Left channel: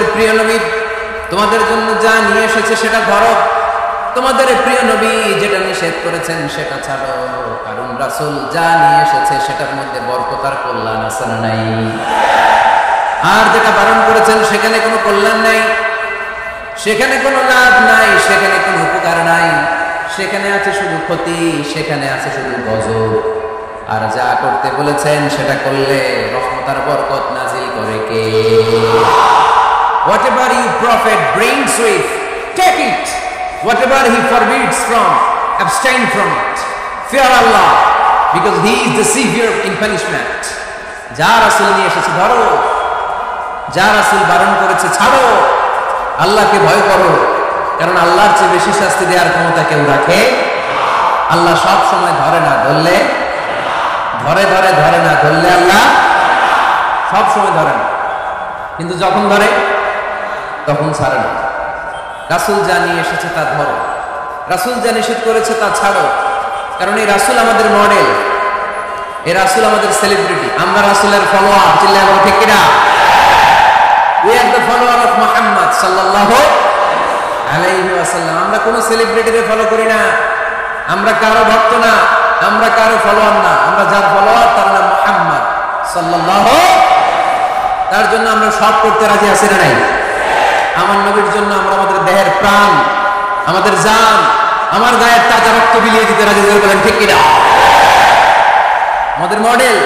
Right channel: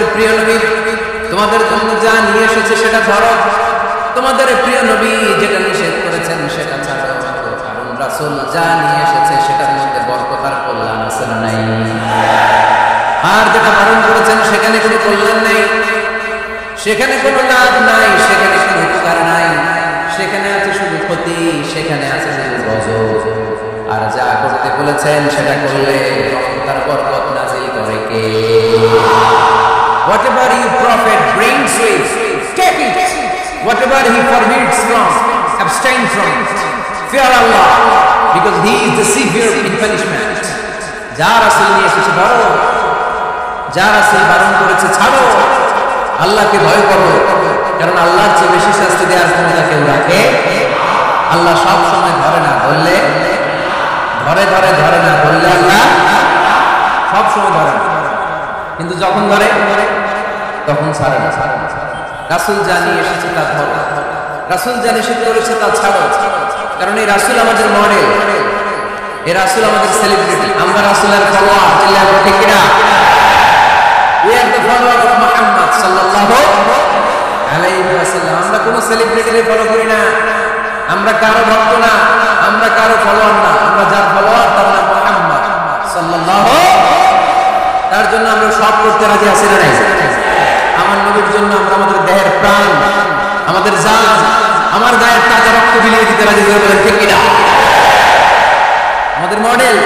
তোমাদের প্রিয় নবী তোমাদের জন্য যা নিয়ে এসেছে সেটা ধরো, তোমাদের প্রিয় নবী যেটা নিষেধ করেছেন সেটা ছাড়ো, কারণ রাসূল যা নিয়ে এসেছে সেটার মধ্যে বরকত আর কল্যাণ আছে না নাই? আর যেটা বারণ করেছেন সেখানে কোনো কল্যাণ নাই, সেখানে কোনো লাভ নাই, সেখানে কোনো উপকার নাই, সেখানে আছে শুধু ক্ষতি, সেখানে আছে শুধু গজব। আর যা করতে বলেছেন সেটা করলে রহমত আর বরকত নাজিল করে কে? Whatever you prophet brings with, take it. Whatever he forbids from, abstain from it. Fear Allah, because he is the severe in punishment. যা রাসূল নিয়ে এসেছে ধরো, যা রাসূল বারণ করেছে ছাড়ো, আল্লাহকে ভয় করো, কারণ আল্লাহর চেয়ে বেশি শাস্তি দেওয়ার ক্ষমতা কেউ রাখে? আল্লাহ সব সময় ধরে না ধরলে, ধরে না ধরলে আল্লাহ সব সময় ধরে না, কিন্তু যখন ধরে তখন ছাড়ে না। রাসূল যা নিয়ে এসেছে তা ধরো, রাসূল যা নিষেধ করেছে তা ছাড়ো, কারণ এই রাসূল আমাদের মডেল, এই রাসূল আমাদের সেলিব্রিটি, আমরা রাসূলের ফলোয়ার। চিল্লায় বলো ঠিক কিনা? We are the follower of Muhammad sallallahu alayhi wa sallam. আমরা কোন সেলিব্রিটিকে ফলো করি না, আমরা কারো ভক্ত না, আমরা কারো ফলোয়ার না, আমরা যার ফলোয়ার তার নাম মুহাম্মদ সাল্লাল্লাহু। তার জন্য আমরা সব করতে রাজি আছি না নাই? আমার নবীর জন্য আমরা আমাদের দেহের প্রাণ, আমাদের জান, আমার গায়ের তাজা রক্ত বিলিয়ে দিতে রাজি। বলেন ঠিক কিনা? আমাদের মডেল,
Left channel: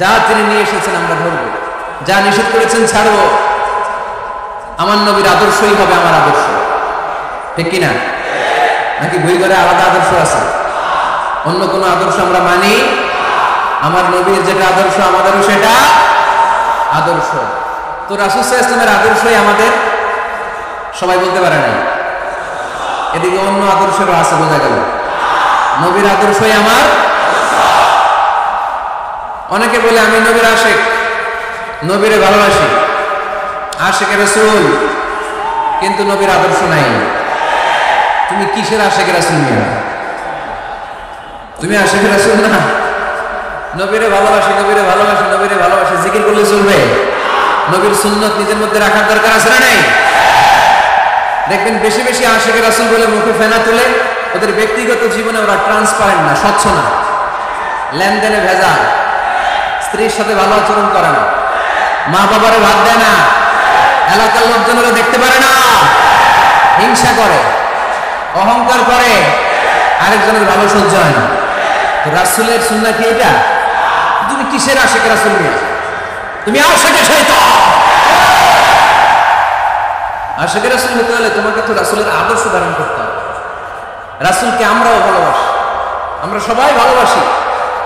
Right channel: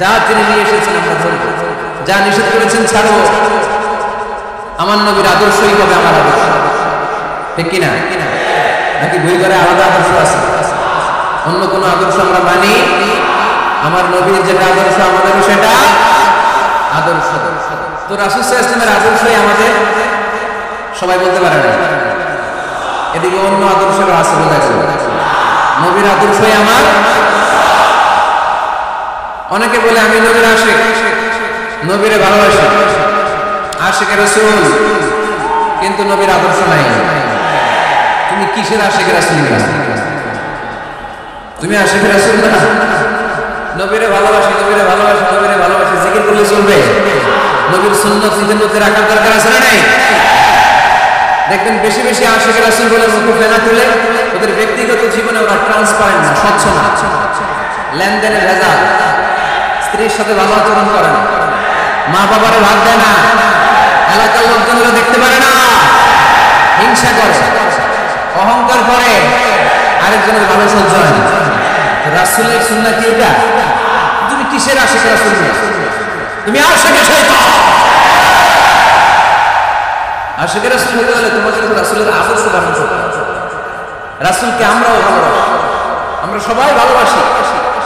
যা তিনি নিয়ে এসেছেন আমরা ধরবো, যা নিষেধ করেছেন ছাড়বো। আমার নবীর আদর্শই হবে আমার আদর্শ, ঠিক কিনা? নাকি বই করে আলাদা আদর্শ আছে? অন্য কোন আদর্শ আমরা মানি? আমার নবীর যেটা আদর্শ আমাদেরও সেটা আদর্শ। তো রাসূল সাল্লাল্লাহু আলাইহি ওয়াসাল্লামের আদর্শই আমাদের, সবাই বলতে পারে নাই। এদিকে অন্য আদর্শেরও আছে, বোঝা গেল। নবীর আদর্শই আমার। অনেকে বলে আমি নবীর আশিক, নবীরে ভালোবাসি, আশিকে রাসূল, কিন্তু নবীর আদর্শ নাই। তুমি কিসের আশিকে রাসূল না? তুমি আশিকে রাসূল না? নবীরে ভালোবাসি, নবীরে ভালোবাসি, নবীরে ভালোবাসি, জিকির করলে চলবে? নবীর সুন্নাত নিজের মধ্যে রাখার দরকার আছে না নাই? দেখবেন বেশি বেশি আশিকে রাসূল বলে মুখে ফেনা তুলে, ওদের ব্যক্তিগত জীবনে ওরা ট্রান্সপারেন্ট না, স্বচ্ছ না, লেনদেনে ভেজাল, স্ত্রীর সাথে ভালো আচরণ করে না, মা বাবারে ভাত দেয় না, এলাকার লোকজনেরা দেখতে পারে না, হিংসা করে, অহংকার করে, আরেকজনের ভালো সহ্য হয় না। তো রাসূলের সুন্নাহ কি এটা? তুমি কিসের আশিকে রাসূল নিয়ে? তুমি আশিকে শয়তান। আশিকে রাসূল হতে হলে তোমাকে তো রাসূলের আদর্শ ধারণ করতে হবে। রাসূলকে আমরাও ভালোবাসি, আমরা সবাই ভালোবাসি,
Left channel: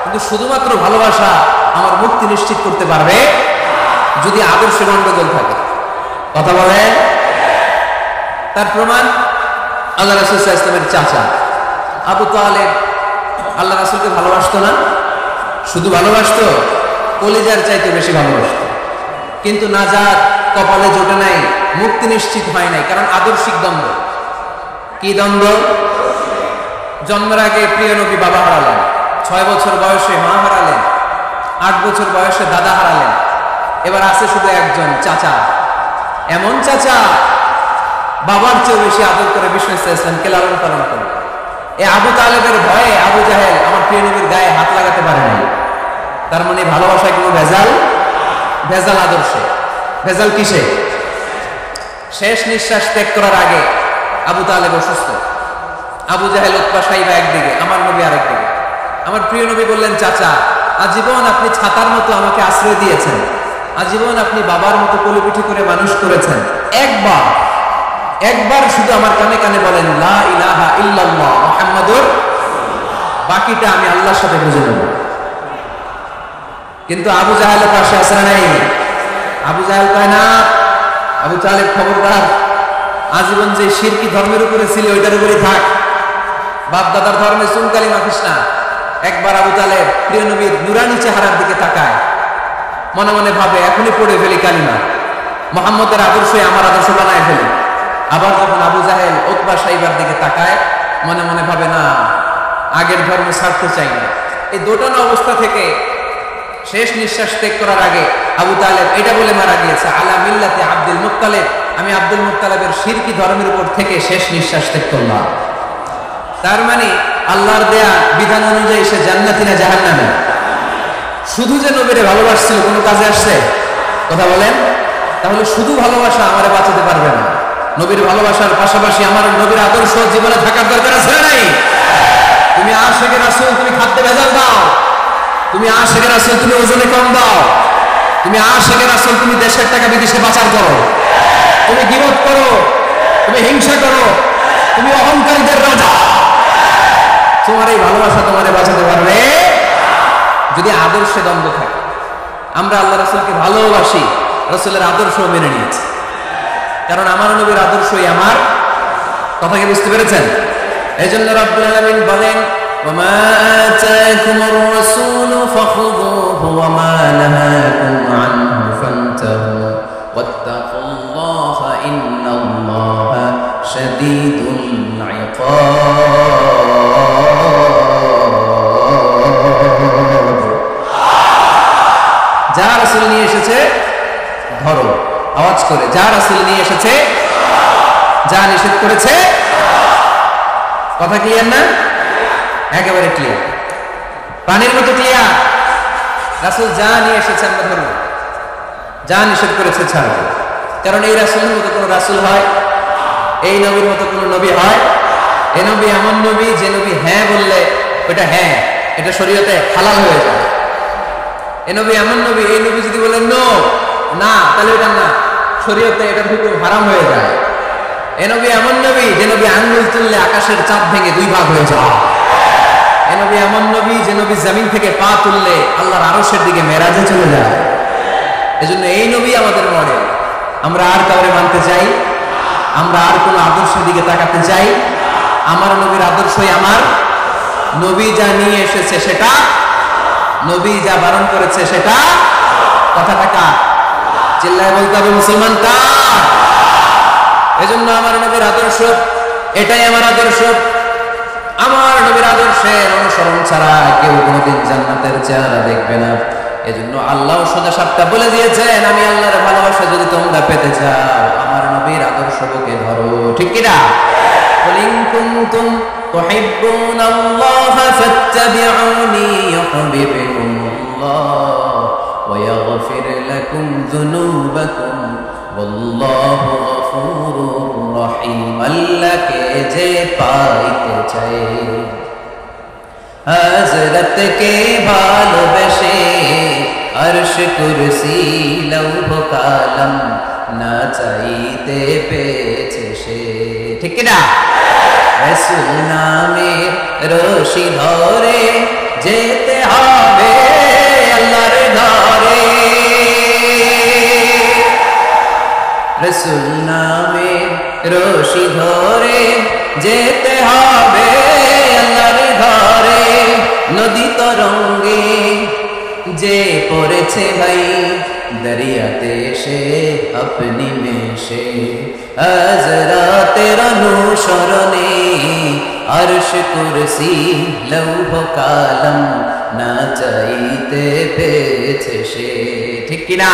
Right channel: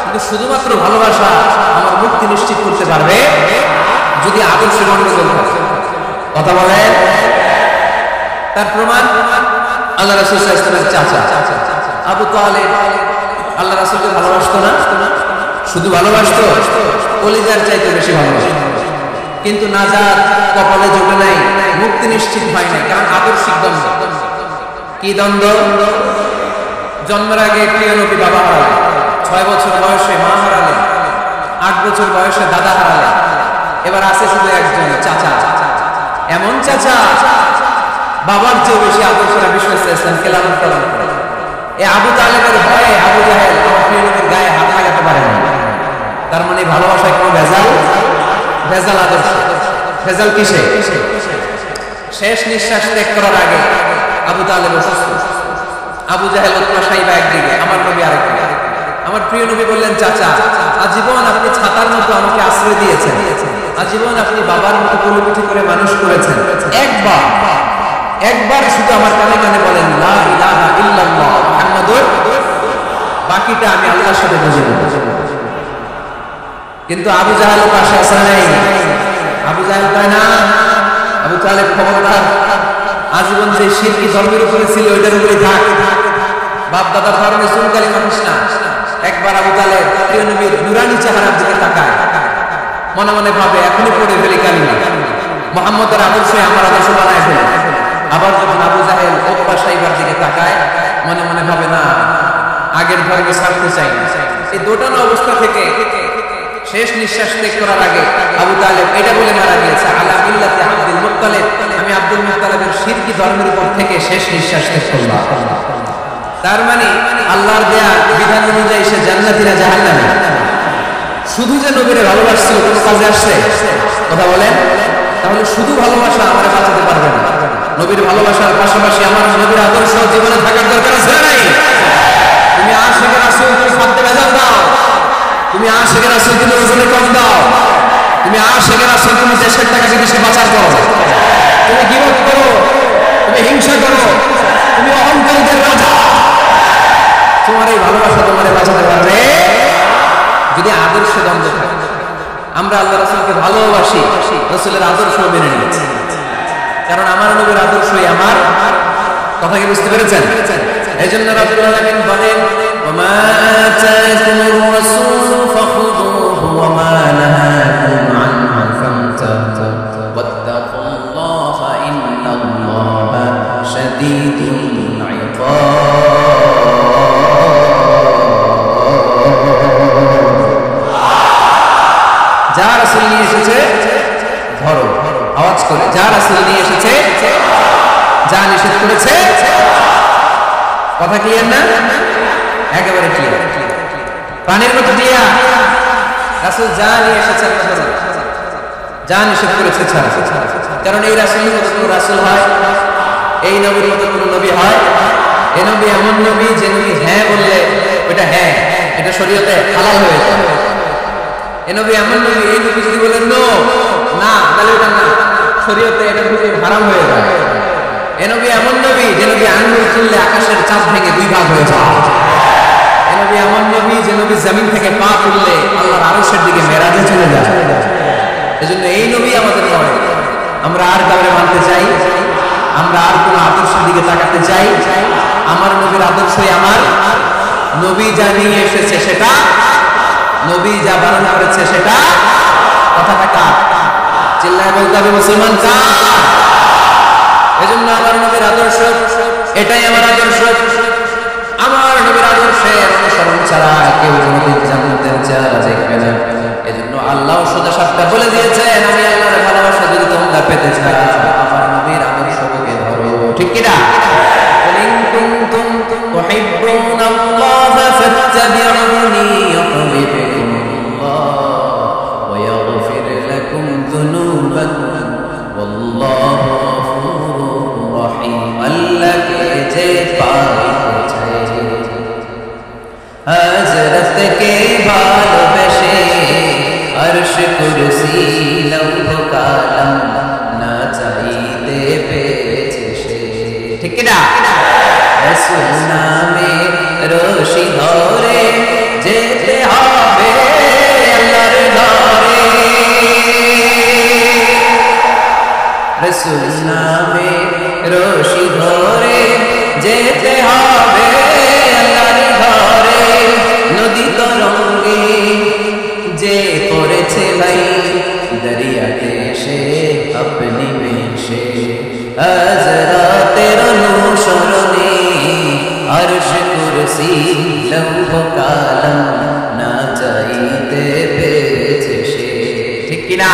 কিন্তু শুধুমাত্র ভালোবাসা আমার মুক্তি নিশ্চিত করতে পারবে যদি আদর্শে গন্ডগোল থাকে। কথা বলেন? তার প্রমাণ আল্লাহ রাসূল সাল্লাল্লাহু আলাইহি ওয়াসাল্লামের চাচা আবু তালেব আল্লাহ রাসূলকে ভালোবাসতো না, শুধু ভালোবাসতো, কলিজার চাইতে বেশি ভালোবাসতো, কিন্তু নাজাত কপালে জোটে নাই, মুক্তি নিশ্চিত হয় নাই, কারণ আদর্শিক দ্বন্দ্ব। কি দ্বন্দ্ব? জন্মের আগে প্রিয় নবী বাবা হারালেন, 6 বছর বয়সে মা হারালেন, 8 বছর বয়সে দাদা হারালেন, এবার আছে শুধু একজন চাচা। এমন চাচা বাবার চেয়ে বেশি আদর করে বিষ্ণু ইসলামকে লালন পালন করে। এই আবু তালেবের ভয়ে আবু জাহেল আমার প্রিয় নবীর গায়ে হাত লাগাতে পারে নাই। তার মানে ভালোবাসায় কোনো ভেজাল? ভেজাল আদর্শে। ভেজাল কিসে? শেষ নিঃশ্বাস ত্যাগ করার আগে আবু তালেব অসুস্থ, আবু জাহেল উতবা সাইবা একদিকে, আমার নবী আরেকদিকে। আমার প্রিয় নবী বললেন, চাচা আজীবন আপনি ছাতার মতো আমাকে আশ্রয় দিয়েছেন, আজীবন আপনি বাবার মতো কোলেপিঠি করে মানুষ করেছেন, একবার শুধু আমার কানে কানে বলেন লা ইলাহা ইল্লাল্লাহ মুহাম্মাদুর, বাকিটা আমি আল্লাহর সাথে বুঝে নেব। কিন্তু আবু জাহেল পাশে আছে না নাই? আবু জাহেল কয় না, আবু তালেব খবরদার, আজীবন যে শিরকি ধর্মের উপরে ছিল ওইটার উপরেই থাক, বাপ দাদার ধর্মে চুনকালি মাখিস না। একবার আবু তালেব প্রিয় নবীর নুরানি চেহারার দিকে তাকায়, মনে মনে ভাবে এখনই পড়ে ফেলি কালিমা, মুহাম্মদের আদর্শই আমার আদর্শ বানায় ফেলি। আবার যখন আবু জাহেল উতবা সাইবার দিকে তাকায়, মনে মনে ভাবে না, আগের ধর্ম ছাড়তে চাই না। এই দোটানা অবস্থা থেকে শেষ নিঃশ্বাস ত্যাগ করার আগে আবু তালেব এটা বলে মারা গিয়েছে, আলা মিল্লাতি আব্দুল মুত্তালিব, আমি আব্দুল মুত্তালিবের শিরকি ধর্মের উপর থেকে শেষ নিঃশ্বাস ত্যাগ করলাম। তার মানে আল্লাহর দেয়া বিধান অনুযায়ী সে জান্নাতি না জাহান্নামী? শুধু যে নবীরে ভালোবাসছিল কোনো কাজে আসছে? কথা বলেন। তাহলে শুধু ভালোবাসা আমারে বাঁচাতে পারবে না। নবীর ভালোবাসার পাশাপাশি আমার নবীর আদর্শ জীবনে থাকার দরকার আছে না নাই? তুমি আশিকে রাসূল, তুমি খাদ্যে ভেজাল দাও। তুমি আশিকে রাসূল, তুমি ওজনে কম দাও। তুমি আশিকে রাসূল, তুমি দেশের টাকা বিদেশে পাচার করো। তুমি গীবত করো, তুমি হিংসা করো, তুমি অহংকারীদের রাজা। তোমার এই ভালোবাসা তোমারে বাঁচাতে পারবে যদি আদর্শে দ্বন্দ্ব থাকে। আমরা আল্লাহ রাসূলকে ভালোবাসি, রাসূলের আদর্শ মেনে নিয়েছি, কারণ আমার নবীর আদর্শই আমার। কথা কি বুঝতে পেরেছেন? এজন্য রব্বুল আলামিন বলেন, ওমা আতাকুমুর রাসূলু ফাখুযুহু ওমা নাহাকুম আনহু ফান্তাহু ওয়াত্তাকুল্লাহা ইন্নাল্লাহা শাদীদুল ইকাব। যা রাসূল নিয়ে এসেছে ধরো, আওয়াজ করে, যা রাসূল নিয়ে এসেছে, যা নিষেধ করেছে। কথা ক্লিয়ার না? একেবারে ক্লিয়ার, পানির মতো ক্লিয়ার। রাসূল যা নিয়ে এসেছে আমরা ধরব, যা নিষেধ করেছে ছাড়ব। কারণ এই রাসূলের মতো কোনো রাসূল হয়? এই নবীর মতো কোনো নবী হয়? এই নবী এমন নবী যে নবী হ্যাঁ বললে ওটা হ্যাঁ, এটা শরীয়তে হালাল হয়ে যায়। এই নবী এমন নবী, এই নবী যদি বলেন নো, না, তাহলে ওটা না, শরীয়তে এটা হুকুম হারাম হয়ে যায়। এই নবী এমন নবী যে নবী আঙ্গুল তুললে আকাশের চাঁদ ভেঙে দুই ভাগ হয়ে যায়। এই নবী এমন নবী যে নবী জমিন থেকে পা তুললে আল্লাহর আরশের দিকে মেরাজে চলে যায়। এজন্য এই নবী আমাদের মডেল। আমরা আর কাউরে মানতে চাই? আমরা আর কোন আদর্শের দিকে তাকাতে চাই? আমার নবীর আদর্শই আমার। নবী যা নিয়ে এসেছে সেটা, নবী যা বারণ করেছে সেটা। কথাটা কার? চিল্লায় বলতে হবে মুসলমান কার? এজন্য আমার নবীর আদর্শ এটাই আমার আদর্শ। আমার নবীর আদর্শের অনুসরণ ছাড়া কেউ কোনোদিন জান্নাতের চেহারা দেখবে না। এজন্য আল্লাহ সোজা সাপটা বলে দিয়েছেন, আমি আল্লাহর ভালোবাসা যদি তোমরা পেতে চাও আমার নবীর আদর্শ বুকে ধরো। ঠিক কিনা? কুলিন কুনতুম তুহিব্বুনাল্লাহা ফাত্তাবিউনি ইউহিব্বুকুমুল্লাহ ওয়া ইয়াগফির লাকুম যুনুবাকুম ওয়াল্লাহু গফুরুর রহিম। আল্লাহকে যে পাইতে চায়, হযরত কে ভালোবেসে আরশ কুরসি লৌহ কালাম না চাইতে পেয়েছে সে। ঠিক কি না? রাসূল নামের রশি ধরে যেতে হবে আল্লাহর ঘরে। রাসূল নামের রশি ধরে যেতে হবে আল্লাহর ঘরে। নদী তরঙ্গে যে পড়েছে ভাই দরিয়াতে সে আপনি মেশে, হযরতের অনুসরণে আরশ কুরসি লৌহ কালাম না চাইতে পেয়েছে সে। ঠিক কিনা?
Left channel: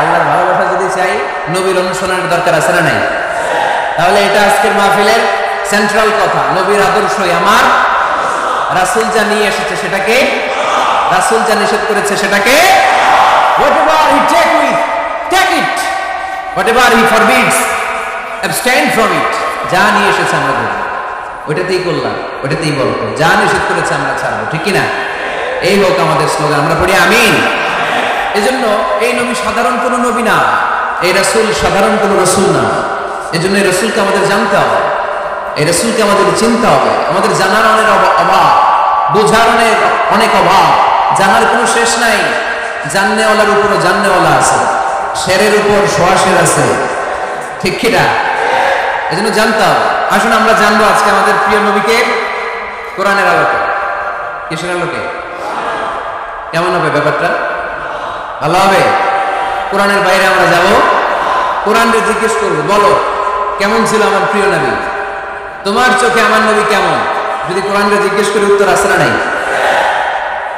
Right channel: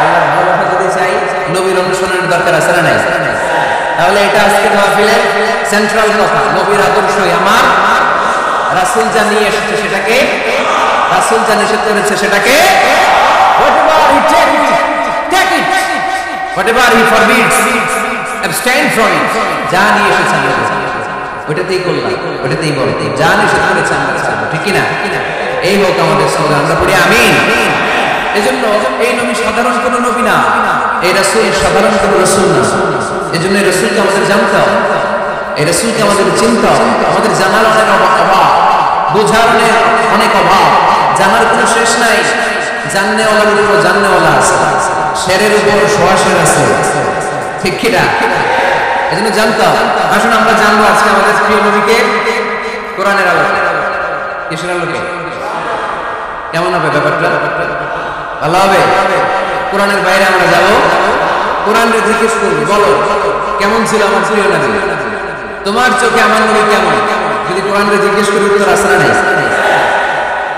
আল্লাহর ভালোবাসা যদি চাই নবীর অনুসরণের দরকার আছে না নাই? তাহলে এটা আজকের মাহফিলের সেন্ট্রাল কথা। নবীর আদর্শই আমার। রাসূল যা নিয়ে এসেছে সেটাকে, রাসূল যা নিষেধ করেছে সেটাকে, whatever he take it, whatever he forbids, abstain from it. যা নিয়ে এসেছে আমরা করব, ওইটাতেই করলাম, ওইটাতেই বলতে। যা নিষেধ করেছে আমরা ছাড়বো। ঠিক কিনা? এই হোক আমাদের স্লোগান। আমরা পড়ি আমিন। এজন্য এই নবী সাধারণ কোনো নবী না, এই রাসূল সাধারণ কোনো রাসূল না। এজন্য এই রাসূলকে আমাদের জানতে হবে, এই রাসূলকে আমাদের চিনতে হবে। আমাদের জানার অনেক অভাব, বোঝার অনেক অভাব, জানার কোনো শেষ নাই। জাননেওয়ালার উপরও জাননেওয়ালা আছে, শেরের উপর সোয়াশের আছে। ঠিক কিনা? এজন্য জানতে হবে। আসুন আমরা জানবো আজকে আমাদের প্রিয় নবীকে কোরআনের আলোকে। কিসের আলোকে? কেমন হবে ব্যাপারটা? ভালো হবে? কোরআনের বাইরে আমরা যাব, কোরআনকে জিজ্ঞেস করবো, বলো কেমন ছিল আমার প্রিয় নবী? তোমার চোখে আমার নবী কেমন? যদি কোরআনকে জিজ্ঞেস করি উত্তর আসে না নাই?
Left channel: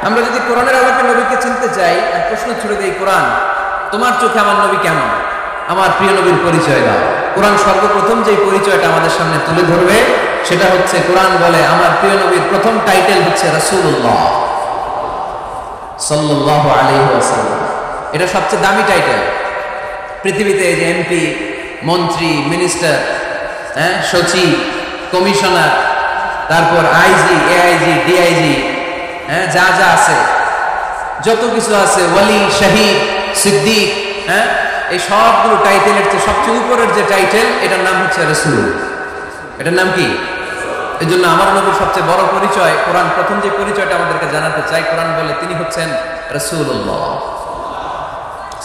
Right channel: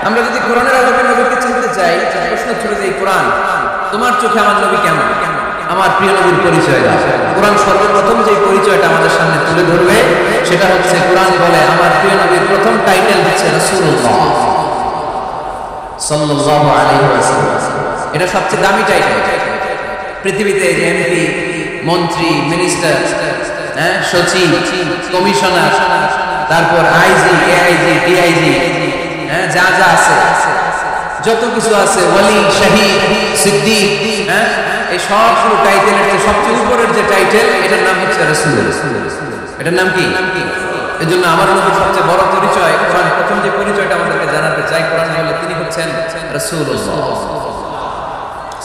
আমরা যদি কোরআনের আলোকে নবীকে চিনতে চাই, প্রশ্ন ছুড়ে দেই, কোরআন তোমার চোখে আমার নবী কেমন? আমার প্রিয় নবীর পরিচয় দাও। কোরআন সর্বপ্রথম যে পরিচয়টা আমাদের সামনে তুলে ধরবে সেটা হচ্ছে, কোরআন বলে আমার প্রিয় নবীর প্রথম টাইটেল হচ্ছে রাসূলুল্লাহ সাল্লাল্লাহু আলাইহি ওয়াসাল্লাম। এটা সবচেয়ে দামি টাইটেল পৃথিবীতে। যে এমপি, মন্ত্রী, মিনিস্টার, সচিব, কমিশনার, তারপর আইজি, এআইজি, ডিআইজি, যা যা আছে, যত কিছু আছে, ওয়ালি, শহীদ, সিদ্দিক, এই সবগুলো টাইটেলের চেয়ে সবচেয়ে উপরের যে টাইটেল, এটার নাম হচ্ছে রাসূল। এটার নাম কি? এই জন্য আমার নবীর সবচেয়ে বড় পরিচয়, কোরআন প্রথম যে পরিচয়টা আমাদেরকে জানাতে চাই, কোরআন বলে তিনি হচ্ছেন রাসূলুল্লাহ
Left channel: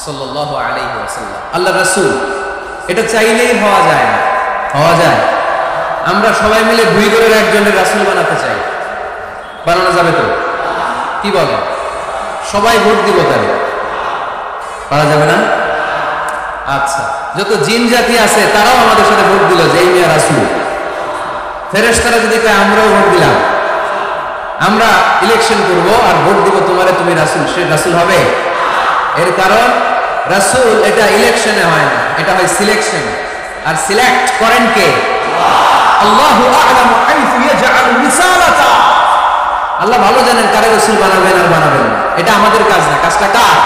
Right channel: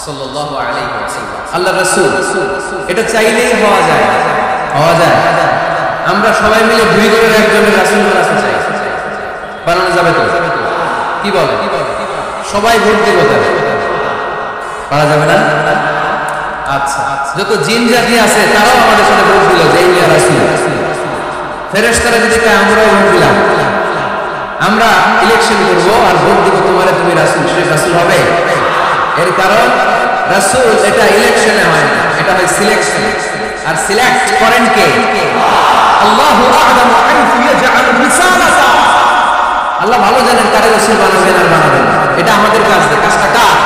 সাল্লাল্লাহু আলাইহি ওয়াসাল্লাম, আল্লাহর রাসূল। এটা চাইলেই হওয়া যায় না, হওয়া যায়? আমরা সবাই মিলে ভুইগড়ের একজনের রাসূল বানাতে চাই, বানানো যাবে তো? কি বলে? সবাই ভোট দিব, তাহলে পারা যাবে না? আচ্ছা, যত জিন জাতি আছে তারাও আমাদের সাথে ভোট দিল যে এই মিয়া রাসূল। ফেরেশতারা যদি কয় আমরাও ভোট দিলাম, আমরা ইলেকশন করব আর ভোট দিব তোমারে, তুমি রাসূল, সে রাসূল হবে? এর কারণ রাসূল এটা ইলেকশনে হয় না, এটা হয় সিলেকশন। আর সিলেক্ট করেন কে? আল্লাহু আ'লামু হাইসু ইয়াজআলু রিসালাতা। আল্লাহ ভালো জানেন কারে রাসূল বানাবেন আর বানাবেন না। এটা আমাদের কাজ না, কাজটা কার?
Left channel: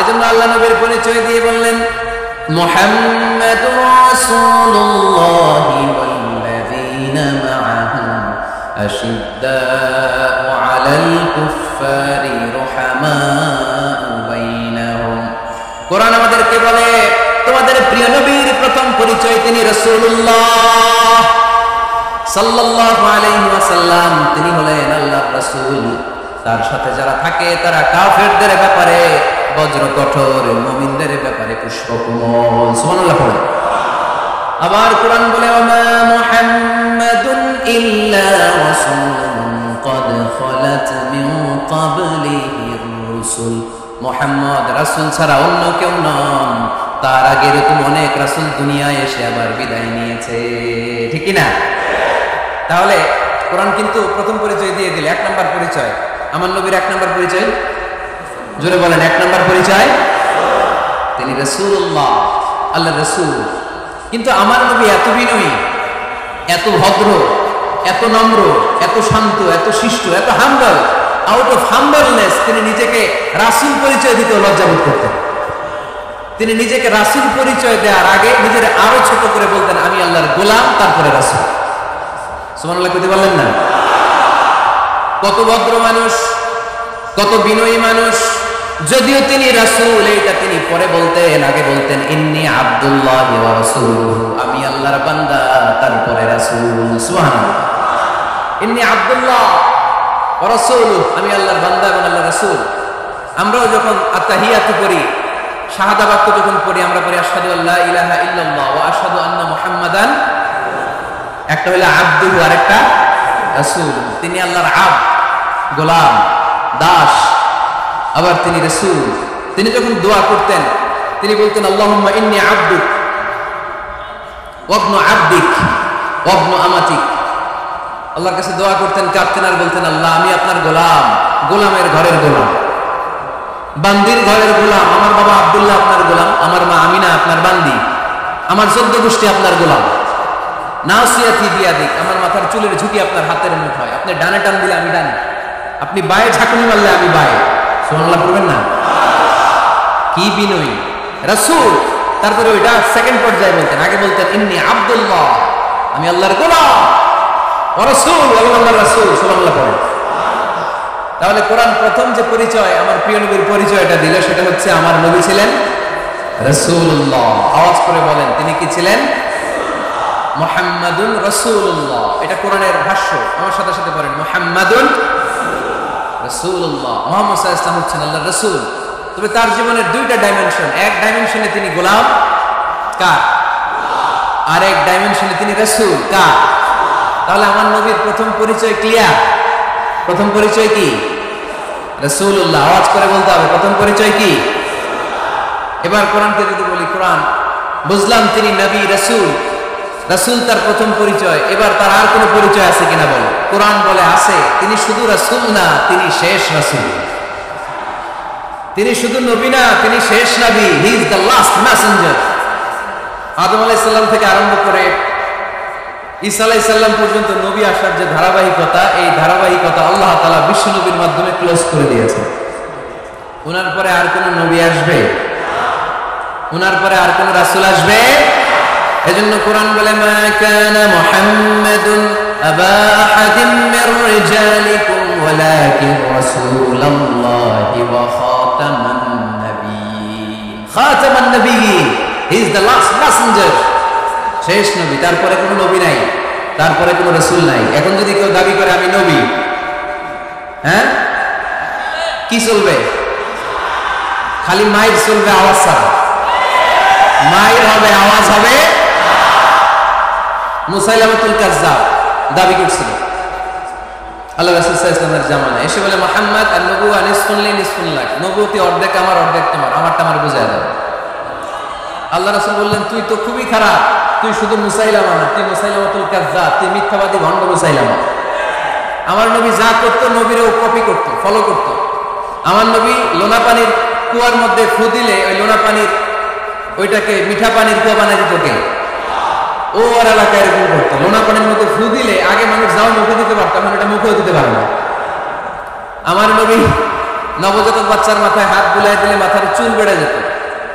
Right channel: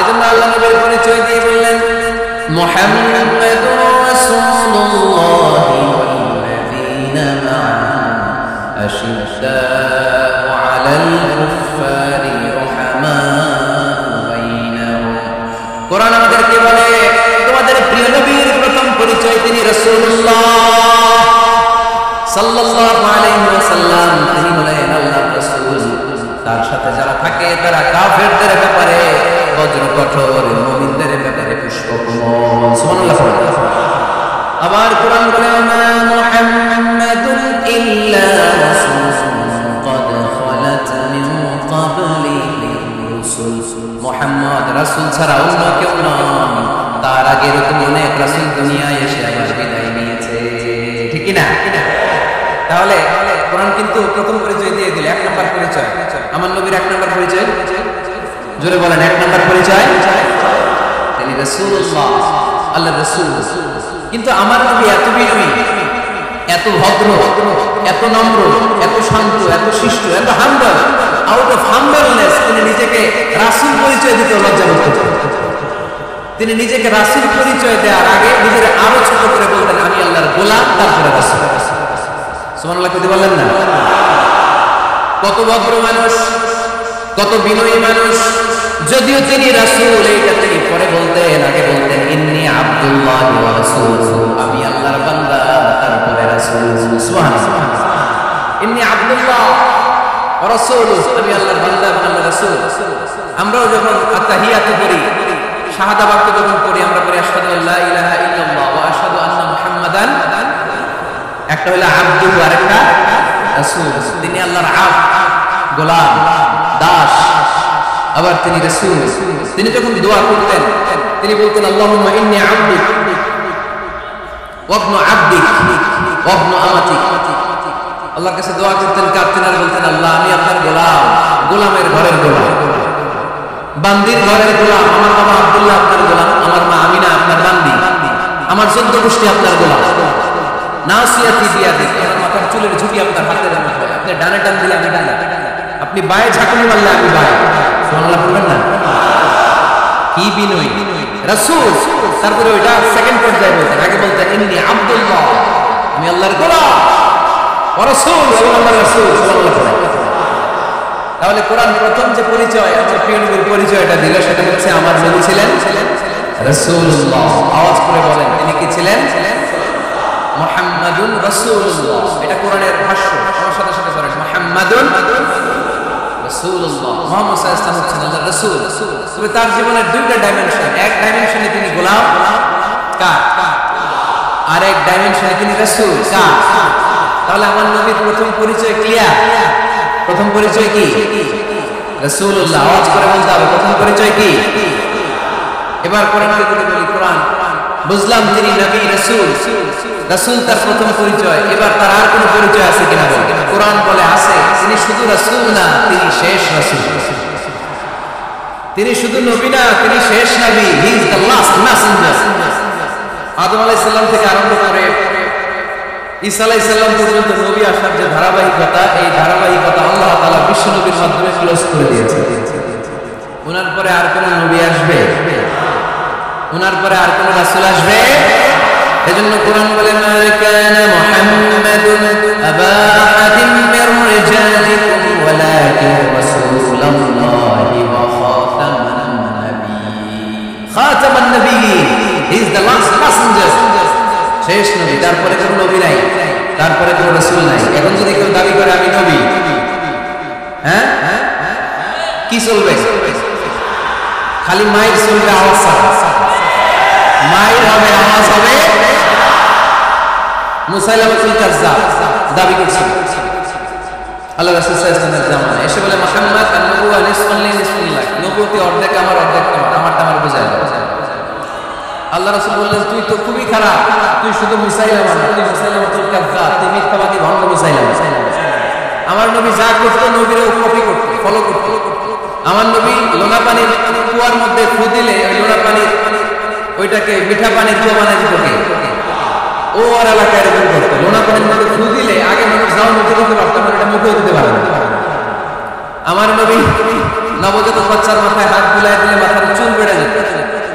এজন্য আল্লাহ নবীর পরিচয় দিয়ে বললেন, মুহাম্মাদুর রাসূলুল্লাহি ওয়াল্লাযীনা মা'আহু আশিদ্দাউ আলাল কুফফারি রুহামাউ বাইনাহুম। কোরআন আমাদেরকে বলে তোমাদের প্রিয় নবীর প্রথম পরিচয় তিনি রাসূলুল্লাহ সাল্লাল্লাহু আলাইহি ওয়াসাল্লাম। তিনি হলেন আল্লাহর রাসূল। তার সাথে যারা থাকে তারা কাফেরদের ব্যাপারে বজ্র কঠোর, মুমিনদের ব্যাপারে পুষ্পকমল। সুবহানাল্লাহ পড়ে। আবার কোরআন বলে, ওমা মুহাম্মাদুন ইল্লা রাসূলুন ক্বাদ খালাত মিন ক্বাবলিহির রাসূল। মুহাম্মদ রাসূল ছাড়া অন্য কেউ নন, তার আগে এরকম অনেক রাসূল দুনিয়ায় এসে আবার বিদায় নিয়েছে, ঠিক কি না? তাহলে কোরআন কিন্তু প্রথম পরিচয় দিয়ে দিল, এক নাম্বার পরিচয়। আমার নবীর এক নাম্বার পরিচয়, জোরে বলেন, এক নাম্বার পরিচয় তিনি রাসূলুল্লাহ, আল্লাহর রাসূল। কিন্তু আমার নবী এত বিনয়ী, এত ভদ্র, এত নম্র, এত শান্ত, এত শিষ্ট, এত হাম্বল। আউট অফ হাম্বলনেস তিনি নিজেকে রাসূল পরিচয় দিতে লজ্জাবোধ করতেন। তিনি নিজেকে রাসূল পরিচয় দেওয়ার আগে নিজের আরো ছোট করে বলতেন, আমি আল্লাহর গোলাম, তারপরে রাসূল। সুবহানাল্লাহ কইতে পারলেন না? কত ভদ্র মানুষ, কত বিনয়ী মানুষ। যদিও তিনি রাসূল, এইটা তিনি পরে বলতেন, আগে বলতেন ইন্নী আব্দুল্লাহি ওয়া রাসূলুহু, আমি আল্লাহর বান্দা, তারপরে রাসূল। সুবহানাল্লাহ। ইন্নী আব্দুল্লাহ ওয়া রাসূলুহু, আমি আল্লাহর বান্দা এবং আল্লাহর রাসূল। আমরাও যখন আত্তাহিয়াতু পড়ি, শাহাদা বাক্য যখন পড়ি, আমরা পড়ি আশহাদু আল্লা ইলাহা ইল্লাল্লাহ ওয়া আশহাদু আন্না মুহাম্মাদান। একটা হলো আব্দুহু আর একটা রাসূল। তিনি আল্লাহর আব্দ, গোলাম, দাস, আবার তিনি রাসূল। তিনি যখন দোয়া করতেন তিনি বলতেন, আল্লাহুম্মা ইন্নী আবদুক ওয়া ইবনু আবদিক ওয়া ইবনু আমাতিক। আল্লাহর কাছে দোয়া করতেন, কাঁদতেন আর বলতেন, আল্লাহ আমি আপনার গোলাম, গোলামের ঘরের গোলাম, বান্দির ঘরের গোলাম। আমার বাবা আব্দুল্লাহ আপনার গোলাম, আমার মা আমিনা আপনার বান্দি, আমার 14 গোষ্ঠী আপনার গোলাম। নাসিয়াতি বিয়াদিক, আমার মাথার চুলের ঝুঁটি আপনার হাতের মুঠোয়। আপনি ডানে টান দিলে আমি ডানে, আপনি বায়ে ঝাঁকুনি মারলে আমি বায়ে। সুবহানাল্লাহ পড়বেন না? কি বিনয়ী রাসূল। তারপরে ওইটা সেকেন্ড পর্যায়ে বলতেন। আগে বলতেন ইন্নী আব্দুল্লাহ, আমি আল্লাহর গোলাম, ওয়া রাসূল, এবং আল্লাহর রাসূল। সুবহানাল্লাহ পড়েন। তাহলে কোরআন প্রথম যে পরিচয়, আমার প্রিয় নবীর পরিচয়টা দিল, সেটা হচ্ছে আমার নবী ছিলেন রাসূলুল্লাহ। আওয়াজ করে বলেন, তিনি কি ছিলেন? মুহাম্মাদুন রাসূলুল্লাহ। এটা কোরআনের ভাষ্য, আমার সাথে সাথে পড়েন, মুহাম্মাদুন রাসূলুল্লাহ। মুহাম্মদ সাল্লাল্লাহু আলাইহি ওয়াসাল্লাম হচ্ছেন আল্লাহর রাসূল। তবে তার জীবনের দুইটা ডাইমেনশন। এক ডাইমেনশনে তিনি গোলাম, কার? আর এক ডাইমেনশনে তিনি রাসূল, কার? তাহলে আমার নবীর প্রথম পরিচয় ক্লিয়ার। প্রথম পরিচয় কি? রাসূলুল্লাহ। আওয়াজ করে বলতে হবে, প্রথম পরিচয় কি? এবার কোরআনকে যদি বলি, কোরআন বুঝলাম তিনি নবী, রাসূল। রাসূল তার প্রথম পরিচয়। এবার তার আর কোনো পরিচয় আছে কিনা বল। কোরআন বলে আছে। তিনি শুধু রাসূল না, তিনি শেষ রাসূল। তিনি শুধু নবী না, তিনি শেষ নবী। He is the last messenger. আদম আলাইহিস সালাম থেকে আরম্ভ করে ঈসা আলাইহিস সালাম পর্যন্ত নবী আসার যে ধারাবাহিকতা, এই ধারাবাহিকতা আল্লাহ তাআলা বিশ্ব নবীর মাধ্যমে ক্লোজ করে দিয়েছেন। ওনার পরে আর কোন নবী আসবে? ওনার পরে আর কোন রাসূল আসবে? এজন্য কোরআন বলে, মা কানা মুহাম্মাদুন আবা আহাদিম মির রিজালিকুম ওয়ালাকিন রাসূলুল্লাহি ওয়া খাতামান নাবিয়্যিন। খাতামান নাবিয়্যিন, he is the last messenger, শেষ নবী। তারপরে কোনো নবী নাই, তারপরে কোনো রাসূল নাই। এখন যদি কেউ দাবি করে আমি নবী, হ্যাঁ, কি চলবে? খালি মাইর চলবে, আওয়াজ ছাড়া। মাইর হবে, আওয়াজ হবে। মুসাইলামাতুল কাজ্জাব দাবি করছিল আল্লাহ রাসূল সাল্লাল্লাহু আলাইহি ওয়াসাল্লামের জামানায়, এসে বলে, মুহাম্মদ আন-নবুওয়া নিসফুন লি নিসফুন লাক, নবুয়তি অর্ধেক আমার, অর্ধেক তোমার, আমারটা আমার বুঝায় দাও। আল্লাহ রাসূল বললেন, তুই তো খুবই খারাপ, তুই শুধু মুসাইলামা না, তুই মুসাইলামাতুল কাজ্জাব, তুই মিথ্যাবাদী ভণ্ড মুসাইলামা। আমার নবী যা করতো নবীরও কপি করতো, ফলো করতো। আমার নবী লোনা পানির কুয়ার মধ্যে ফু দিলে ওই লোনা পানির ওইটাকে মিঠা পানির কুয়া বানাই দিত কে? ও আর এলাকায় এরকম করতো। লোনা পানির মধ্যে ফু দিলে আগে মানুষ যাও মুখে দিতে পারতো, এখন এটা মুখেও দিতে পারে না। আমার নবী নবজাতক বাচ্চার মাথায় হাত বুলাই দিলে মাথার চুল বেড়ে যেত।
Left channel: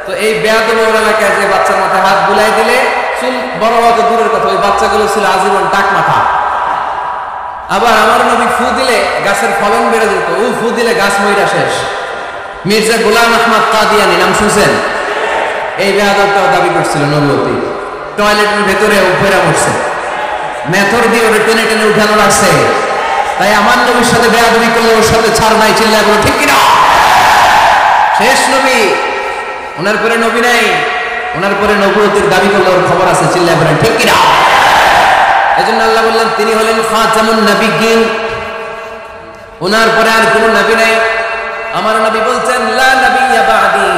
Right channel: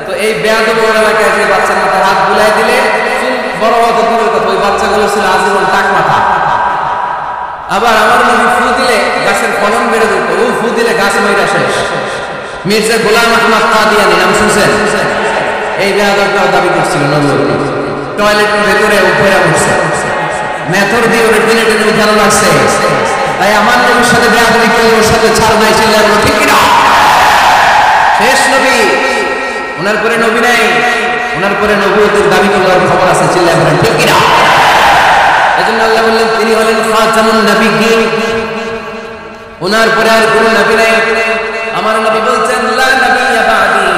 তো এই বেয়াদব ওর এলাকায় যে বাচ্চার মাথায় হাত বুলাই দিলে চুল বড় হওয়া তো দূরের কথা, ওই বাচ্চাগুলো ছিল আজীবন টাক মাথা। আবার আমার নবী ফু দিলে গাছের ফলন বেড়ে যেত, ও ফু দিলে গাছ মইরা শেষ। মির্জা গোলাম আহমদ কাদিয়ানী নাম শুনছেন? এই বেয়াদবটাও দাবি করছিল নবুয়তি। টয়লেটের ভেতরে উপরে উঠছে, মেথর দিয়ে ওরে টেনে টেনে উঠানো লাগছে। তাই আমার নবীর সাথে বেয়াদবি করলে ওর সাথে ছাড় নাই, চিল্লায় বলো ঠিক কিনা? শেষ নবী, ওনার পরে নবী নাই, ওনার পরে নবুয়তির দাবি করলে ওর খবর আছে, চিল্লায় বলেন ঠিক কিনা? এজন্য আল্লাহ বললেন তিনি হলেন খাতামুন নাবিয়্যিন, ওনার পরে আর কোনো নবী নাই। আমার নবী বলছেন, লা নাবিয়্যা বা'দি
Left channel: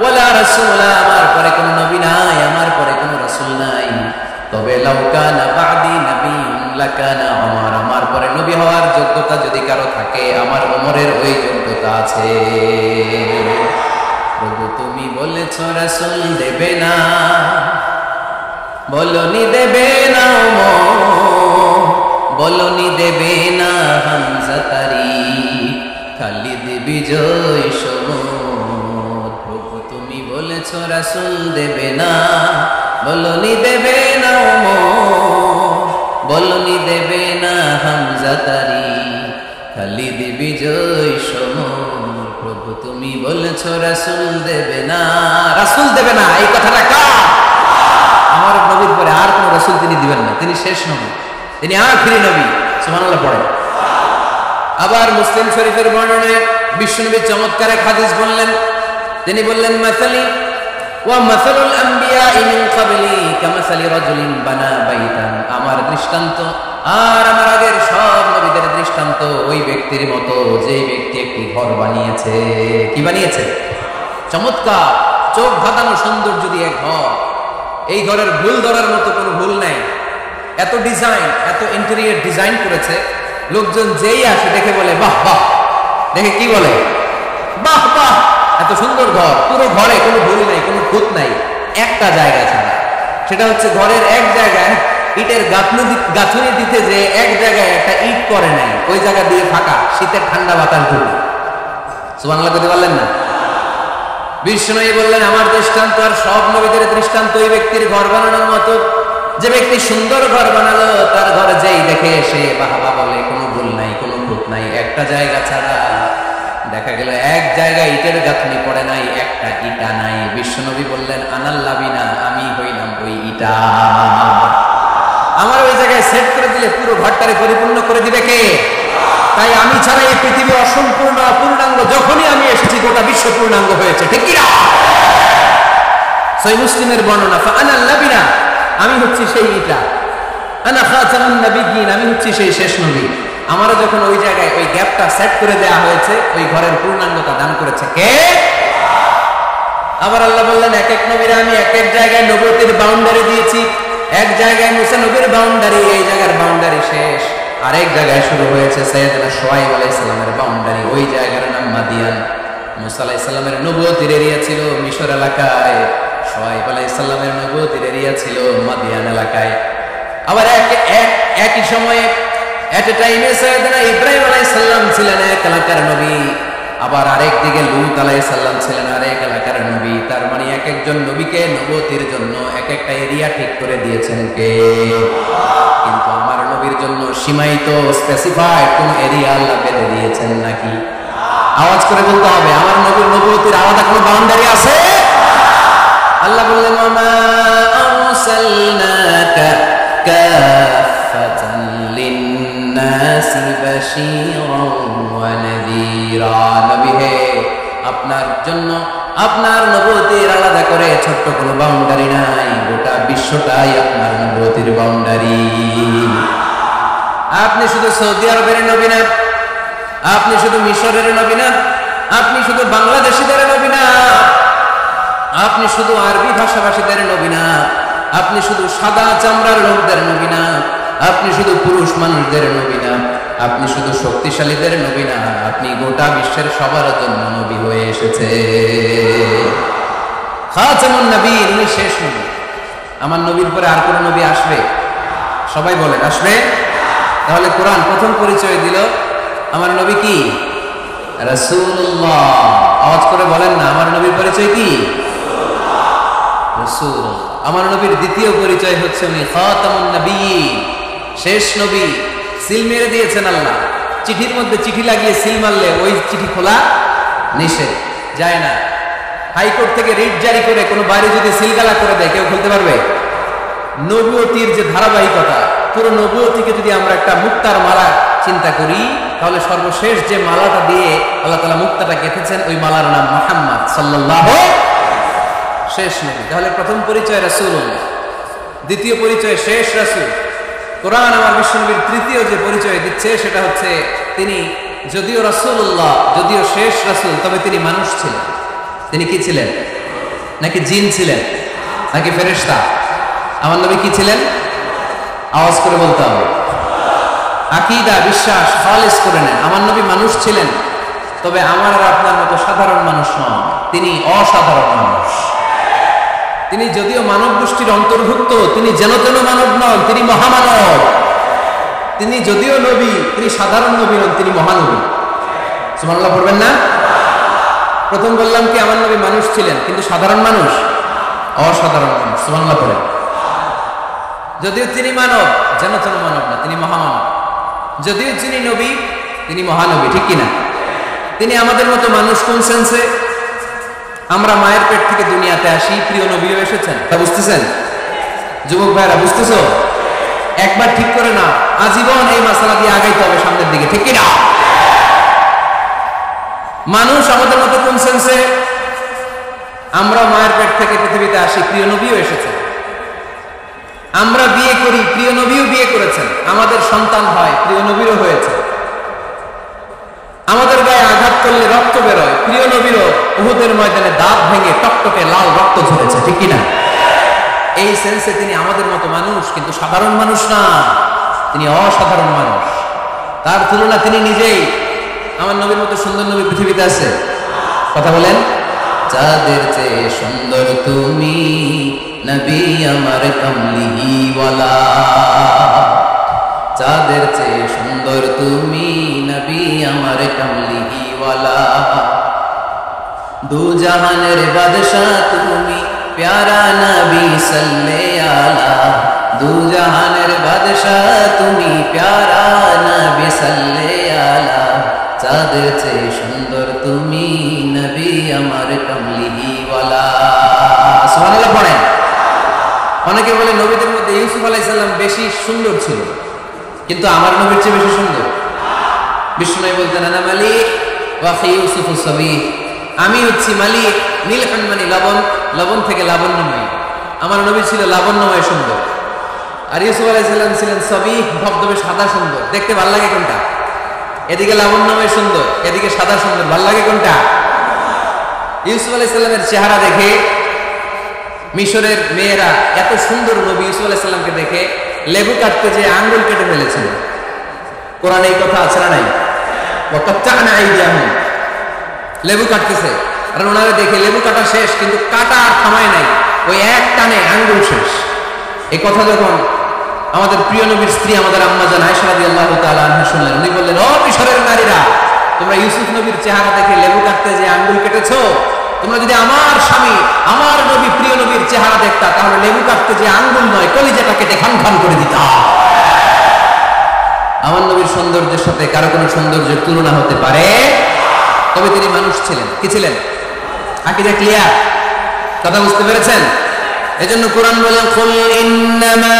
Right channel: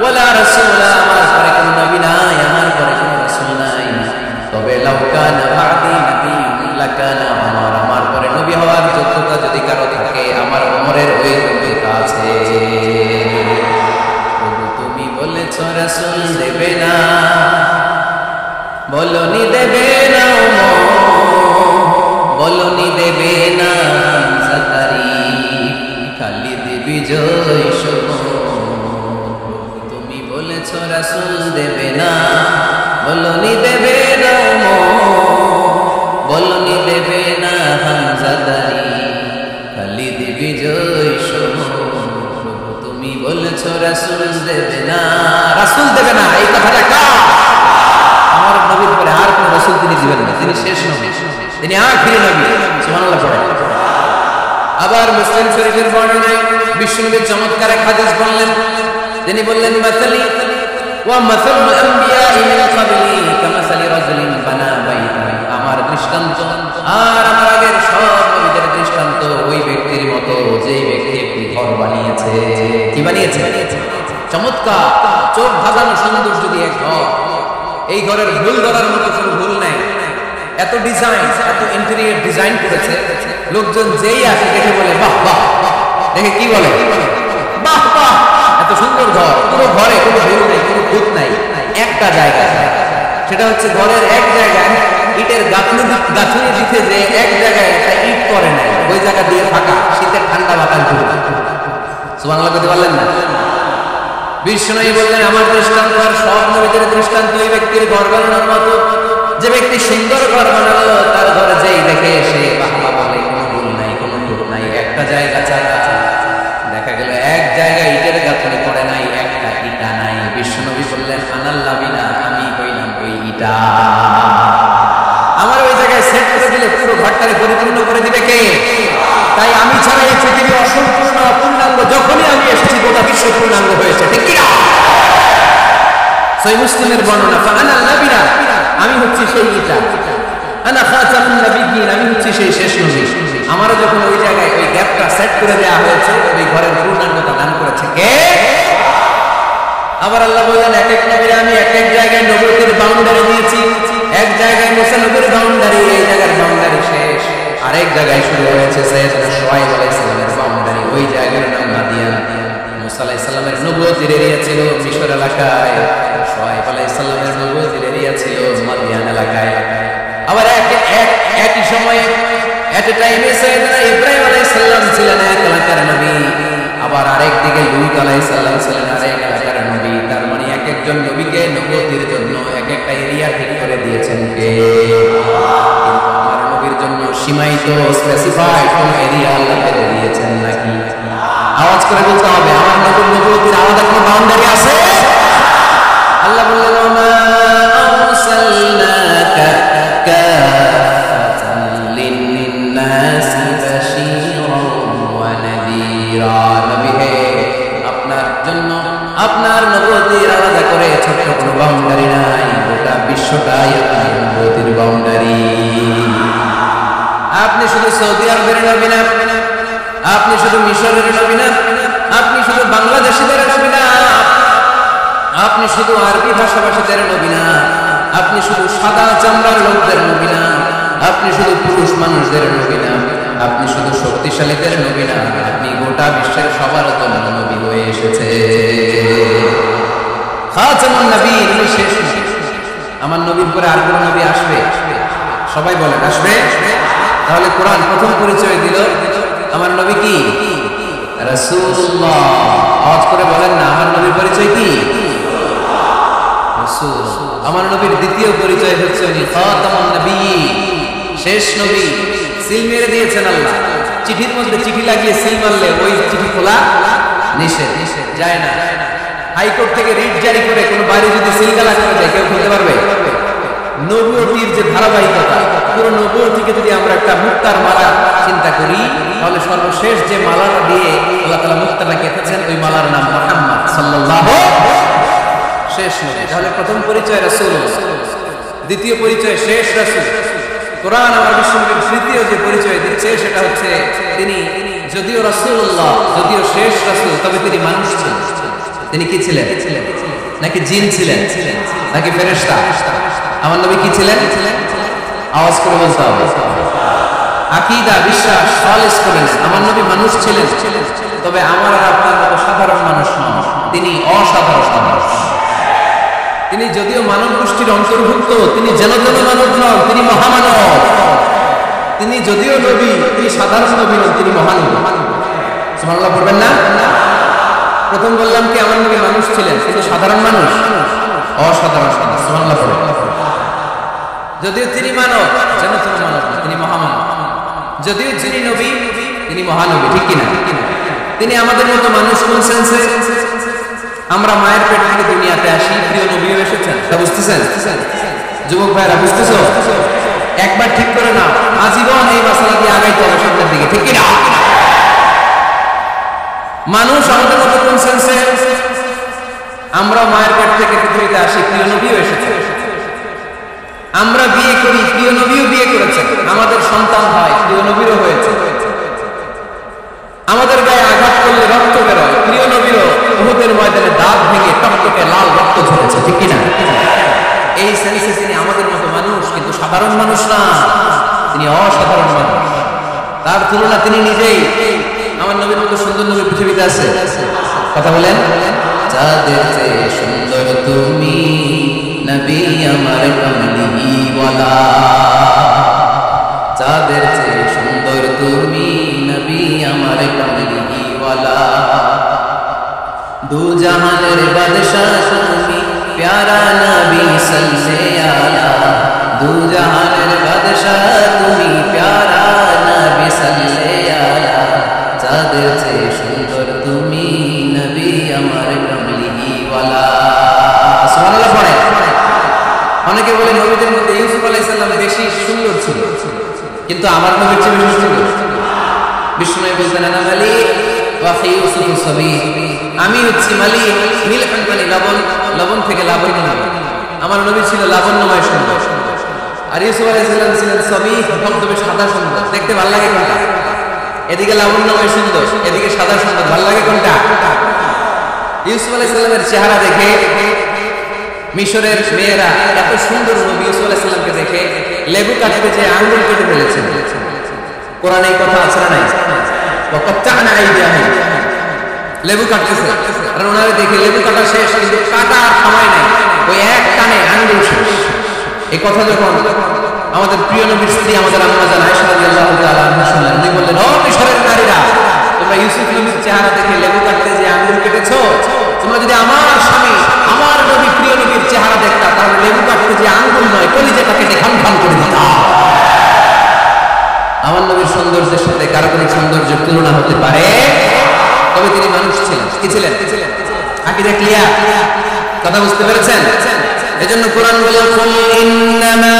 ওয়ালা রাসূলা, আমার পরে কোনো নবী নাই, আমার পরে কোনো রাসূল নাই। তবে লাউ কানা বা'দি নাবিয়্যুন লাকানা উমর, আমার পরে নবী হওয়ার যোগ্যতা যদি কারো থাকে, আমার ওমরের ওই যোগ্যতা আছে। প্রভু তুমি বলেছো রাসূল দেবে না, বলনি দেবে না ওমর, বলনি দেবে না হামজা তারিক, খালিদ বিজয় সমর। প্রভু তুমি বলেছো রাসূল দেবে না, বলনি দেবে না ওমর, বলনি দেবে না হামজা তারিক, খালিদ বিজয় সমর। প্রভু তুমি বলেছো রাসূল দেবে না, রাসূল দেবে না, এই কথাটা কার? আমার নবীর পরে আর কোন রাসূল তিনি দিবেন না, তিনি শেষ নবী, তিনি আখিরি নবী। সুবহানাল্লাহ পড়েন। আবার মুসলিম শরীফের বর্ণনায় বিশ্বনবী চমৎকার এক হাদিস বললেন, তিনি বললেন, মাসালি ওয়া মাসালুল আমবিয়াই মিন ক্বাবলি কামাসালি রাজুলিন বানা বাইতান, আমার দৃষ্টান্ত আর আমার আগের সব নবীদের দৃষ্টান্ত ওই ব্যক্তির মতো যেই ব্যক্তি একটি ঘর বানিয়েছে। কি বানিয়েছে? চমৎকার, চোখ ধাঁধানো সুন্দর যদি এক ঘর, এই ঘরের ভুল ধরার মতো কোনো ভুল নাই। এত ডিজাইন, এত ইন্টেরিয়র ডিজাইন করেছে, লোকজন যেই আসে দেখে বলে বাহ বাহ, দেখে কি বলে? বাহ বাহ, এত সুন্দর ঘর। পুরো ঘরে কোনো ভুল নাই, কোনো খুঁত নাই, একটা জায়গা ছাড়া। সেটা হচ্ছে ঘরের এক জায়গায় ইটের গাঁথুনি দিতে যে এক জায়গায় একটা ইট করে নাই, ওই জায়গা দিয়ে ফাঁকা, শীতের ঠান্ডা বাতাস ঢুকে। সুবহানাল্লাহ করতে পারলেন না? বিষ্ণুই বললেন, আমার দৃষ্টান্ত আর সব নবীদের দৃষ্টান্ত ওই ব্যক্তির ঘর বানানোর মতো। যে ব্যক্তি সুন্দর ঘর বানালো, তার ঘরে যেই দেখে সে বাহবা বলে, কোনো ভুল নাই, কোনো খুঁত নাই, একটা জায়গা ছাড়া। দেখা গেল এক জায়গায় ইটের গাঁথনি পড়ে নাই, একটা ইটা নাই। বিশ্বনবী বললেন, আনাল লাবিনা, আমি হইলাম ওই ইটা। আমার ওই জায়গায় সেট করে দিলে পুরো ঘরটারে পরিপূর্ণ করে দিবে কে? তাই আমি ছাড়া এই পৃথিবী অসম্পূর্ণ, অপূর্ণাঙ্গ। যখনই আমি এসেছি গোটা বিশ্ব পূর্ণাঙ্গ হয়েছে, ঠিক কিনা? সহিহ মুসলিমের বর্ণনা, ফাআনাল লাবিনা, আমি হচ্ছি সেই ইটা, আনা খাতামুন নাবিয়্যিন, আমি হচ্ছি সেই শেষ নবী। আমারও যখন ওই জায়গায় ওই গ্যাপটা সেট করে দেয়া হয়েছে, ওই ঘরের পূর্ণাঙ্গতা দান করেছে কে? আবার আল্লাহ বললেন, এক এক নবীর আমি এক এক জায়গায় নবুয়তির বাউন্ডারি দিয়েছি। এক জায়গায় মুসা নবীর বাউন্ডারি, এই জায়গার বাউন্ডারি শেষ। আরেক জায়গায় শুরু হয়েছে সাইয়েদনা শুআয়ব আলাইহিস সালামের বাউন্ডারি, ওই জায়গার নাম মাদিয়ান। মুসা আলাইহিস সালামের নবুয়তির এরিয়া ছিল মিশর এলাকায়, শুআয়ব আলাইহিস সালামের নবুয়তির এরিয়া ছিল মাদিয়ান এলাকায়। আবার একই সময়ে এট এ টাইমে সাইয়েদনা ইব্রাহিম আলাইহিস সালাম ছিলেন এক এলাকার নবী, আবার আরেক দিকে লূত আলাইহিস সালাম ছিলেন আরেক এলাকার নবী। তার মানে এক একজন নবীকে নবুয়তির জন্য এক একটা এরিয়া ঠিক করে দিয়েছেন কে? কিন্তু আমার নবীর জন্য সীমায়িত স্পেসিফাইড কোন এরিয়া আল্লাহ বেঁধে দিয়েছেন নাকি? আওয়াজ করে বলতে হবে, আমার নবীর নবুয়তির আলাদা কোনো বাউন্ডারি আছে? আল্লাহ বললেন, ওয়ামা আরসালনাকা কাফাতান লিন্নাসি বাশীরান ওয়া নাযীরা। নবী হে, আপনার জন্য আপনার নবুয়তির আলাদা করে ছোট্ট কোনো বাউন্ডারি নাই, গোটা বিশ্বটাই আপনার নবুয়তির বাউন্ডারি। আপনি শুধু সৌদি আরবের নবী না, আপনি শুধু মিশরের নবী না, আপনি শুধু বাংলাদেশিদের নবী না, আপনি শুধু আরবি ভাষাভাষীদের নবী না, আপনি শুধু সাদা চামড়ার লোকদের নবী না, আপনি শুধু পুরুষ মানুষদের নবী না, আপনি শুধু শক্তিশালীদের নবী না, আপনি গোটা বিশ্বের সবার জন্য নবী হয়ে এসেছে। খাতামুন নবীন, উনি শেষ নবী। আমার নবীর পরে আর কোন নবী আসবে? সবাই বলেন, আসবে? তাহলে কোরআন প্রথম পরিচয় দিল আমার নবী কি? রাসূলুল্লাহ। আওয়াজ করে বলেন না, আমার নবীর পরিচয় কি? রাসূলুল্লাহ। আমার নবীর দ্বিতীয় পরিচয় হচ্ছে উনি খাতামুন নবিয়্যিন, শেষ নবী। সিল মেরে দিয়েছেন আল্লাহ। চিঠির মধ্যে চিঠি লাগিয়ে সিল মারলে ওই চিঠি খোলা নিষেধ, যায় না। হাইকোর্ট থেকে রিট জারি করে কোনো বাড়ি যদি সিলগালা করে দেয়, কেউ খুলতে পারবে? নবুয়তির যে ধারাবাহিকতা, পুরো নবুয়তিকে যদি আমরা একটা মুক্তার মালা চিন্তা করি, তাহলে সর্বশেষ যে মালাটা দিয়ে আল্লাহ তাআলা মুক্তাটা গেঁথেছেন, ওই মালার নাম মুহাম্মদ সাল্লাল্লাহু, শেষ নবী। তাহলে প্রথম পরিচয় রাসূলুল্লাহ, দ্বিতীয় পরিচয় শেষ রাসূল। কোরআন আমার বিশ্বনবীর তৃতীয় যে পরিচয় দিচ্ছে সেটা হচ্ছে তিনি যদিও রাসূলুল্লাহ, যদিও শেষ রাসূল, তবে তিনি মানুষ ছিলেন। তিনি কি ছিলেন? নাকি জিন ছিলেন? নাকি ফেরেশতা? আমার নবী কি ছিলেন? আওয়াজ করে বলতে হবে। আকীদা, বিশ্বাস খালিস করে নেন। আমার নবী মানুষ ছিলেন, তবে আমার আর আপনার মতো সাধারণ মানুষ নন, তিনি অসাধারণ মানুষ। তিনি যদিও মানব গোষ্ঠীর অন্তর্ভুক্ত, তিনি যেন তেন মানব নন, তিনি মহামানব। তিনি যদিও নবী, তিনি সাধারণ নবী নন, তিনি মহানবী। সুবহানাল্লাহ পড়বেন না? প্রথম বললাম কি আমার নবী মানুষ ছিলেন, কিন্তু সাধারণ মানুষ, অসাধারণ মানুষ। সুবহানাল্লাহ পড়েন। যদিও তিনি মানব, যেন তেন মানব না, তিনি মহামানব। যদিও যিনি নবী, তিনি মহানবী, ঠিক কিনা? তিনি আমাদের মতো মানুষ কোন সেন্সে? আমরা মায়ের পেট থেকে দুনিয়াতে আসি, প্রিয় নবীও এসেছেন, তা বুঝতেছেন? যুবক ভাইরা বুঝতেছো? একবার ঠিক করে নাও, আজীবন এই মাসালা দিয়ে আগাইতে হবে সামনের দিকে, ঠিক কিনা? মানুষ আমাদের মতো কোন সেন্সে? আমরা মায়ের পেট থেকে পৃথিবীতে আসি, প্রিয় নবীও এসেছেন। আমরা বিয়ে করি, প্রিয় নবীও বিয়ে করেছেন। আমাদের সন্তান হয়, প্রিয় নবীরও হয়েছে। আমাদের গায়ে আঘাত করলে রক্ত বেরোয়, প্রিয় নবীরও উহুদের ময়দানে দাঁত ভেঙে টকটকে লাল রক্ত ঝরেছে, ঠিক কিনা? এই সেন্সে তিনি আমাদের মতো মানুষ, কিন্তু সাধারণ মানুষ না, তিনি অসাধারণ মানুষ। তার তুলনা তিনি নিজেই। আমার নবীর মতো সুন্দর নবী পৃথিবীতে আছে? কথা বলেন। চাঁদের চেয়ে সুন্দর তুমি নবী আমার কামলিওয়ালা, চাঁদের চেয়ে সুন্দর তুমি নবী আমার কামলিওয়ালা, দু জাহানের বাদশাহ তুমি প্যারা নবী সাল্লাল্লাহু আলা, দু জাহানের বাদশাহ তুমি প্যারা নবী সাল্লাল্লাহু আলা, চাঁদের চেয়ে সুন্দর তুমি নবী আমার কামলিওয়ালা। সুবহানাল্লাহ পড়েন। অনেকে বলে নবীদের মধ্যে ইউসুফ আলাইহিস সালাম বেশি সুন্দর ছিল, কিন্তু আমার নবীর চেয়ে বেশি সুন্দর। বিষ্ণু বলতেন, আনা মালিক ওয়া আখি ইউসুফু সাবিহ, আমি হচ্ছি মালিক, মিলহান মানে লবণ, লবণ থেকে লাবণ্যময়। আমার নবী ছিল লাবণ্যময় সুন্দর, আর ইউসুফ আলাইহিস সালাম ছিলেন সাবিহ, ধবধবে সাদা সুন্দর। দেখতে ভালো লাগে কোনটা? এদিকে লাবণ্যময় সুন্দর, এদিকে সাদা সুন্দর, ভালো লাগে কোনটা? ইউসুফ আলাইহিস সালামের চেহারা দেখে মিশরের মেয়েরা এত সুন্দর নবী ইউসুফ আলাইহিস সালামকে দেখে লেবু কাটতে যে আঙ্গুল কেটে ফেলেছেন। কোরআনে এই কথা আছে না নাই? ওয়া কাত্তা'না আইদিয়াহুম, লেবু কাটতেছে, আর ওনারে দেখে লেবু কাটা শেষ, কিন্তু কাটা আর থামায় নাই। ওই এক টানে আঙ্গুল শেষ। এই কথা যখন আমাদের প্রিয় নবীর স্ত্রী আমাদের আম্মা জান আয়েশা রাদিয়াল্লাহু তাআলা আনহা শুনলেন, উনি বললেন, ও মিশরের নারীরা, তোমরা ইউসুফ নবীর চেহারা দেখে লেবু কাটতে যে আঙ্গুল কেটেছো, তোমরা যদি আমার স্বামী আমার নবী প্রিয় নবীর চেহারা দেখতা, তাহলে লেবু কাটতে যে আঙ্গুল নয় কলিজাটা কেটে খান খান করে দিতা। আমার নবীর সৌন্দর্যের সাথে কারো কোনো সৌন্দর্যের তুলনা হতে পারে? তবে তিনি মানুষ ছিলেন। কি ছিলেন? আকীদা ক্লিয়ার? কথা বুঝতে পেরেছেন? এজন্য কোরআন বলে, কুল ইন্নামা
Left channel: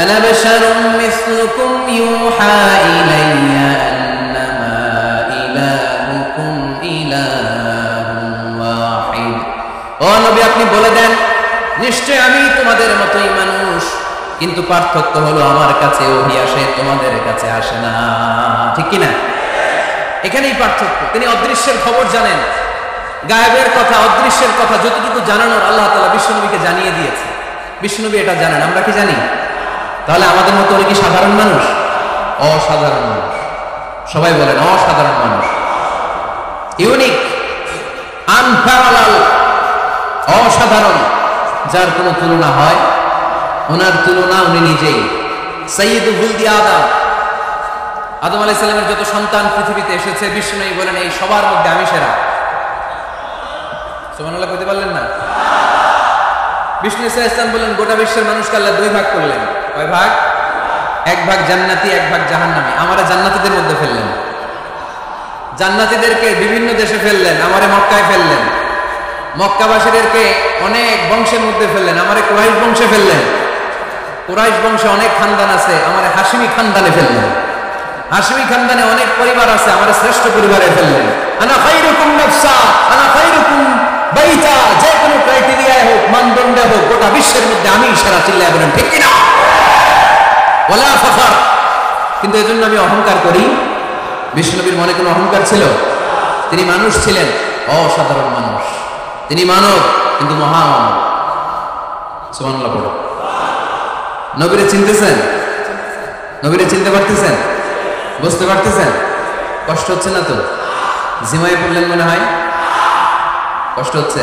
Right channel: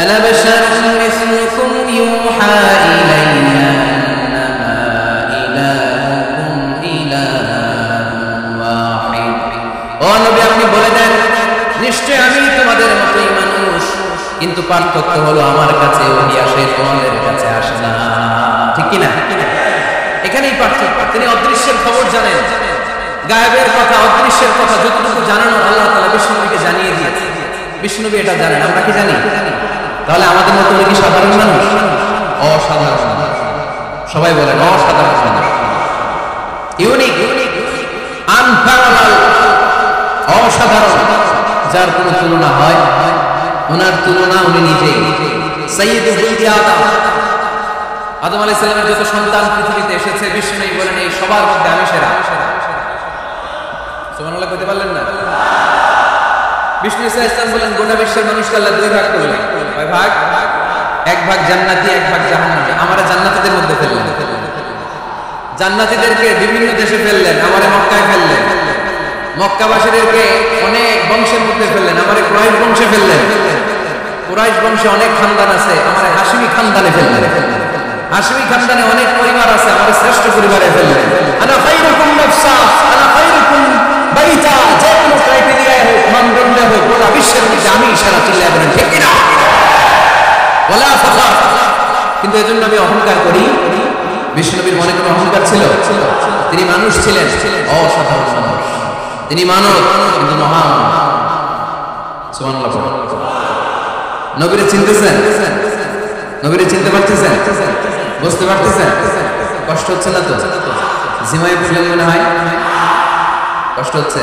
আনা বাশারুম মিসলুকুম ইউহা ইলাইয়া আন্নামা ইলাহুকুম ইলাহুন ওয়াহিদ। ও নবী, আপনি বলে দেন, নিশ্চয় আমি তোমাদের মতোই মানুষ, কিন্তু পার্থক্য হলো আমার কাছে ওহী আসে, তোমাদের কাছে আসে না। ঠিক কি না? এখানেই পার্থক্য। তিনি অদৃশ্যের খবর জানেন, গায়েবের কথা, অদৃশ্যের কথা যতটুকু জানানোর আল্লাহ তাআলা বিশ্বনবীকে জানিয়ে দিয়েছে। বিশ্বনবী এটা জানেন, আমরা কি জানি? তাহলে আমাদের মতো উনি কি সাধারণ মানুষ? অসাধারণ মানুষ। সবাই বলেন অসাধারণ মানুষ, ইউনিক, আনপ্যারালাল, অসাধারণ, যার কোনো তুলনা হয়? ওনার তুলনা উনি নিজেই। সাইয়্যিদু ওয়ালাদি আদম, আদম আলাইহিস সালামের যত সন্তান পৃথিবীতে এসেছে, বিশ্বনবী বলেন এই সবার মধ্যে আমি সেরা। সুবহানাল্লাহ কইতে পারলেন না? বিষ্ণু ইসলাম বলেন, গোটা বিশ্বের মানুষকে আল্লাহ দুই ভাগ করলেন। কয় ভাগ? এক ভাগ জান্নাতি, এক ভাগ জাহান্নামী। আমারে জান্নাতীদের মধ্যে ফেললেন। জান্নাতীদেরকে বিভিন্ন দেশে ফেললেন, আমারে মক্কায় ফেললেন। মক্কাবাসীদেরকে অনেক বংশের মধ্যে ফেললেন, আমারে কুরাইশ বংশে ফেললেন। কুরাইশ বংশে অনেক খানদান আছে, আমারে হাশিমি খানদানে ফেললেন। হাশিমি খানদানে অনেক পরিবার আছে, আমারে শ্রেষ্ঠ পরিবারে ফেললেন। আনা খায়রুকুম নাফসা, আনা খায়রুকুম বাইতা, যে কোনো ক্রাইটেরিয়ায় হোক, মানদণ্ডে হোক, গোটা বিশ্বের মধ্যে আমি সেরা। চিল্লায় বলেন ঠিক কিনা? ওয়ালা ফখর। কিন্তু এজন্য আমি অহংকার করি? বিশ্বনবীর মনে কোনো অহংকার ছিল? তিনি মানুষ ছিলেন, অসাধারণ মানুষ। তিনি মানব, কিন্তু মহামানব। সুবহানাল্লাহ পড়ো। নবীরে চিনতেছেন? নবীরে চিনতে পারতেছেন? বুঝতে পারতেছেন? কষ্ট হচ্ছে না তো? জিমাই পড়লেন মনে হয়? কষ্ট হচ্ছে?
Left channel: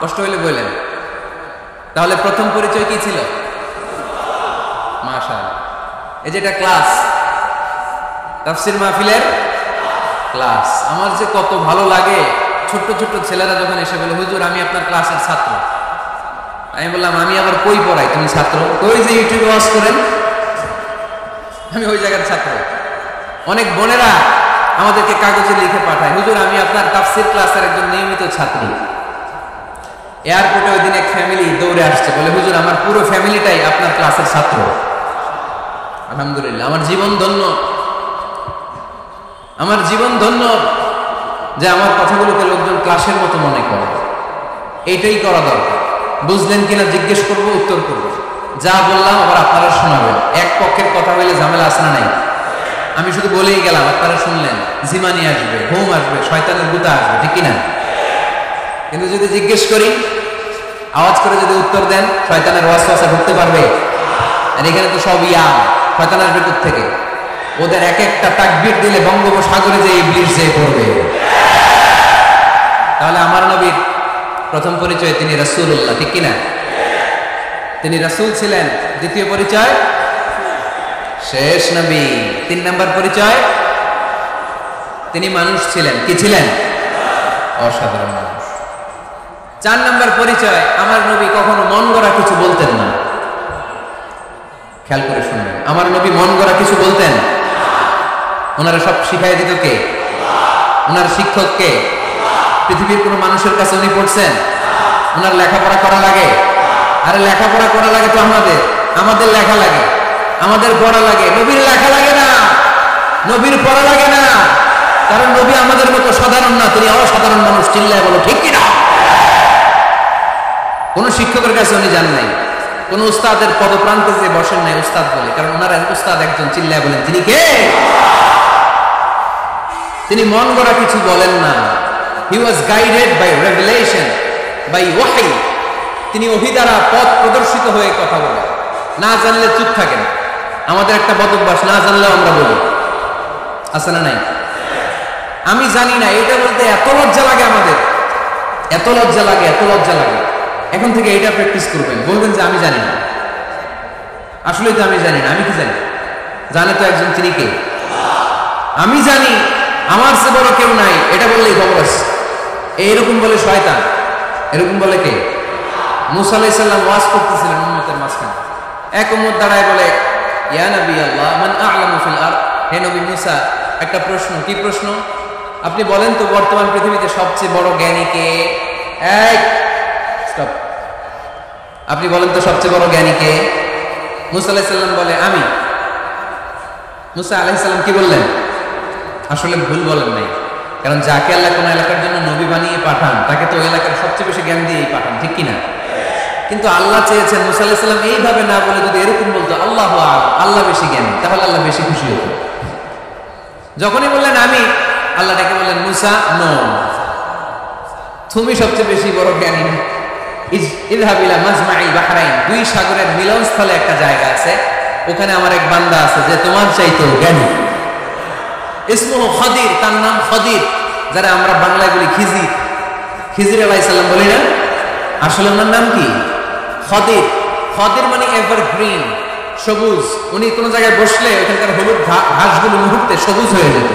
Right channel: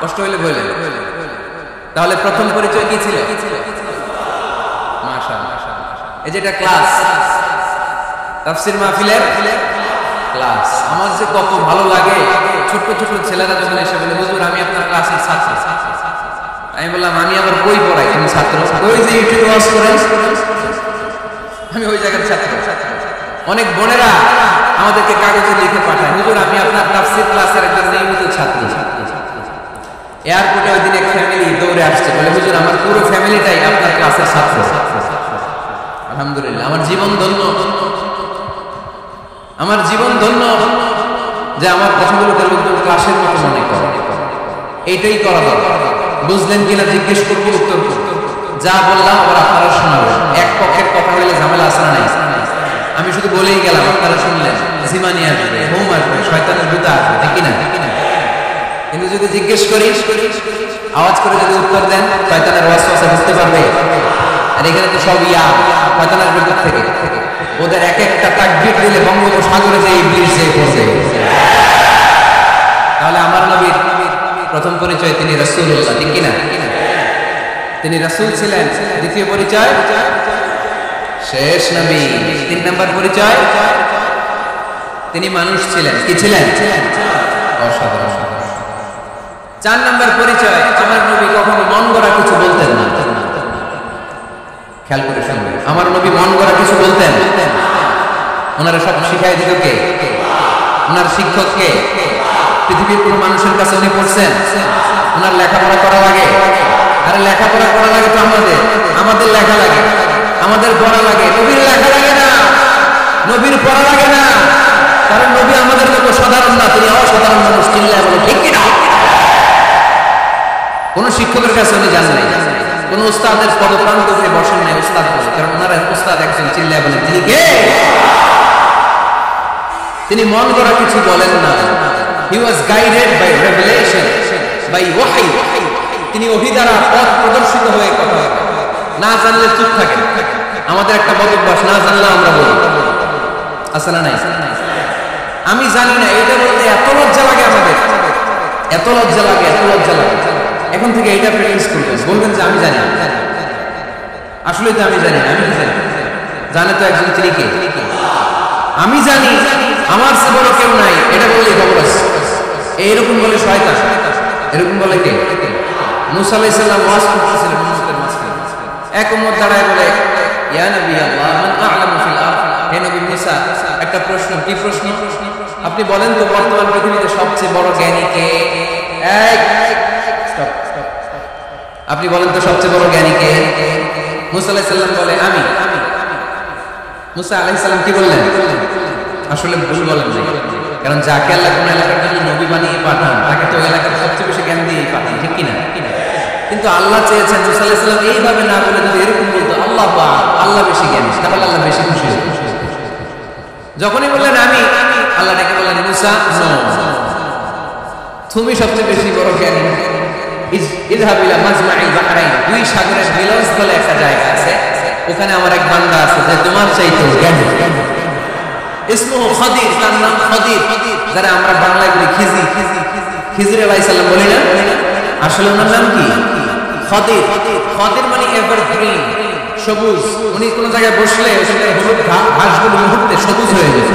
কষ্ট হইলে বললেন। তাহলে প্রথম পরিচয় কি ছিল? মাশাআল্লাহ। এই যে এটা ক্লাস, তাফসীর মাহফিলের ক্লাস। আমার যে কত ভালো লাগে, ছোট্ট ছোট্ট ছেলেরা যখন এসে বলে, হুজুর আমি আপনার ক্লাসের ছাত্র। আমি বললাম, আমি আবার কই পড়াই? তুমি ছাত্র? কই যে ইউটিউবে ওয়াজ করেন, আমি ওই জায়গার ছাত্র। অনেক বোনেরা আমাদেরকে কাগজে লিখে পাঠায়, হুজুর আমি আপনার তাফসীর ক্লাসের একজন নিয়মিত ছাত্রী। এয়ারপোর্টে ওই দিন এক ফ্যামিলি দৌড়ে আসছে, বলে হুজুর আমার পুরো ফ্যামিলিটাই আপনার ক্লাসের ছাত্র। আলহামদুলিল্লাহ, আমার জীবন ধন্য, আমার জীবন ধন্য যে আমার কথাগুলোকে লোকজন ক্লাসের মতো মনে করে। এইটাই করা দরকার। বুঝলেন কিনা জিজ্ঞেস করবো, উত্তর করবো। যা বললাম আবার আপনারা শোনাবেন। এক পক্ষের কথা হইলে ঝামেলা আসে না? নাই। আমি শুধু বলেই গেলাম, আপনারা শুনলেন। জিমানি আসবে, হোম আসবে, শয়তানের গুতা আসবে, ঠিক কিনা? কিন্তু যদি জিজ্ঞেস করি, আওয়াজ করে যদি উত্তর দেন, শয়তানের ওয়াসওয়াসা ঢুকতে পারবে? আর এখানে তো সব ইয়াম, শয়তান আসবে কোথা থেকে? ওদের এক একটা তাকবীর দিলে বঙ্গোপসাগরে যে ইবলিস যে পড়বে। তাহলে আমার নবীর প্রথম পরিচয় তিনি রাসূলুল্লাহ, ঠিক কিনা? তিনি রাসূল ছিলেন। দ্বিতীয় পরিচয় শেষ নবী। 3 নাম্বার পরিচয় তিনি মানুষ ছিলেন। কি ছিলেন? অসাধারণ মানুষ। 4 নাম্বার পরিচয়, আমার নবী কখনো মন গড়া কিছু বলতেন না। খেয়াল করে শুনবেন, আমার নবী মন গড়া কিছু বলতেন? ওনারা সব শিখাই দিত কে? ওনার শিক্ষক কে? পৃথিবীর কোনো মানুষের কাছে উনি পড়ছেন? ওনার লেখাপড়া করা লাগে? আরে লেখাপড়া করা লাগে তো আমাদের, আমাদের লেখা লাগে, আমাদের পড়া লাগে। নবীর লেখা লাগে না, নবীর পড়া লাগে না, কারণ নবী আমাদের মতো সাধারণ না, তিনি অসাধারণ মানুষ। চিল্লায় বলো ঠিক কিনা? কোন শিক্ষকের কাছে উনি যান নাই, কোন উস্তাদের পদপ্রান্তে যে বসেন নাই উস্তাদ বলে, কারণ ওনারা উস্তাদ একজন। চিল্লায় বলেন তিনি কে? তিনি মন গড়া কিছু বলেন না। He was guided by revelation, by ওয়াহি। তিনি ওহী দ্বারা পথ প্রদর্শিত হয়ে কথা বলেন। না জানলে চুপ থাকেন। আমাদের একটা বদ অভ্যাস, না জানলেও আমরা বলি, আছে না নাই? আমি জানি না, এটা বলতে এত লজ্জা লাগে আমাদের, এত লজ্জা লাগে, এত লজ্জা লাগে। এখন থেকে এটা প্র্যাকটিস করবেন, বলবেন যে আমি জানি না, আসলেই তো আমি জানি না। আমি কি জানি? জানে তো একজন, তিনি কে? আমি জানি, আমার চেয়ে বড় কেউ নাই, এটা বললেই খবর আছে। এইরকম বলে শয়তান, এরকম বলে কে? মুসা আলাইহিস সালাম ওয়াজ করতেছিলেন উম্মতের মাঝখানে, এক উম্মত দাঁড়ায় বলে, ইয়া নবী আল্লাহ মান আ'লামু ফিল আরদ, হে নবী মুসা, একটা প্রশ্ন। কি প্রশ্ন? আপনি বলেন তো বর্তমান পৃথিবীতে সবচেয়ে বড় জ্ঞানী কে? এই স্টপ, আপনি বলেন তো সবচেয়ে বড় জ্ঞানী কে? মুসা আলাইহিস সালাম বলে আমি। মুসা আলাইহিস সালাম কি বললেন? আসলে ভুল বলেন নাই, কারণ যাকে আল্লাহ কোন এলাকার জন্য নবী বানিয়ে পাঠান তাকে তো ওই এলাকার সবচেয়ে বেশি জ্ঞান দিয়েই পাঠান, ঠিক কিনা? কিন্তু আল্লাহ চেয়েছেন মুসা আলাইহিস সালাম এইভাবে না বলে যদি এরকম বলতো আল্লাহু আ'লাম, আল্লাহ বেশি জ্ঞানী, তাহলে আল্লাহ বেশি খুশি হতো। যখনই বললেন আমি, আল্লাহ ডেকে বললেন মুসা নো, তুমি সবচেয়ে বেশি বড় জ্ঞানী না। ইযহাব ইলা মাজমা'il বাহরাইন, দুই সাগরের মিলনস্থলে একটা জায়গা আছে, ওখানে আমার এক বান্দা আছে যে তোমার চাইতেও জ্ঞানী। ইসমুহু খদির, তার নাম খদির, যারা আমরা বাংলায় বলি খিজির, খিজির আলাইহিস সালাম বলি না, আসলে ওনার নাম কি? খদির। খদির মানে এভারগ্রিন, সবুজ। উনি কোন জায়গায় বসলে ওখানকার হলুদ ঘাসগুলো মুহূর্তে সবুজ হয়ে যেত।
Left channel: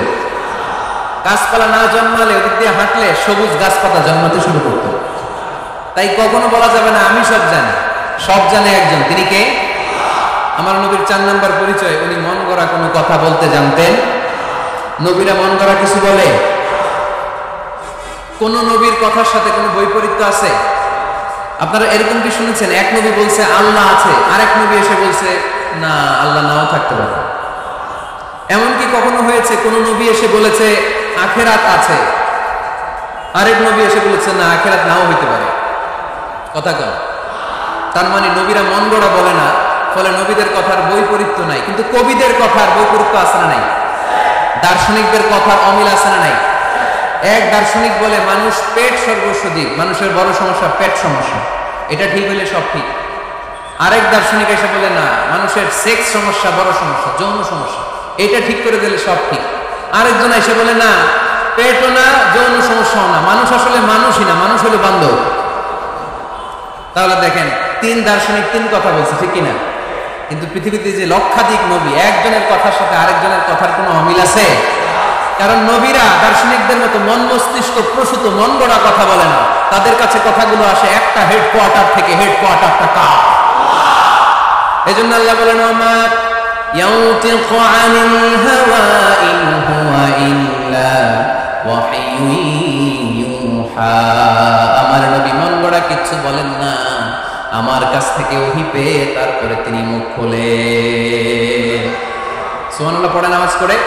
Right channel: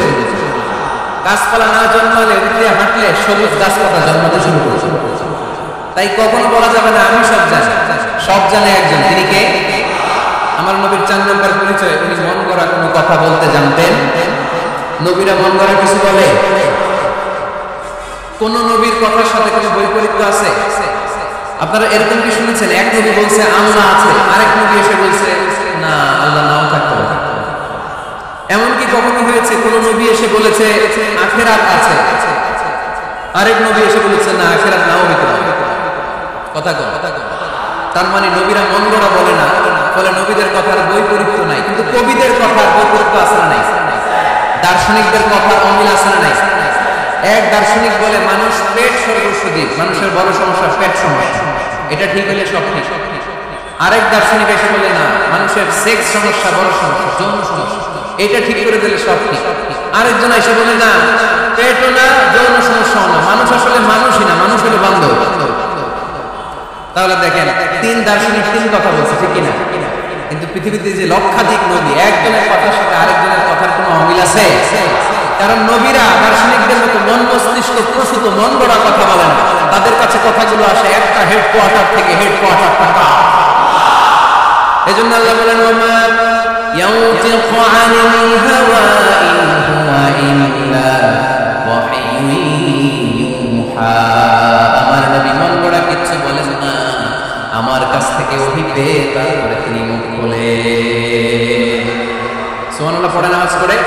গাছপালা না জন্মালে ওদিক দিয়ে হাঁটলে সবুজ গাছপাতা জন্মাতে শুরু করত। তাই কখনো বলা যাবে না আমি সব জানি, সব জানে একজন, তিনি কে? আমার নবীর 4 নম্বর পরিচয়, উনি মন গড়া কোনো কথা বলতে জানতেন। নবীরা মন গড়া কিছু বলে? কোন নবীর কথার সাথে কোনো বৈপরীত্য আছে? আপনারা এরকম কি শুনেছেন এক নবী বলছে আল্লাহ আছে, আরেক নবী এসে বলছে না আল্লাহ নাও থাকতে পারে? এমনকি কখনো হয়েছে কোন নবী এসে বলেছে আখিরাত আছে, আরেক নবী এসে বলেছে না আখিরাত নাও হইতে পারে? কথা কন। তার মানে নবীরা মন গড়া বলে না, ফলে নবীদের কথার বৈপরীত্য নাই। কিন্তু কবিদের কথার বৈপরীত্য আছে না নাই? দার্শনিকদের কথার অমিল আছে না নাই? এক দার্শনিক বলে মানুষ পেট সর্বস্ব দিক, মানুষের বড় সমস্যা পেট সমস্যা, এটা ঠিক হলে সব ঠিক। আরেক দার্শনিক এসে বলে না, মানুষের সেক্স সমস্যা বড় সমস্যা, যৌন সমস্যা, এটা ঠিক করে দিলে সব ঠিক। আরেকজন এসে বলে না, পেটও না যৌন সমস্যাও না, মানুষ আসলে মানুষই না, মানুষ হলো বান্ধব। তাহলে দেখেন 3 দার্শনিক 3 কথা বলছে, ঠিক কিনা? কিন্তু পৃথিবীতে যে লক্ষাধিক নবী, একজনের কথার সাথে আরেকজনের কথার কোনো অমিল আছে? কারণ নবীরা দার্শনিকদের মতো মন মস্তিষ্ক প্রসূত মন গড়া কথা বলে না, তাদের কাছে কথাগুলো আসে একটা হেডকোয়ার্টার থেকে। হেডকোয়ার্টারটা কার? এজন্য আল্লাহ বলেন ওমা ইয়াউতিকু আনিল হাওয়া ইন হুয়া ইল্লা ওয়াহয়ুন ইউহা, আমার নবী মন গড়া কিছু বলেন না, আমার কাছ থেকে ওহী পেয়ে তারপরে তিনি মুখ খোলেন। সুবহানাল্লাহ পড়ে নামাজ করে।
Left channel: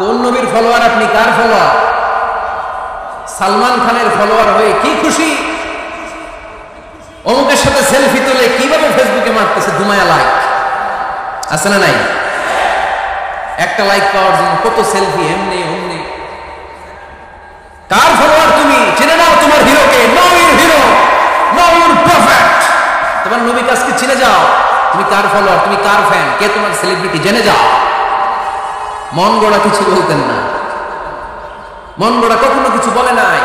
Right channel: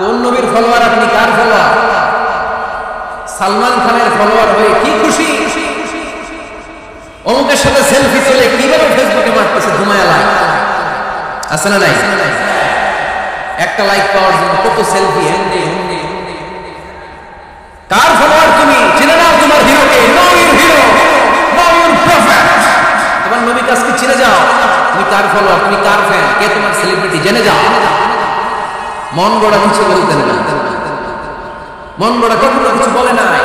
কোন নবীর ফলোয়ার আপনি? কার ফলোয়ার? সালমান খানের ফলোয়ার হয়ে কি খুশি, অমুকের সাথে সেলফি তুলে কিভাবে ফেসবুকে মারতেছে ধুমায়া লাইক, আছে না নাই? একটা লাইক পাওয়ার জন্য কত সেলফি, এমনি অমনি। কার ফলোয়ার তুমি? চিনে নাও তোমার হিরোকে। Know your hero, know your prophet. তোমার নবী কাজকে চিনে যাও। তুমি কার ফলোয়ার, তুমি কার ফ্যান, কে তোমার সেলিব্রিটি, জেনে যাও। মন গড়া কিছু বলতেন না, মন গড়া কখনো কিছু বলে নাই।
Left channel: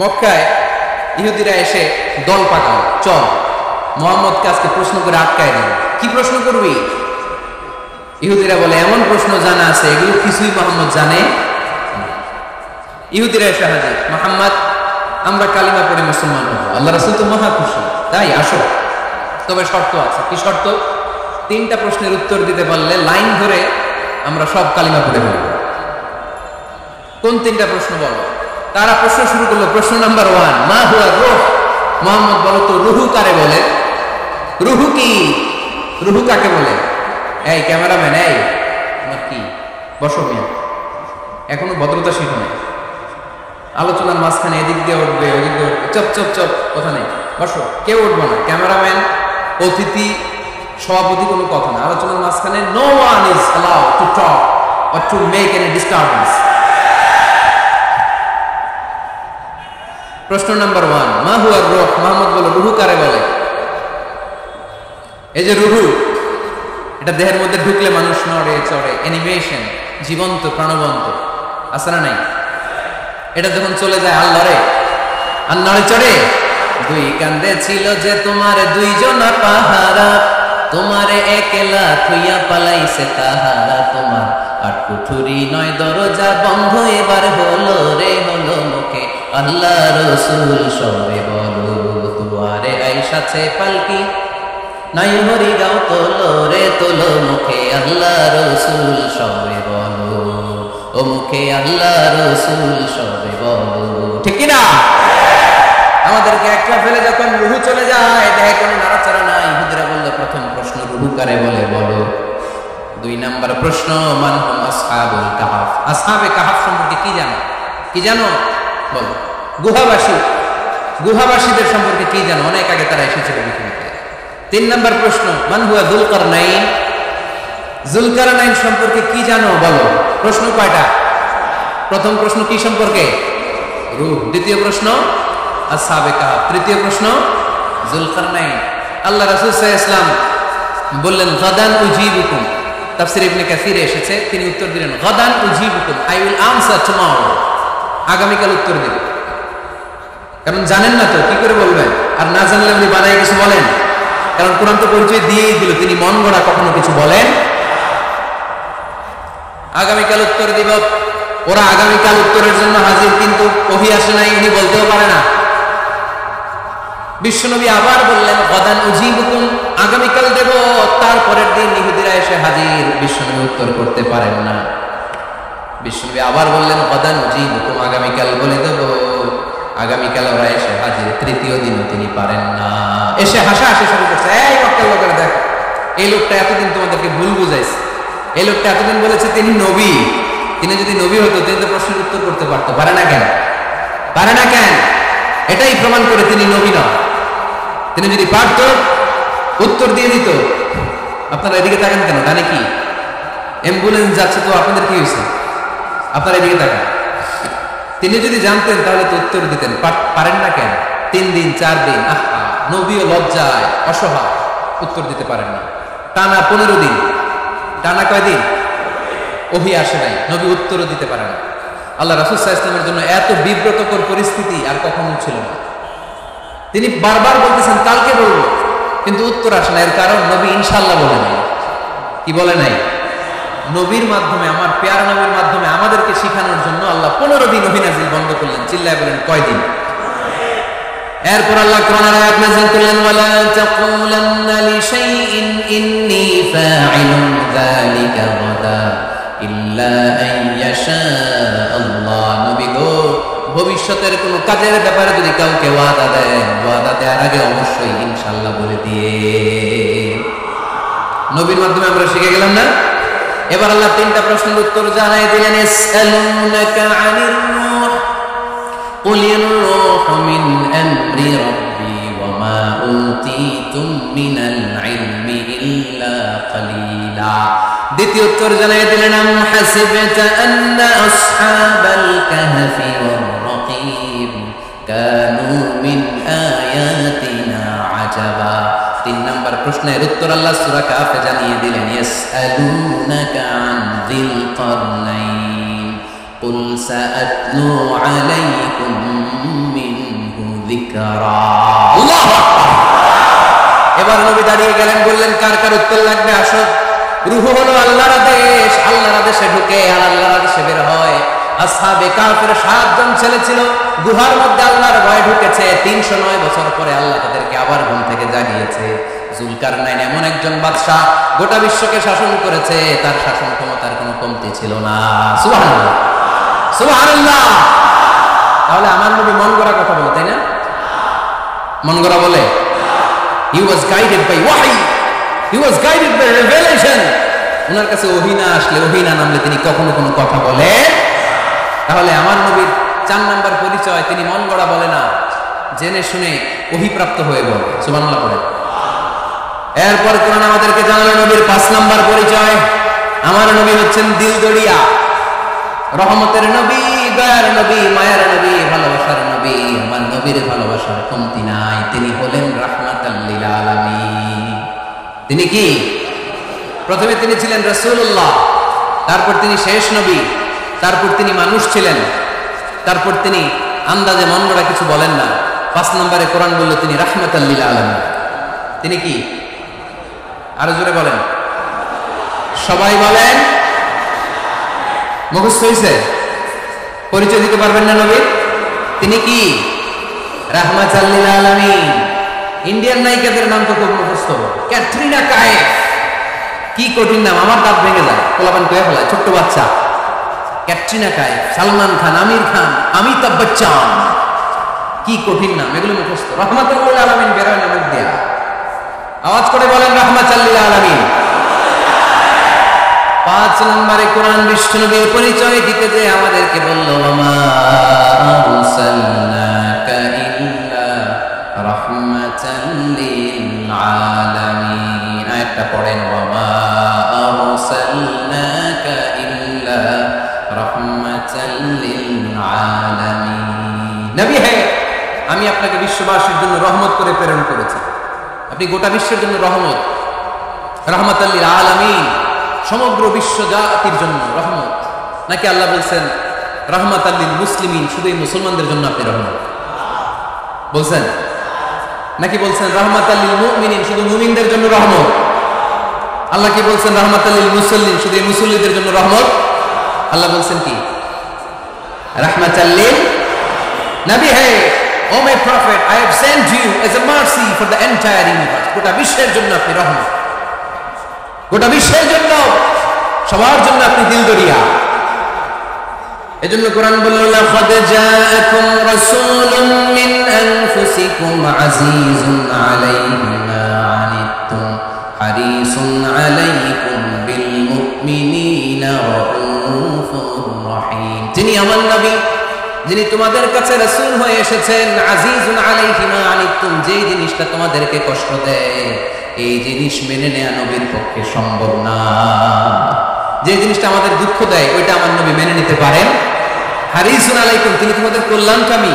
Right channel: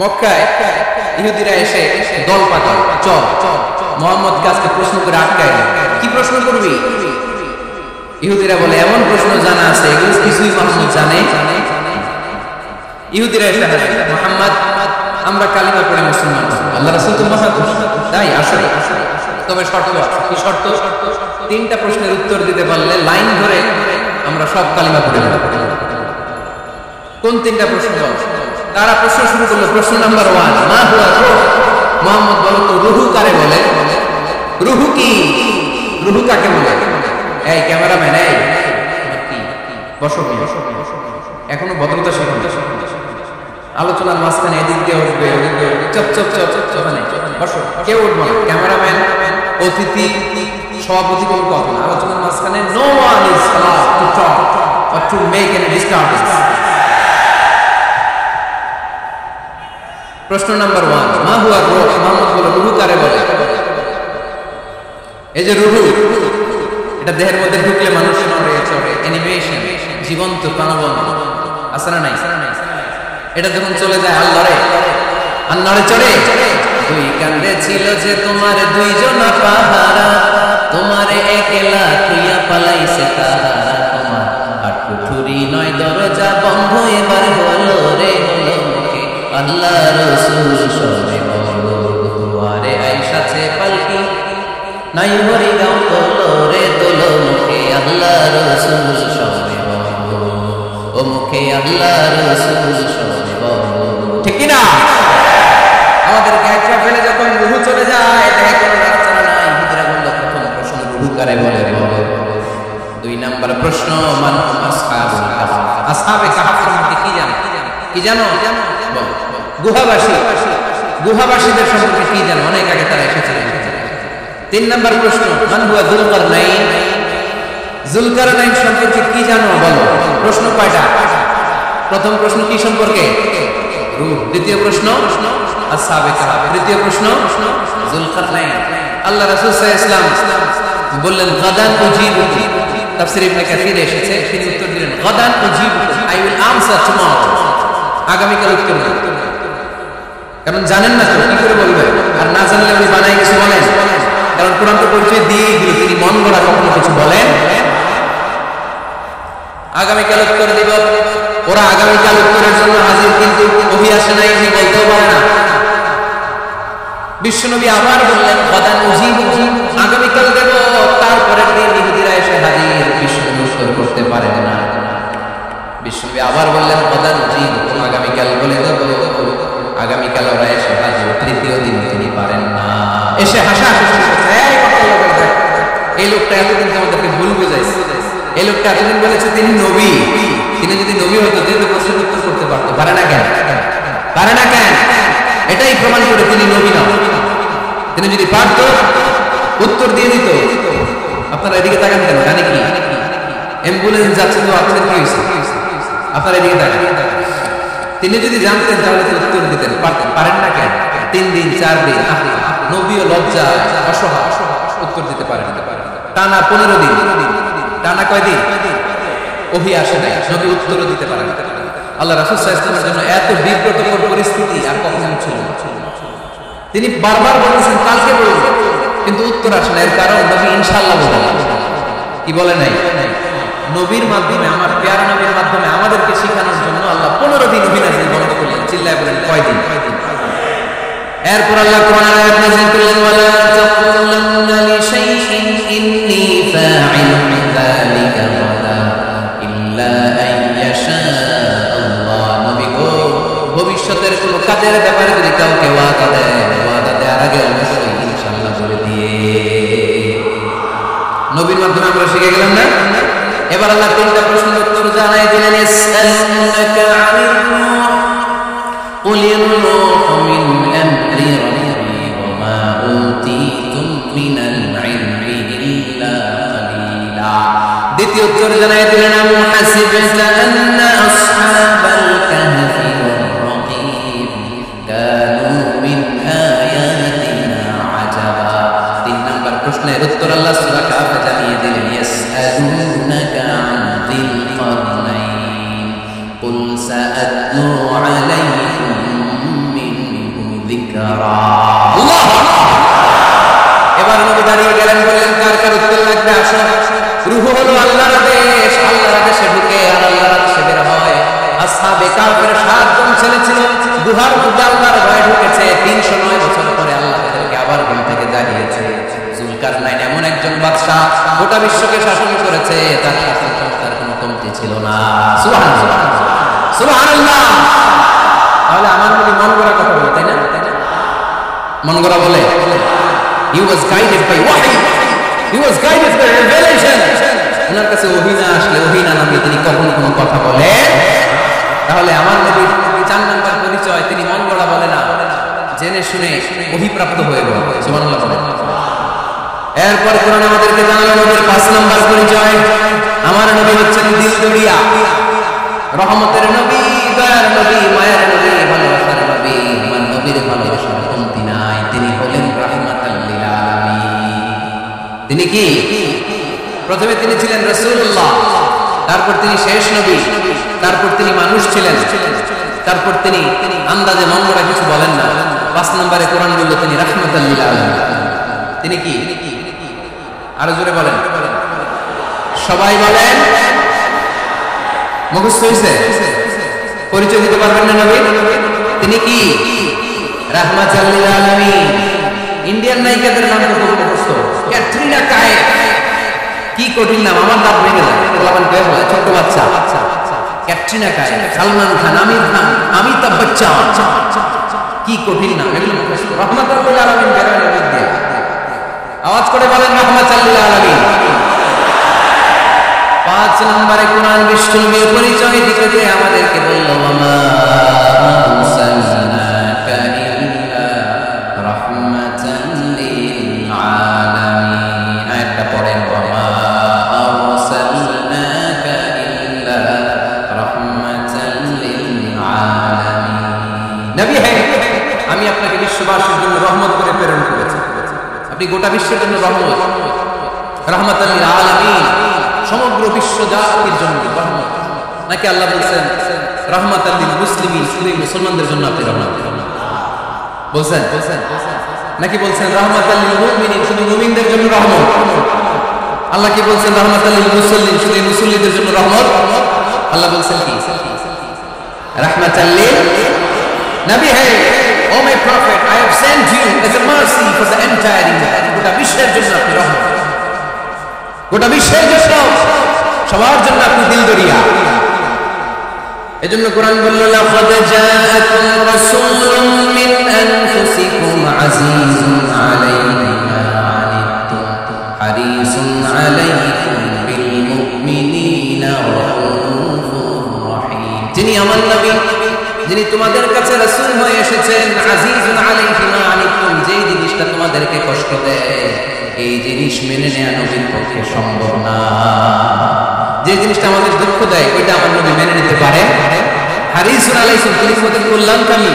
মক্কায় ইহুদিরা এসে দল পাকাল, চল মুহাম্মদকে আজকে প্রশ্ন করে আটকায় দেব। কি প্রশ্ন করবি? ইহুদিরা বলে এমন প্রশ্ন জানা আছে এগুলো কিছুই মুহাম্মদ জানে। ইহুদিরা এসে হাজির, মুহাম্মদ আমরা কালিমা পড়ে মুসলমান হব। আল্লাহ রাসূল তো মহা খুশি, তাই আসলে তবে শর্ত আছে। কি শর্ত? 3টা প্রশ্নের উত্তর দিতে পারলে লাইন ধরে আমরা সব কালিমা পড়ে ফেলব। কোন 3টা প্রশ্ন বল? তারা প্রশ্ন শুরু করলো। প্রশ্ন নাম্বার 1, মা হুয়া রূহ। মুহাম্মদ বলো তো রুহু কারে বলে? রুহু কি? রুহু কাকে বলে? এই ক্যামেরাম্যান, এই তোমার কি? বসো মিয়া, এখনো ভদ্রতা শিখো না। আলোচনার মাঝখানে এদিক দিয়ে উঠবে ওদিক দিয়ে উঠবে, চপ চপ চপ, কথা নেই, বসো। কেউ উঠবো না, ক্যামেরাম্যান, অতিথি, সভাপতি, কোনো কথা না। আলোচনার মাঝখানে no one is allowed to talk or to make any disturbance. প্রশ্ন নাম্বার 1, মা হুয়া রূহ। মুহাম্মদ বলে রুহু কারে বলে? এই যে রুহু, এটা দেহের মধ্যে ঢুকলে মানুষ নড়ে চড়ে, অ্যানিমেশন, জীবন্ত প্রাণবন্ত, আছে না নাই? এটা যখন চলে যায় আর লড়ে, আর নড়ে চড়ে দুই কান্দে ছিল যে তোমার দুইজনা পাহারা, তোমারে একলা থুইয়া পালাইছে তাহারা, তোমার আর কুঠুরি নয় দরজা বন্ধ এবার হলো রে হলো মুখে আল্লাহ রসুল সবে বলো, দুয়ারে আইসাছে পালকি নাই হরি গাও তোলো রে তোলো মুখে আল্লাহ রসুল সবে বলো, ও মুখে আল্লাহ রসুল সবে বলো, ঠিক না? আমাদেরকে একটা ফেলে যখন রুহু চলে যায় দেখে কোনো নাড়াচাড়া নাই, ইহুদিরা বললো প্রথম প্রশ্ন রুহু কারে বলে বলো। 2 নাম্বার প্রশ্ন মান হুম আসহাবুল কাহফ, আসহাবে কাহফ সম্পর্কে কি জানো? কি জানো বলো। গুহাবাসীদের সম্পর্কে কি জানো? অনেক আগে তারা এসেছিল পৃথিবীতে। 3 নাম্বার প্রশ্ন মান হুয়া যুলকারনাইন, যুলকারনাইন সম্পর্কে কি জানো বলো। প্রশ্ন কয়টা? প্রথম প্রশ্ন কি সম্পর্কে? রূহ। দ্বিতীয় প্রশ্ন আসহাবে কাহফ। তৃতীয় প্রশ্ন যুলকারনাইন। আল্লাহ রাসূল সাল্লাল্লাহু আলাইহি ওয়াসাল্লাম বললেন গাদান উজিবুকুম, তাফসীর ইবনে কাসিরে এসেছে, তিনি উত্তর দিলেন গাদান উজিবুকুম, আই উইল আনসার টুমরো, আগামীকাল উত্তর দেব। কারণ জানেন না তো কি করে বলবেন, আর না জানলে উনি বানায় কিছু বলেন, কারণ কোরআন তো পরিচয় দিয়েই দিল তিনি মন গড়া কখনো কিছু বলেন। আগামীকাল উত্তর দিব। ওরা আগামীকাল উত্তরের জন্য হাজির, কিন্তু ওহী আসে নাই, উনি বলতেও পারে না। বিশ্বনবী আবার বললেন গাদান উজিবুকুম, আগামীকাল দেব। তারপরের দিন ইহুদিরা এসে হাজির, বিশ্বনবী উত্তর করতে পারেন না। বিশ্বনবী আবার বললেন গাদান উজিবুকুম, আগামীকাল বলে দেব। আগামীকাল ওরা এসে হাজির, তৃতীয় দিনও তিনি পারেন না। এসে হাসাহাসি শুরু করছে, এই মক্কার লোকেরা দেখ, এই লোকটা এতদিন তোমাদেরকে ভুল বুঝাইছে, এই লোকটা এতদিন বলেছে তিনি নবী, তিনি যদি নবী হতো তিনি তো প্রশ্নের উত্তর করতে পারতো, পারে না কেন? পারে না কেন? এটাই প্রমাণ করে তিনি নবী নন। তিনি যদি পারতো উত্তর দিয়ে দিত। আপনারা এদিকে তাকান কেন? ডানে কি অ্যাম্বুলেন্স যাচ্ছে, তো আপনাদের কি হয়েছে? আপনারা এদিকে তাকান। তিনি যদি জানতেন তাহলে তো উত্তর দিতেন, পারেন না কেন? 3 দিন 4 দিন, আহা, নবীও লজ্জায় অসহায়, উত্তর দিতে পারেন না। টানা 15 দিন, টানা কয় দিন ওহী আসে নাই, নবী উত্তরও দিতে পারেন না। আল্লাহ রাসূল সাল্লাল্লাহু আলাইহি ওয়াসাল্লামের জন্য এত বিব্রতকর পরিস্থিতি আর কখনো ছিল না। তিনি বারবার বলতেছেন কালকে বলবো, কিন্তু উত্তর আসে না। এর কারণ নবী ইনশাআল্লাহ বলে নাই। কি বলে নাই? নবীর মাধ্যমে, আমার প্যারা নবীর মাধ্যমে আমাদেরকে শিখানোর জন্য আল্লাহ 15 দিন ওহী নাযিল বন্ধ করলেন। চিল্লায় বলেন কয় দিন? এরপর আল্লাহ কোরআনের আয়াত নাযিল করলেন ওয়ালা তাকুলান্না লিশাইইন ইন্নী ফাইলুন যালিকা গাদা ইল্লা আইয়াশা আল্লাহ। নবী গো, ভবিষ্যতের কোন কাজের ব্যাপারে যদি কাউকে ওয়াদা দেয়, ওয়াদা দেওয়ার আগে অবশ্যই ইনশাআল্লাহ বলে দিয়ে। নবীর মাধ্যমে আমরা শিখে গেলাম না? এবার আল্লাহ 3টা প্রশ্নের উত্তর জানাই দিলেন। ইসআলুনাকা আনির রূহ কুলির রূহু মিন আমরি রাব্বি ওয়া মা উতীতুম মিনাল ইলমি ইল্লা কালিলা। দ্বিতীয় উত্তর জানাই দিলেন আম হাসিবতা আন্না আসহাবাল কাহফি ওয়ার রাকিব কানু মিন আয়াতিনা আজাবা। 3 নাম্বার প্রশ্নের উত্তর আল্লাহ সূরা কাহফে জানিয়ে দিলেন ইয়াসআলুনাকা আন যিল কারনাইন কুল সাআতলু আলাইকুম মিনহু যিকরা। আল্লাহু আকবার। এবার নবী দাঁড়িয়ে গেলেন, বললেন কার কার উত্তর লাগবে আসো। রূহ হলো আল্লাহর আদেশ, আল্লাহর আদেশে ঢুকে আর আল্লাহর আদেশে বের হয়। আসহাবে কাহফের 7 জন ছেলে ছিল, গুহার মধ্যে আল্লাহর ভয় ঢুকেছে। 309 বছর পরে আল্লাহ তাদেরকে আবার ঘুম থেকে জাগিয়েছে। যুলকারনাইন এমন একজন বাদশা, গোটা বিশ্বকে শাসন করেছে, তার শাসন ক্ষমতার কোনো কমতি ছিল না। সুবহানাল্লাহ, সুবহানাল্লাহ। তাহলে আমার নবী মন গড়া কথা বলে, তাই না? মন গড়া বলে? He was guided by wahy, he was guided by revelation. ওনার কাছে ওহী না আসলে, ওহী না নামলে তিনি কখনো কোনো কথা বলেন। তাহলে আমার নবীর 4 নাম্বার পরিচয়, তিনি মন গড়া বলে না, জেনে শুনে ওহীপ্রাপ্ত হয়ে বলে। সুবহানাল্লাহ বলেন। এরপর কোরআন আমাদেরকে জানালো নবীর 5 নাম্বার পরিচয়, আমার নবী হচ্ছেন দিলদরিয়া, রহমতের নবী, দয়ার নবী, মায়ার নবী, ভালোবাসার নবী। আমার নবীর ভালোবাসার কমতি নাই। তিনি হলেন রাহমাতাল লিল আলামিন। তিনি কি? প্রথমে তিনি ছিলেন রাসূলুল্লাহ, তারপর তিনি শেষ নবী, তারপর তিনি মানুষ ছিলেন, তারপর তিনি আন্দাজে মন গড়া কিছু বলেন না। 5 নম্বরে কোরআন বলল তিনি রাহমাতাল লিল আলামিন। তিনি কি? আরো জোরে বলেন, সবাই বলেন। মুখস্থ হইছে? পরিচয় দিতে পারবেন না নবীর? তিনি কি? রাহমাতাল লিল আলামিন। ইন্ডিয়ান নায়িকাদের নাম তো খুব মুখস্থ। ক্যাটরিনা কাইফ, কি কঠিন নাম, আমার দাঁত ভেঙে যায়, পোলাপান কয়ে ফেলায়, ছোট্ট বাচ্চা। ক্যাটরিনা কাইফ, সালমান খান, আমির খান, অমিতাভ বচ্চন, কি কঠিন নাম, এগুলো মুখস্থ। রাহমাতুল লিল আলামিন বেরোয় না মুখ দিয়া। আওয়াজ করে বলেন রাহমাতুল লিল আলামিন। 5 নম্বরে কোরআন বিশ্বনবীর পরিচয় দিতে যে আমাদেরকে বলল, ওয়ামা আরসালনাকা ইল্লা রাহমাতাল লিল আলামিন। আয়াতটা পড়েন, ওয়ামা আরসালনাকা ইল্লা রাহমাতাল লিল আলামিন। নবী হে, আমি আপনাকে বিশ্ববাসীর জন্য রহমত করে প্রেরণ করেছি। আপনি গোটা বিশ্বের জন্য রহমত, রাহমাতাল লিল আলামিন, সমগ্র বিশ্ব জাতির জন্য রহমত। নাকি আল্লাহ বলছেন রাহমাতাল লিল মুসলিমিন, শুধু মুসলমানদের জন্য আপনি রহমত বলছেন? নাকি বলছেন রাহমাতাল লিল মুমিনিন, শুধু মুমিনদের জন্য রহমত? আল্লাহ কি বলছেন রাহমাতাল লিল মুসল্লিন, শুধু মুসল্লিদের জন্য রহমত? আল্লাহ বলছেন কি? রাহমাতাল লিল নবী হে, oh my prophet, I have sent you as a mercy for the entire universe. গোটা বিশ্বের জন্য আপনি রহমত, গোটা বিশ্বের জন্য, সবার জন্য আপনি দিলদরিয়া। এজন্য কোরআন বলল, লাকাদ জাআকুম রাসূলুম মিন আনফুসিকুম আজিজুন আলাইহি মা আনিতুম হারিসুন আলাইকুম বিল মুমিনিনা রাউফুর রহিম। যিনি আমার নবী, যিনি তোমাদের কাছে রাসূল হয়ে এসেছেন, আজিজুন আলাইহি মা আনিতুম, যেই জিনিসটা তোমাদেরকে কষ্ট দেয় এই জিনিস মেনে নেওয়া নবীর পক্ষে সম্ভব না। যে জিনিসটা আমাদের দুঃখ দেয় ওইটা আমার নবী মেনে নিতে পারেন। হারিসুন আলাইকুম, তিনি তোমাদের কল্যাণকামী।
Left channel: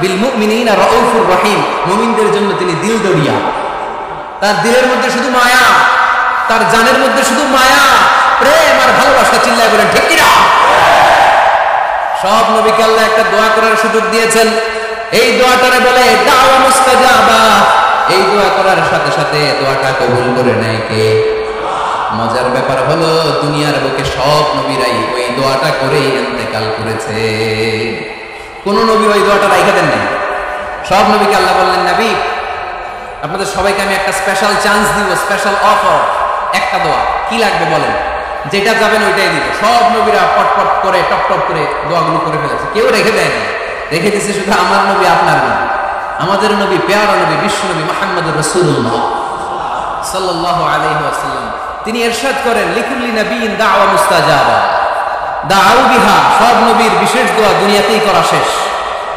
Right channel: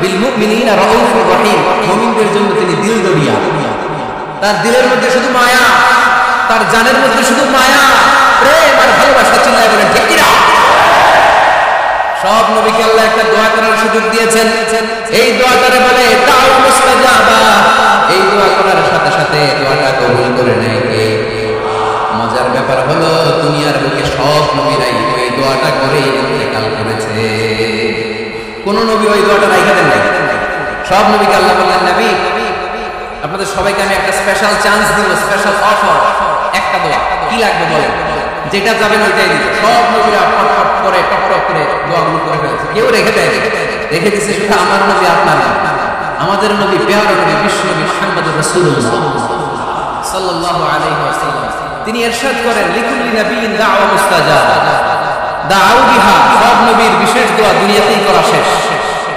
বিল মুমিনিনা রাউফুর রহিম, মুমিনদের জন্য তিনি দিলদরিয়া। তার দিলের মধ্যে শুধু মায়া, তার জানের মধ্যে শুধু মায়া, প্রেম আর ভালোবাসা। চিল্লায় বলেন ঠিক কি না? সব নবীকে আল্লাহ একটা দোয়া করার সুযোগ দিয়েছেন। এই দোয়াটারে বলে দাওয়া মুস্তাজাবা। এই দোয়া করার সাথে সাথে দোয়াটা কবুল করে নেয় কে? মজার ব্যাপার হলো, দুনিয়ার বুকে সব নবীরাই ওই দোয়াটা করেই ইন্তেকাল করেছে। কোন নবী ওই দোয়াটা রাইখা দেন নাই। সব নবীকে আল্লাহ বললেন, নবী আপনাদের সবাইকে আমি একটা স্পেশাল চান্স দিব, স্পেশাল অফার, একটা দোয়া। কি লাগবে বলেন, যেটা যাবেন ওইটাই দিব। সব নবীরা পটপট করে টপ টপ করে দোয়াগুলো করে ফেলেছে, কেউ রেখে দেয়নি। রেখে দিছে শুধু আমার নবী, আপনার নবী, আমাদের নবী, পেয়ারা নবী, বিশ্ব নবী মুহাম্মদুর রাসূলুল্লাহ সাল্লাল্লাহু আলাইহি ওয়াসাল্লাম। তিনি ইরশাদ করেন, লিকুল্লি নাবিয়িন দাওয়া মুস্তাজাবা দাউ বিহা। সব নবীর বিশেষ দোয়া দুনিয়াতেই করা শেষ।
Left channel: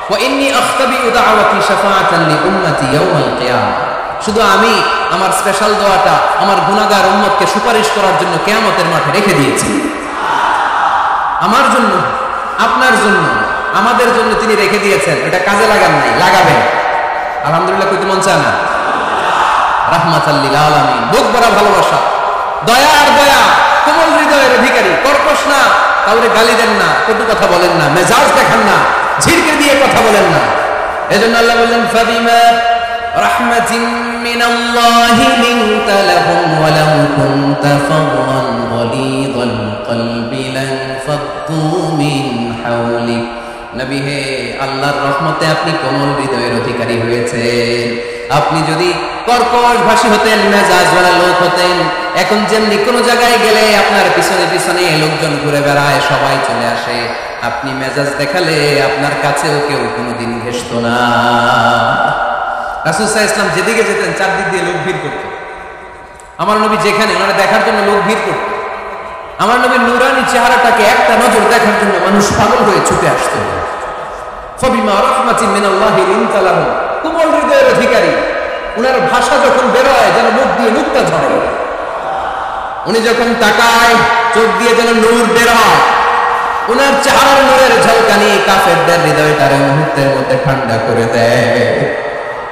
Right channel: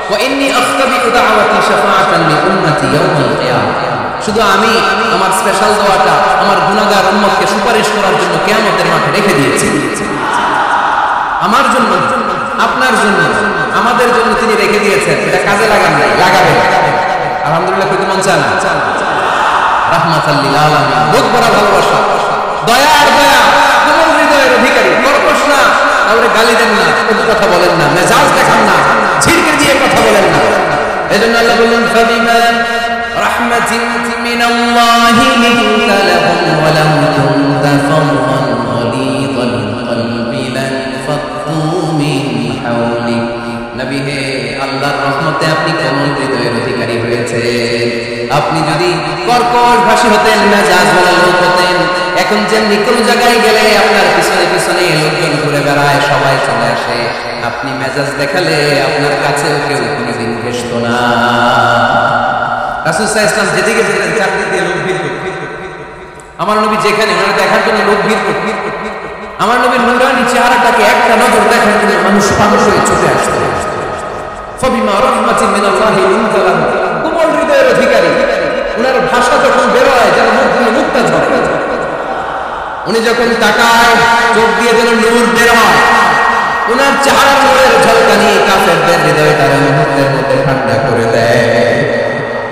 ওয়া ইন্নী আখতাবিউ দাওয়াতি শাফাআতান লি উম্মতি ইয়াউমাল কিয়ামah। শুধু আমি আমার স্পেশাল দোয়াটা আমার গুনাহগার উম্মতকে সুপারিশ করার জন্য কিয়ামতের মাঠে রেখে দিয়েছি। আমার জন্য, আপনার জন্য, আমাদের জন্য তিনি রেখে দিয়েছেন। এটা কাজে লাগান নাই, লাগাবেন। আলহামদুলিল্লাহ কইতে মন চায় না? রাহমাতাল লিল আলামিন, বুক ভরা ভালোবাসা, দয়া আর দয়া, কোমল হৃদয়ের অধিকারী, কর্কশ না, কাউরে গালি দেন না, কটু কথা বলেন না, মেজাজ দেখান না, ঝিরকে দিয়ে কথা বলেন না। এজন্য আল্লাহ বললেন, ফাবিমা রাহমাতিন মিনাল্লাহি লিনতা লাহুম ওয়া লাউ কুনতা ফাদদান গালিযাল কলবি লান ফাদ্দু মিন হাওলিক। নবী হে, আল্লাহর রহমতে আপনি কোমল হৃদয়ের অধিকারী হয়েছেন। আপনি যদি কর্কশ ভাষী হতেন, মেজাজওয়ালা লোক হতেন, এখন যেমনি কোনো জায়গায় গেলে আপনার পিছনে পিছনে লোকজন ঘুরে বেড়ায়, সবাই চলে আসে, আপনি মেজাজ দেখালে আপনার কাছেও কেউ কোনোদিন ঘেষত না। রাসূল সাল্লাল্লাহু আলাইহি ওয়াসাল্লাম যেদিকে যেতেন চারদিক দিয়ে লোক ভিড় করত। আমার নবী যেখানে, ওনারা দেখার জন্য লোক ভিড় করত। আমার নবীর নূরানি চেহারাটাকে একটা নজর দেখার জন্য মানুষ পাগল হয়ে ছুটে আসতো। ফাবিমা রাহমাতিন মিনাল্লাহি লিনতা লাহুম, কোমল হৃদয়ের অধিকারী। উনার ভাষা যখন বেরোয় যেন মুখ দিয়ে মুক্তা ঝরে। উনি যখন তাকায় চোখ দিয়ে যেন নূর বের হয়। উনার চেহারার নূরের ঝলকানি কাফেরদের হৃদয়টারে মুহূর্তের মধ্যে ঠান্ডা করে দেয়।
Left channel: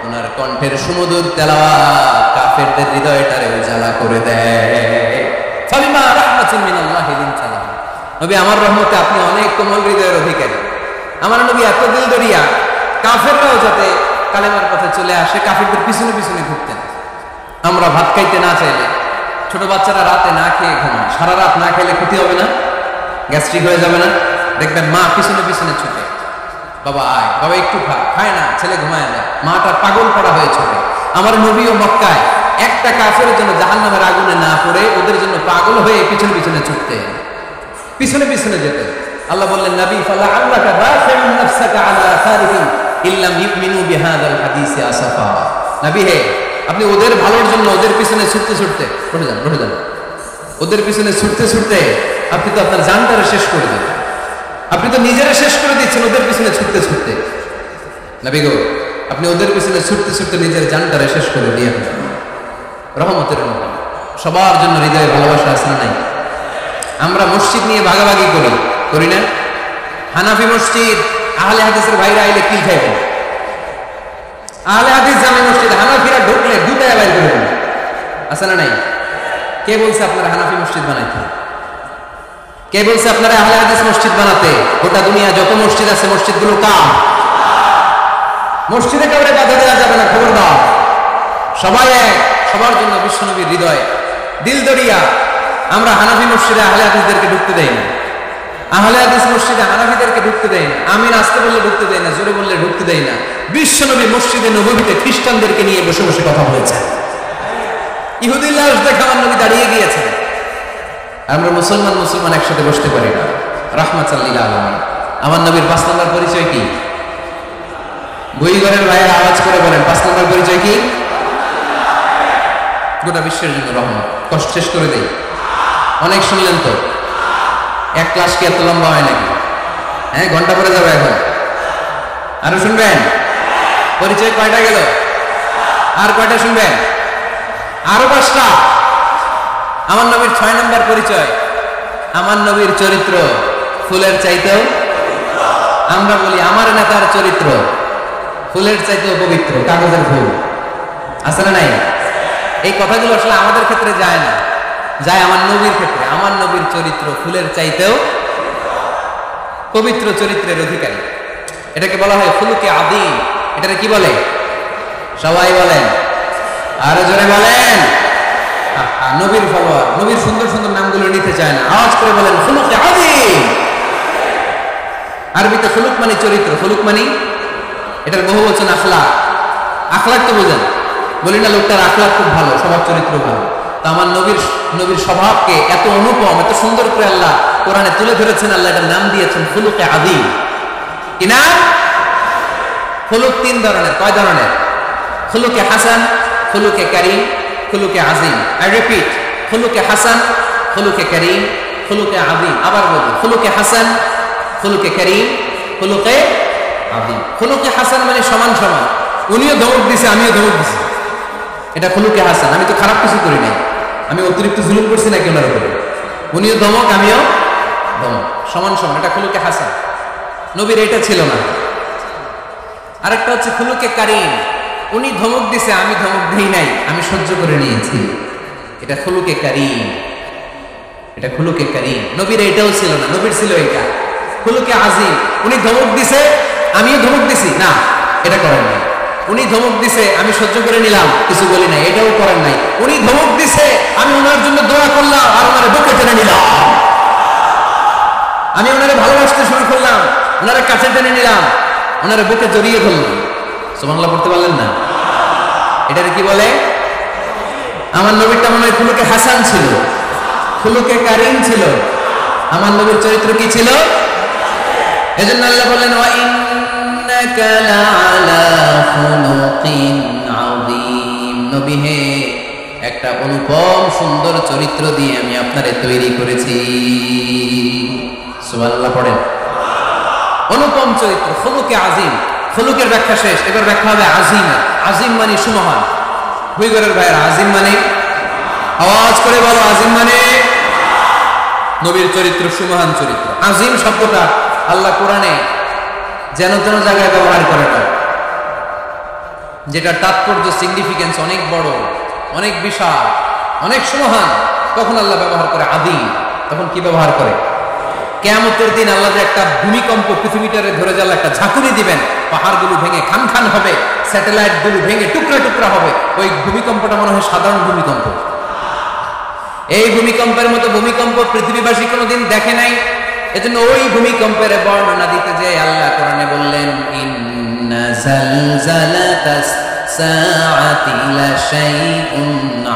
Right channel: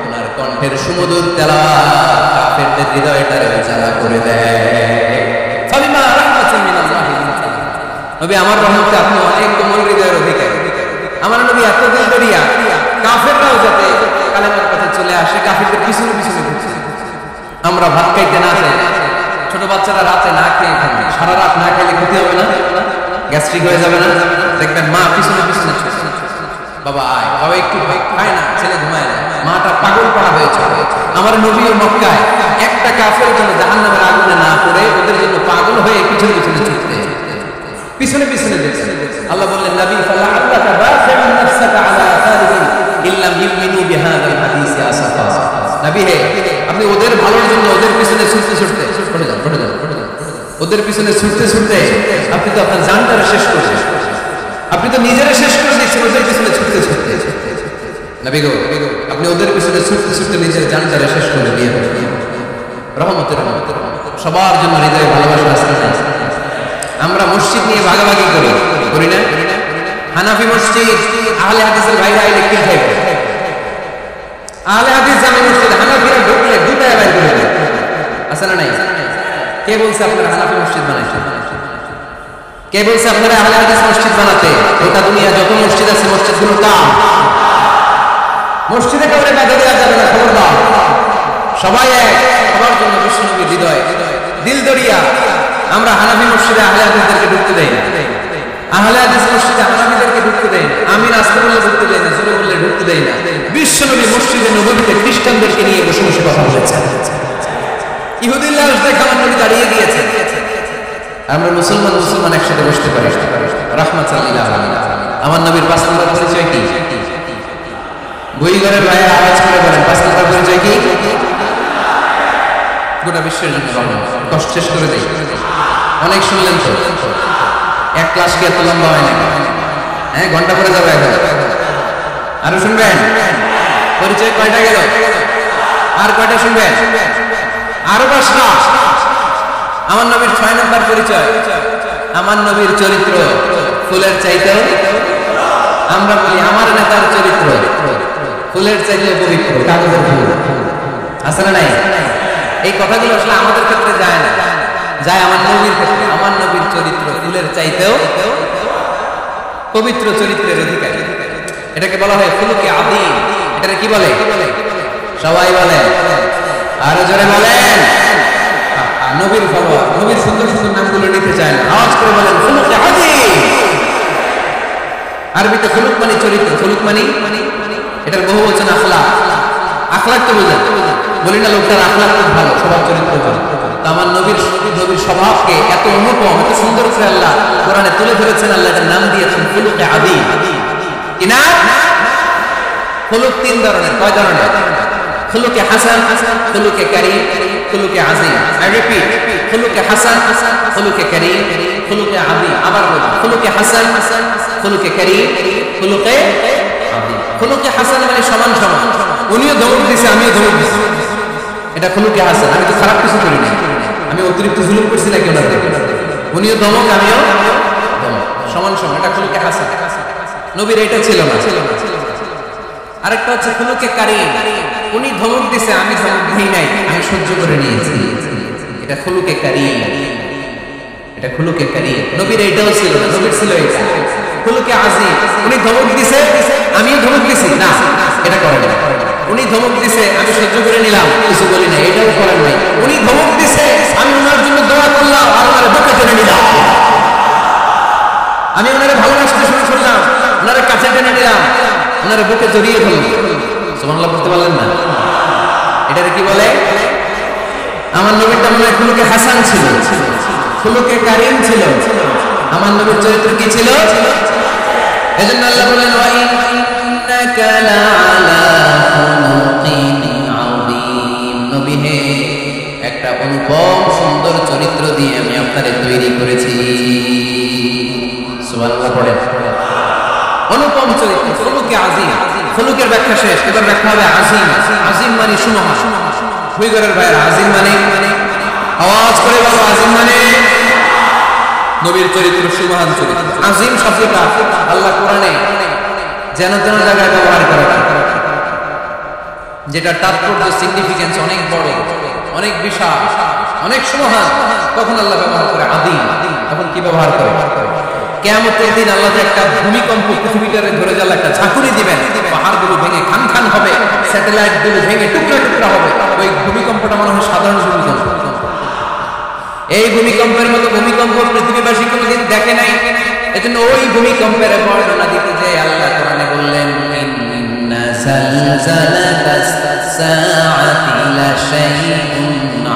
উনার কণ্ঠের সুমধুর তেলাওয়াত কাফেরদের হৃদয়টারে উজালা করে দেয়। ফাবিমা রাহমাতিন মিনাল্লাহি লিনতা লাহুম, নবী আমার রহমতে আপনি অনেক কোমল হৃদয়ের অধিকারী। আমার নবী এত দিল দরিয়া, কাফেররাও যাতে কালেমার পথে চলে আসে, কাফেরদের পিছনে পিছনে ঘুরতেন। আমরা ভাত খাইতে না চাইলে, ছোট বাচ্চারা রাতে না খেয়ে ঘুমায়, সারা রাত না খাইলে ক্ষতি হবে না? গ্যাস্ট্রিক হয়ে যাবে না? দেখবেন মা পিছনে পিছনে ছুটে, বাবা আয়, বাবা একটু খা, খায় না, ছেলে ঘুমায় যায়, মাটা পাগল পড়া হয়ে ছুটে। আমার নবীও মক্কায় একটা কাফের জন্য জাহান্নামের আগুনে না পড়ে ওদের জন্য পাগল হয়ে পিছনে পিছনে ছুটতে, পিছনে পিছনে যেতেন। আল্লাহ বললেন, নবী ফালা আল্লাকা বাখিউন নাফসাকা আলা আসারিহিম ইল্লাম ইউমিনু বিহাযাল হাদিসি আসাফা। নবী হে, আপনি ওদের ভালোর জন্য ওদের পিছনে ছুটতে ছুটতে পড়ে যান, ওদের পিছনে ছুটতে ছুটতে আপনি তো আপনার জানটারে শেষ করে দেন, আপনি তো নিজেরা শেষ করে দিচ্ছেন ওদের পিছনে ছুটতে ছুটতে। নবী গো, আপনি ওদের পিছনে ছুটতে ছুটতে নিজের জানটারে শেষ করে দিয়ে রহমতের মধ্যে। সবার জন্য হৃদয়ে ভালোবাসা আছে না নাই? আমরা মসজিদ নিয়ে ভাগাভাগি করি না? হানাফি মসজিদ, আহলে হাদিসের ভাইরা আইলে কিল খাইবে। আহলে হাদিস জামি মসজিদ, হানাফিরা ঢুকলে দুটায় বাইর করে দেবে, আছে না নাই? কে বলছে আপনারা হানাফি মসজিদ বানাইতে? কে বলছে আপনারা আহলে হাদিস মসজিদ বানাতে? গোটা দুনিয়া যত মসজিদ আছে, মসজিদগুলো কার? মসজিদে কাউরে বাধা দেওয়া যাবে না, খবরদার। সবাই এক, সবার জন্য বিশ্বনবীর হৃদয় দিল দরিয়া। আমরা হানাফি মসজিদে আহলে হাদিসদেরকে ঢুকতে দেই না, আহলে হাদিস মসজিদে হানাফিদেরকে ঢুকতে দেই না, আমিন আসতে বললে ঢুকতে দেই না, জোরে বললে ঢুকতে দেই না। বিশ্বনবী মসজিদে নববীতে খ্রিস্টানদেরকে নিয়ে বসে বসে কথা বলেছেন। ইহুদির লাশ দেখে আমার নবী দাঁড়িয়ে গিয়েছেন। আমরা মুসলমান একসাথে বসতে পারি না। রাহমাতাল লিল আলামিন। আমার নবীর 5 নম্বর পরিচয় কি? বইঘরের ভাইয়ের আওয়াজ করে বলেন, 5 নম্বর পরিচয় কি? গোটা বিশ্বের জন্য রহমত। কষ্ট শেষ করে দেই, অনেক শুনলেন তো। এক ক্লাস কি এত লম্বা হয় নাকি? হ্যাঁ, ঘন্টা পরে যাবে এখন। আরো শুনবেন? পরিচয় কয়টা গেল? আর কয়টা শুনবেন? আরো 5টা। আমার নবীর 6 নম্বর পরিচয়, আমার নবীর চরিত্র ফুলের চাইতেও, আমরা বলি আমার নেতার চরিত্র ফুলের চাইতেও পবিত্র, কাগজের ফুল, আছে না নাই? এই কথাগুলো আসলে আমাদের ক্ষেত্রে যায় না, যায় আমার নবীর ক্ষেত্রে। আমার নবীর চরিত্র ফুলের চাইতেও পবিত্র চরিত্রের অধিকারী। এটাকে বলা হয় খুলুকে আযীম। এটাকে কি বলে? সবাই বলেন, আরো জোরে বলেন। নবীর ফলোয়ার, নবীর সুন্দর সুন্দর নামগুলো নিতে চায় না, আওয়াজ করে বলেন খুলুকে আযীম। আরবিতে খুলুক মানে চরিত্র, খুলুক মানে এটার বহু বচন আখলাক। আখলাক তো বোঝেন, বলি না লোকটার আখলাক খুব ভালো, স্বভাব চরিত্র ভালো। তো আমার নবীর স্বভাবকে এত অনুপম, এত সুন্দর করে আল্লাহ কোরআনে তুলে ধরেছেন। আল্লাহ এটার নাম দিয়েছেন খুলুকে আযীম। কি নাম? খুলুক 3 ধরনের। কয় ধরনের? খুলুকে হাসান, খুলুকে কারীম, খুলুকে আযীম। আই রিপিট, খুলুকে হাসান, খুলুকে কারীম, খুলুকে আযীম। আবার বলি, খুলুকে হাসান, খুলুকে কারীম, খুলুকে আযীম। খুলুকে হাসান মানে সমান সমান, উনিও ধমক দিছে আমিও ধমক দিছি, এটা খুলুকে হাসান। আমি তো খারাপ কিছু করি নাই, আমি অতিরিক্ত জুলুম করছি নাকি ওনার উপরে? উনিও ধমক আমিও ধমক, সমান সমান, এটা খুলুকে হাসান। নবীর এটা ছিল না। আরেকটা হচ্ছে খুলুকে কারীম, উনি ধমক দিছে আমি ধমক দেই নাই, আমি সহ্য করে নিয়েছি, এটা খুলুকে কারীম, এটা খুলুকে কারীম। নবীর এটাও ছিল না, নবীর ছিল এটা খুলুকে আযীম। উনি ধমক দিছে আমিও ধমক দিছি, না এটা করেন নাই। উনি ধমক দিছে আমি সহ্য করে নিলাম, কিছু বলি নাই, এটাও করেন নাই। উনি ধমক দিছে আমি ওনার জন্য দোয়া করলাম আর ওনারে বুকে টেনে নিলাম, আমি ওনারে ভালোবাসতে শুরু করলাম, ওনারে কাছে টেনে নিলাম, ওনারে বুকে জড়িয়ে ধরলাম। সুবহানাল্লাহ পড়তে পারলেন না? এটারে কি বলে? আমার নবীরটা মনে হয় খুলুকে হাসান ছিল, খুলুকে কারীম ছিল। আমার নবীর চরিত্র কি ছিল? এজন্য আল্লাহ বললেন ওয়া ইন্নাকা লাআলা খুলুকিন আযীম। নবী হে, একটা অনুপম সুন্দর চরিত্র দিয়ে আমি আপনারে তৈরি করেছি। সুবহানাল্লাহ পড়েন। অনুপম চরিত্র, খুলুকে আযীম। খুলুকের ব্যাখ্যা শেষ, এবার ব্যাখ্যা হবে আযীমের। আযীম মানে সুমহান। হুইগরের ভাইয়ের আযীম মানে, আওয়াজ করে বলো, আযীম মানে নবীর চরিত্র সুমহান চরিত্র। আযীম শব্দটা আল্লাহ কোরআনে যেন তেন জায়গায় ব্যবহার করে না, যেটা তাৎপর্য সিগনিফিকেন্স অনেক বড়, অনেক বিশাল, অনেক সুমহান, তখন আল্লাহ ব্যবহার করে আযীম। তখন কি ব্যবহার করে? কিয়ামতের দিন আল্লাহ যে একটা ভূমিকম্প পৃথিবীটারে ধরে জ্বালা একটা ঝাঁকুনি দিবেন, পাহাড়গুলো ভেঙে খান খান হবে, স্যাটেলাইটগুলো ভেঙে টুকরা টুকরা হবে। ওই ভূমিকম্পটা মনে হয় সাধারণ ভূমিকম্প। এই ভূমিকম্পের মতো ভূমিকম্প পৃথিবীবাসী কোনোদিন দেখে নাই। এজন্য ওই ভূমিকম্পের বর্ণনা দিতে যে আল্লাহ কোরআনে বললেন, ইন্না জালজালাতাস সাআতি লাশাইউন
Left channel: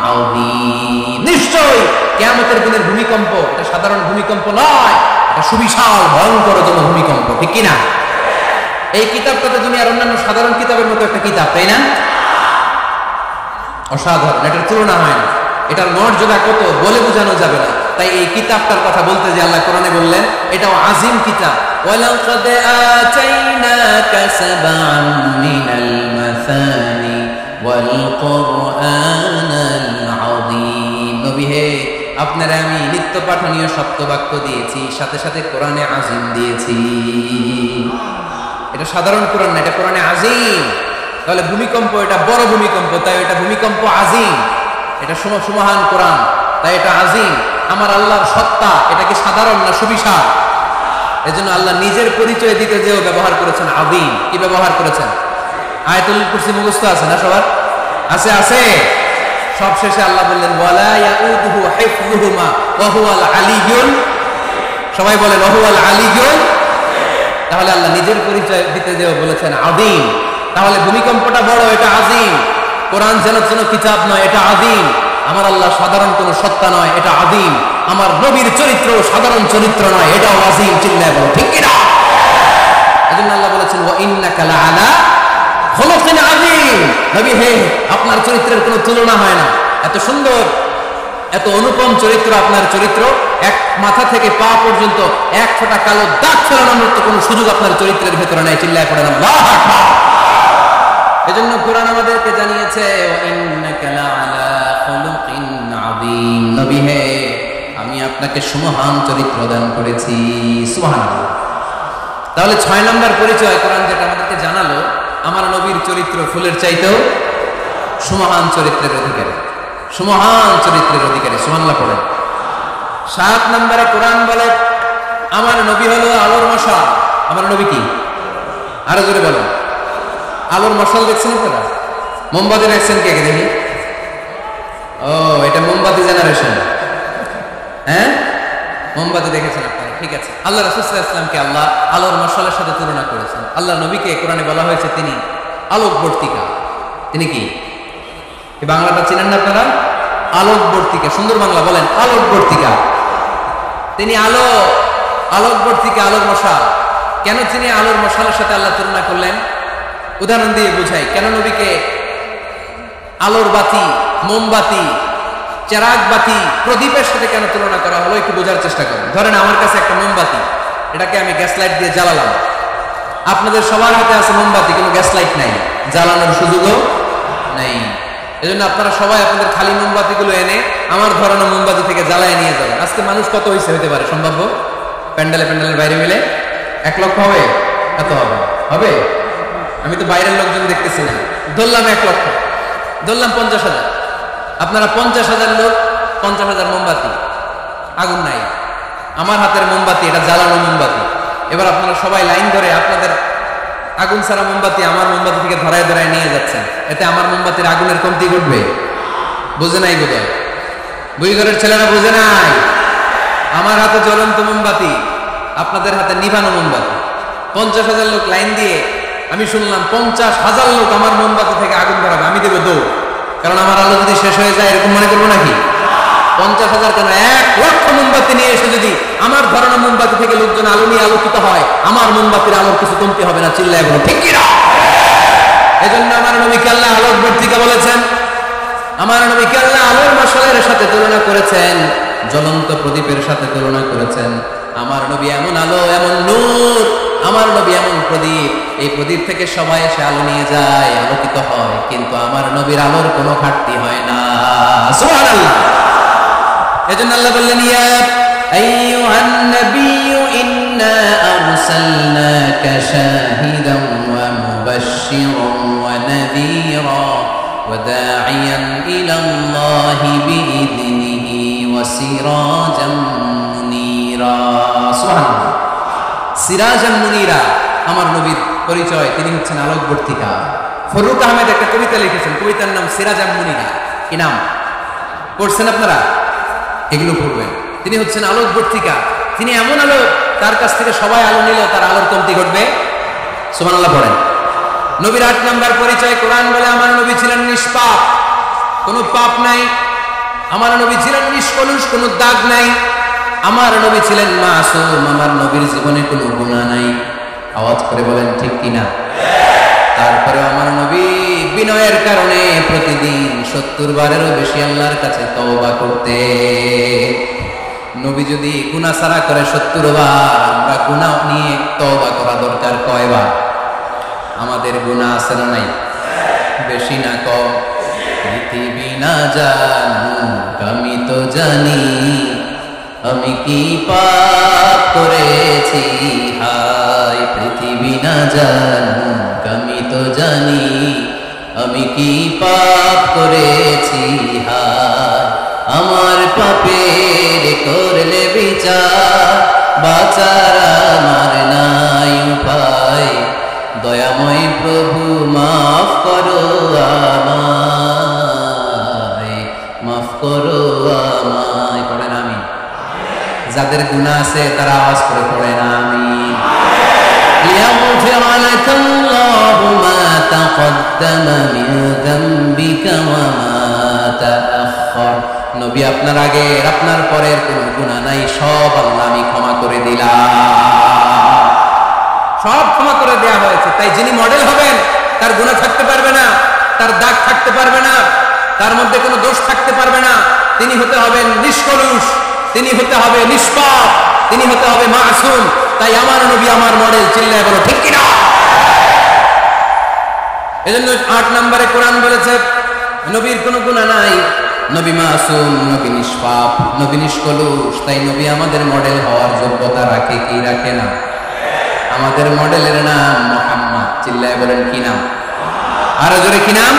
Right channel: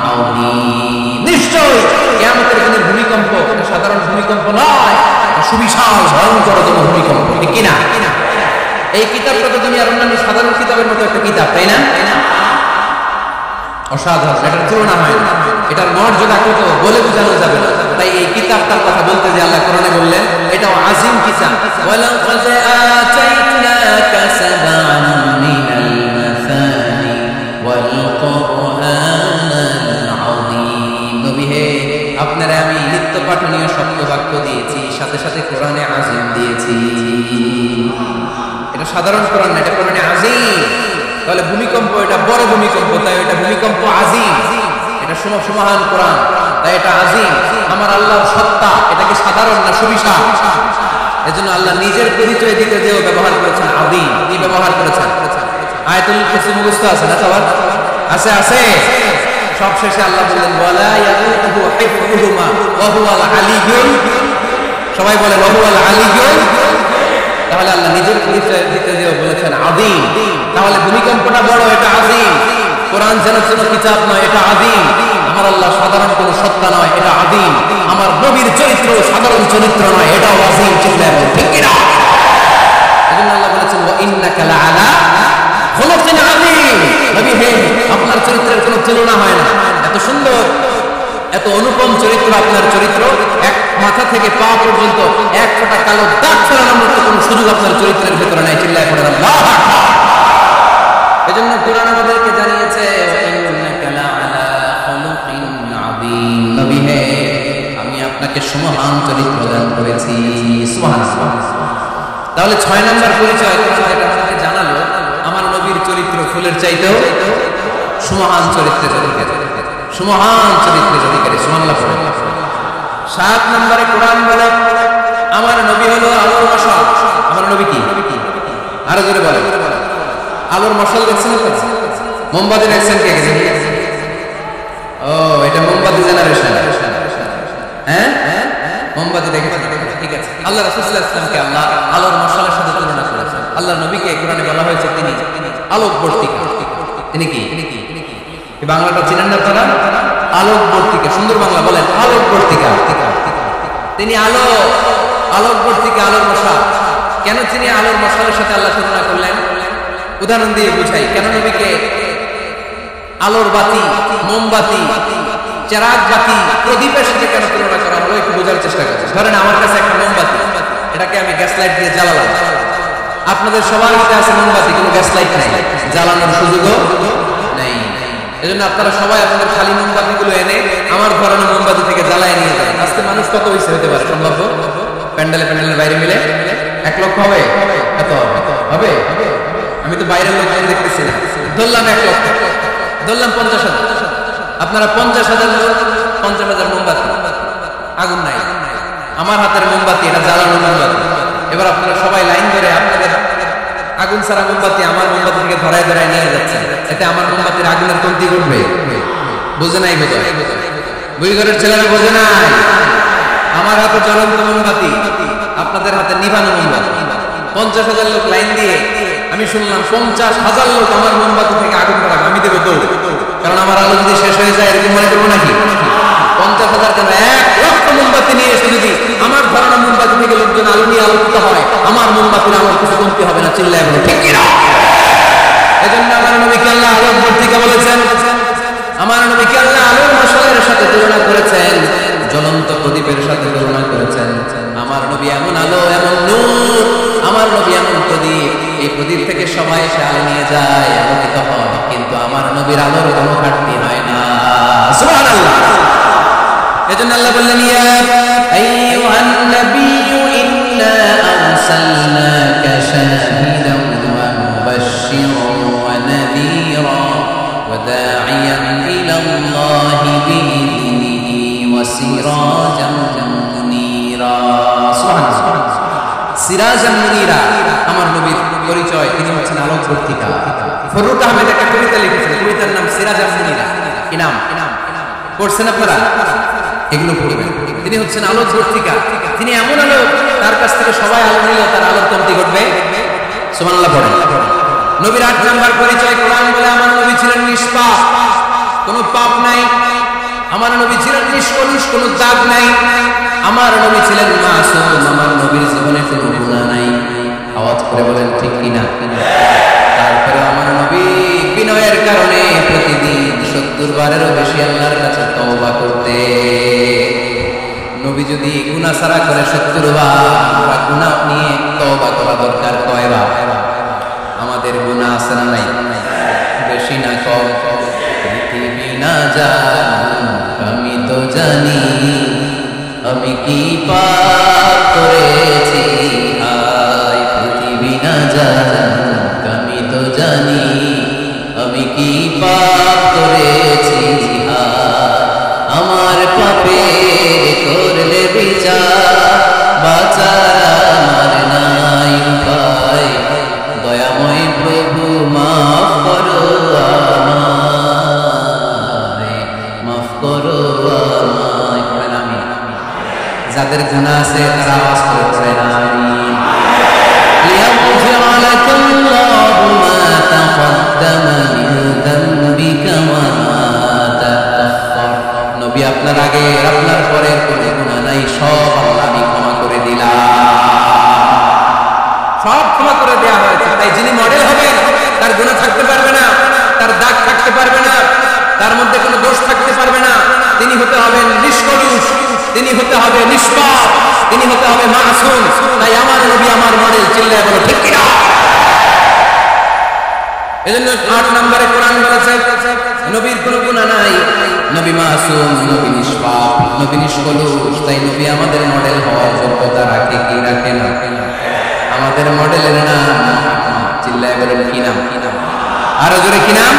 আযীম। নিশ্চয়ই কিয়ামতের দিনের ভূমিকম্প এটা সাধারণ ভূমিকম্প নয়, এটা সুবিশাল ভয়ঙ্করতম ভূমিকম্প, ঠিক কি না? এই কিতাবটা তো দুনিয়ার অন্যান্য সাধারণ কিতাবের মতো একটা কিতাব, তাই না? অসাধারণ, এটার তুলনা হয় না। এটার মর্যাদা কত বলে বোঝানো যাবে না। তাই এই কিতাবটার কথা বলতে যে আল্লাহ কোরআনে বললেন এটাও আজিম কিতাব। ওয়ালাকাদ আতাইনাকা সাবআন মিনাল মাসানি ওয়াল কুরআনাল আযীম। নবী হে, আপনারা আমি নিত্য পাঠনীয় সপ্তবাক্য দিয়েছি, সাথে সাথে কোরআনে আজিম দিয়েছি। এটা সাধারণ কোরআন না, এটা কোরআনে আজিম। তাহলে ভূমিকম্প এটা বড় ভূমিকম্প, তাই এটা ভূমিকম্প আজিম। এটা সুমহান কোরআন, তাই এটা আজিম। আমার আল্লাহর সত্তা এটা কি সাধারণ না সুবিশাল? এজন্য আল্লাহ নিজের পরিচয় দিতে যেও ব্যবহার করেছেন আযীম। কি ব্যবহার করেছেন? আয়াতুল কুরসি মুখস্থ আছে না সবার? আছে আছে। সব শেষে আল্লাহ বললেন ওয়ালা ইয়াউদুহু হিফযুহুমা ওয়া হুয়াল আলিয়্যুল। সবাই বলেন ওয়া হুয়াল আলিয়্যুল। তাহলে আল্লাহ নিজের পরিচয় দিতে যেও বলেছেন আযীম। তাহলে ভূমিকম্পটা বড়, এটা আযীম। কোরআন যেন কিতাব নয়, এটা আযীম। আমার আল্লাহ সাধারণ কোন সত্তা নয়, এটা আযীম। আমার নবীর চরিত্র সাধারণ চরিত্র নয়, এটাও আযীম। চিল্লায় বলো ঠিক কি না? এজন্য আল্লাহ বলেছেন ওয়া ইন্নাকা লাআলা খুলুকিন আযীম। নবী হে, আপনার চরিত্রের কোনো তুলনা হয় না। এত সুন্দর, এত অনুপম চরিত্র আপনার চরিত্র। এক মাথা থেকে পা পর্যন্ত এক ফোঁটা কালো দাগ ফেলানোর মতো কোনো সুযোগ আপনার চরিত্রের ভেতরে নাই। চিল্লায় পড়েন আল্লাহু আকবার। এজন্য কোরআন আমাদেরকে জানিয়েছে ইন্নাকা লাআলা খুলুকিন আযীম। নবী হে, আমি আপনাকে সুমহান চরিত্র দান করেছি। সুবহানাল্লাহ। তাহলে 6 নাম্বার পরিচয় কোরআন যেটা আমাদেরকে জানালো, আমার নবীর চরিত্র ফুলের চাইতেও সুমহান চরিত্রের অধিকারী, সুমহান চরিত্রের অধিকারী। সুবহানাল্লাহ পড়েন। 7 নম্বরে কোরআন বলে আমার নবী হলো আলোর মশাল। আমার নবী কি? আরো জোরে বলেন। আলোর মশাল দেখছেন আপনারা? মোমবাতি দেখছেন কে কে দেখি? ও, এটা মোমবাতি জেনারেশন। হ্যাঁ, মোমবাতি দেখেছেন আপনারা, ঠিক আছে। আল্লাহ রাসূল সাল্লাল্লাহু আলাইহি ওয়াসাল্লামকে আল্লাহ আলোর মশালের সাথে তুলনা করেছেন। আল্লাহ নবীকে কোরআনে বলা হয়েছে তিনি আলোকবর্তিকা। তিনি কি? এই বাংলাটা চিনেন না আপনারা? আলোকবর্তিকা। সুন্দর বাংলা বলেন, আলোকবর্তিকা। তিনি আলো, আলোকবর্তিকা, আলোর মশাল। কেন তিনি আলোর মশালের সাথে আল্লাহ তুলনা করলেন? উদাহরণ দিয়ে বুঝাই। কেন নবীকে আলোর বাতি, মোমবাতি, চেরাগ বাতি, প্রদীপের সাথে কেন তুলনা করা হলো একটু বোঝার চেষ্টা করুন। ধরেন আমার কাছে একটা মোমবাতি, এটাকে আমি গ্যাস লাইট দিয়ে জ্বালালাম। আপনাদের সবার হাতে আছে মোমবাতি, কোনো গ্যাস লাইট নাই, জ্বালানোর সুযোগও নেই। এজন্য আপনারা সবাই আপনাদের খালি মোমবাতিগুলো এনে আমার ধরানো মোমবাতি থেকে জ্বালায় নিয়ে যাবেন। আজকে মানুষ কত হইছে হতে পারে সম্ভাব্য? প্যান্ডেলের বাইরে মিলে 1 লক্ষ হবে? এত হবে? হবে? আমি তো বাইরের লোকজন দেখতেছি না। ধরলাম 1 লক্ষ, ধরলাম 50,000। আপনারা 50,000 লোক, 50,000 মোমবাতি, আগুন নাই। আমার হাতের মোমবাতি এটা জ্বালানো মোমবাতি। এবার আপনারা সবাই লাইন ধরে আপনাদের আগুন ছাড়া মোমবাতি আমার মোমবাতি থেকে ধরায় ধরায় নিয়ে যাচ্ছেন। এতে আমার মোমবাতির আগুনের কমতি ঘটবে? বোঝে নাই বোধহয়, বুড়িঘরের ছেলেরা বোঝে নাই। আমার হাতে জ্বলন্ত মোমবাতি, আপনাদের হাতে নিভানো মোমবাতি। 50,000 লোক লাইন দিয়ে, আমি শুনলাম 50,000 লোক আমার মোমবাতি থেকে আগুন ধরাবে। আমি দেবো দৌড়, কারণ আমার আলো যদি শেষ হয়ে যায় এরকম মনে করবো নাকি? 50,000 কেন, 1 লক্ষ মোমবাতি নিয়ে এসে যদি আমার ধরানো মোমবাতি থেকে লোকজন আলো নিয়ে আলোকিত হয়, আমার মোমবাতির আলোর কিছু কমতি হবে না। চিল্লায় বলো ঠিক কি না? এজন্য আমার নবীকে আল্লাহ আলোকবর্তিকা বলেছেন। আমার নবীকে আল্লাহ আলোর মশালের সাথে তুলনা করেছেন, জ্বলন্ত প্রদীপের সাথে তুলনা করেছেন। আমার নবী এমন আলো, এমন নূর, আমার নবী এমন প্রদীপ, এই প্রদীপ থেকে সবাই এসে আলো নিয়ে যায়, আলোকিত হয়, কিন্তু আমার নবীর আলোর কোনো ঘাটতি হয় না। সুবহানাল্লাহ। এজন্য আল্লাহ বললেন ইয়া আইয়ুহান নাবিয়্যু ইন্না আরসালনাকা শাহিদান ওয়া মুবাশশিরান ওয়া নাযীরা ওয়া দা'iয়ান ইলাল্লাহি বিইذনিহি ওয়া সিরাজাম মুনীরা। মুনীরা। সুবহানাল্লাহ। সিরাজাম মুনীরা, আমার নবীর পরিচয়, তিনি হচ্ছেন আলোকবর্তিকা। ফরুক আহমেদ একটা কবিতা লিখেছেন, কবিতার নাম সিরাজাম মুনীরা। কি নাম পড়ছেন আপনারা? এগুলো পড়বেন। তিনি হচ্ছেন আলোকবর্তিকা, তিনি এমন আলো, তার কাছ থেকে সবাই আলো নিল, তার আলোর কমতি ঘটবে। সুবহানাল্লাহ পড়েন। নবীর 8 নাম্বার পরিচয়, কোরআন বলে আমার নবী ছিলেন নিষ্পাপ, কোনো পাপ নাই। আমার নবী ছিলেন নিষ্কলুষ, কোনো দাগ নাই। আমার নবী ছিলেন মাসুম, আমার নবীর জীবনে কোনো গুনাহ নাই। আওয়াজ করে বলেন ঠিক কিনা? তারপরে আমার নবী বিনয়ের কারণে প্রতিদিন 70 বারেরও বেশি আল্লাহর কাছে তওবা করতে। নবী যদি গুনাহ ছাড়া করে 70 বার, আমরা গুনাহ নিয়ে তওবা করা দরকার কয়বার? আমাদের গুনাহ আছে না নাই? বেশি না কম? পৃথিবী না জানুক আমি তো জানি, আমি কি পাপ করেছি হায়। পৃথিবী না জানুক আমি তো জানি, আমি কি পাপ করেছি হায়। আমার পাপের করলে বিচার, বাঁচার আমার নাই উপায়। দয়াময় প্রভু মাফ করো আমায়, মাফ করো আমায়। পড়েন আমিন। যাদের গুনাহ আছে তারা আওয়াজ করে পড়েন আমিন। লিয়াগফির লাকাল্লাহু মা তাকদ্দামা মিন যামবিকা ওয়া মা তাআখার। নবী আপনার আগের আপনার পরের কোনো গুনাহ নাই, সব আল্লাহ আমি ক্ষমা করে দিলাম, সব ক্ষমা করে দেয়া হয়েছে। তাই যিনি মডেল হবেন তার গুনাহ থাকতে পারবে না, তার দাগ থাকতে পারবে না, তার মধ্যে কোনো দোষ থাকতে পারবে না। তিনি হতে হবেন নিষ্কলুষ, তিনি হতে হবে নিষ্পাপ, তিনি হতে হবে মাসুম। তাই আমার নবী আমার মডেল। চিল্লায় বলো ঠিক কিনা? এজন্য 8 নম্বরে কোরআন বলেছে নবীর কোনো গুনাহ নাই, নবী মাসুম, নবী নিষ্পাপ, নবী নিষ্কলুষ। তাই নবী আমাদের মডেল হওয়ার যোগ্যতা রাখে কি রাখে না? আমাদের মডেলের নাম মুহাম্মদ। চিল্লায় বলেন কি নাম? আরো জোরে কি নাম?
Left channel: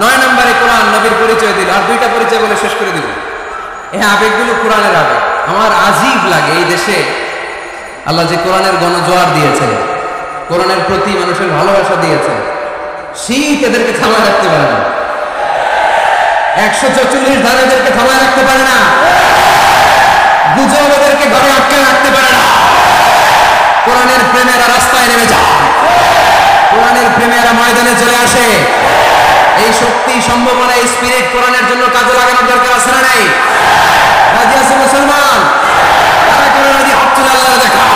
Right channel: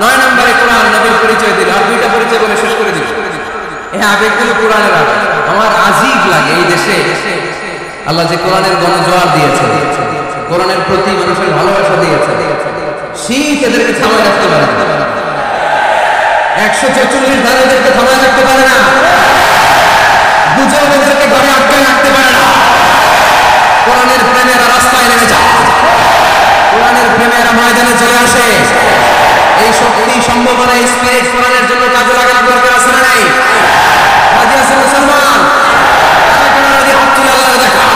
9 নম্বরে কোরআন নবীর পরিচয় দিল। আর 2টা পরিচয় বলে শেষ করে দিব। এই আবেগগুলো কোরআনের আবেগ। আমার আজীব লাগে এই দেশে আল্লাহ যে কোরআনের গণজোয়ার দিয়েছে, কোরআনের প্রতি মানুষের ভালোবাসা দিয়েছে, শীত এদেরকে থামায় রাখতে পারে না। 144 ধারা এদেরকে থামায় রাখতে পারে না। গুজব এদেরকে ঘরে আটকে রাখতে পারে না। কোরআনের প্রেমেরা রাস্তায় নেমে যায়, কোরআনের প্রেমেরা ময়দানে চলে আসে। এই শক্তি, সম্ভাবনা, এই স্পিরিট কোরআনের জন্য কাজে লাগানোর দরকার আছে না নাই? রাজি আছে মুসলমান? তারা কেন রাজি? হাত তুলে আল্লাহ দেখা।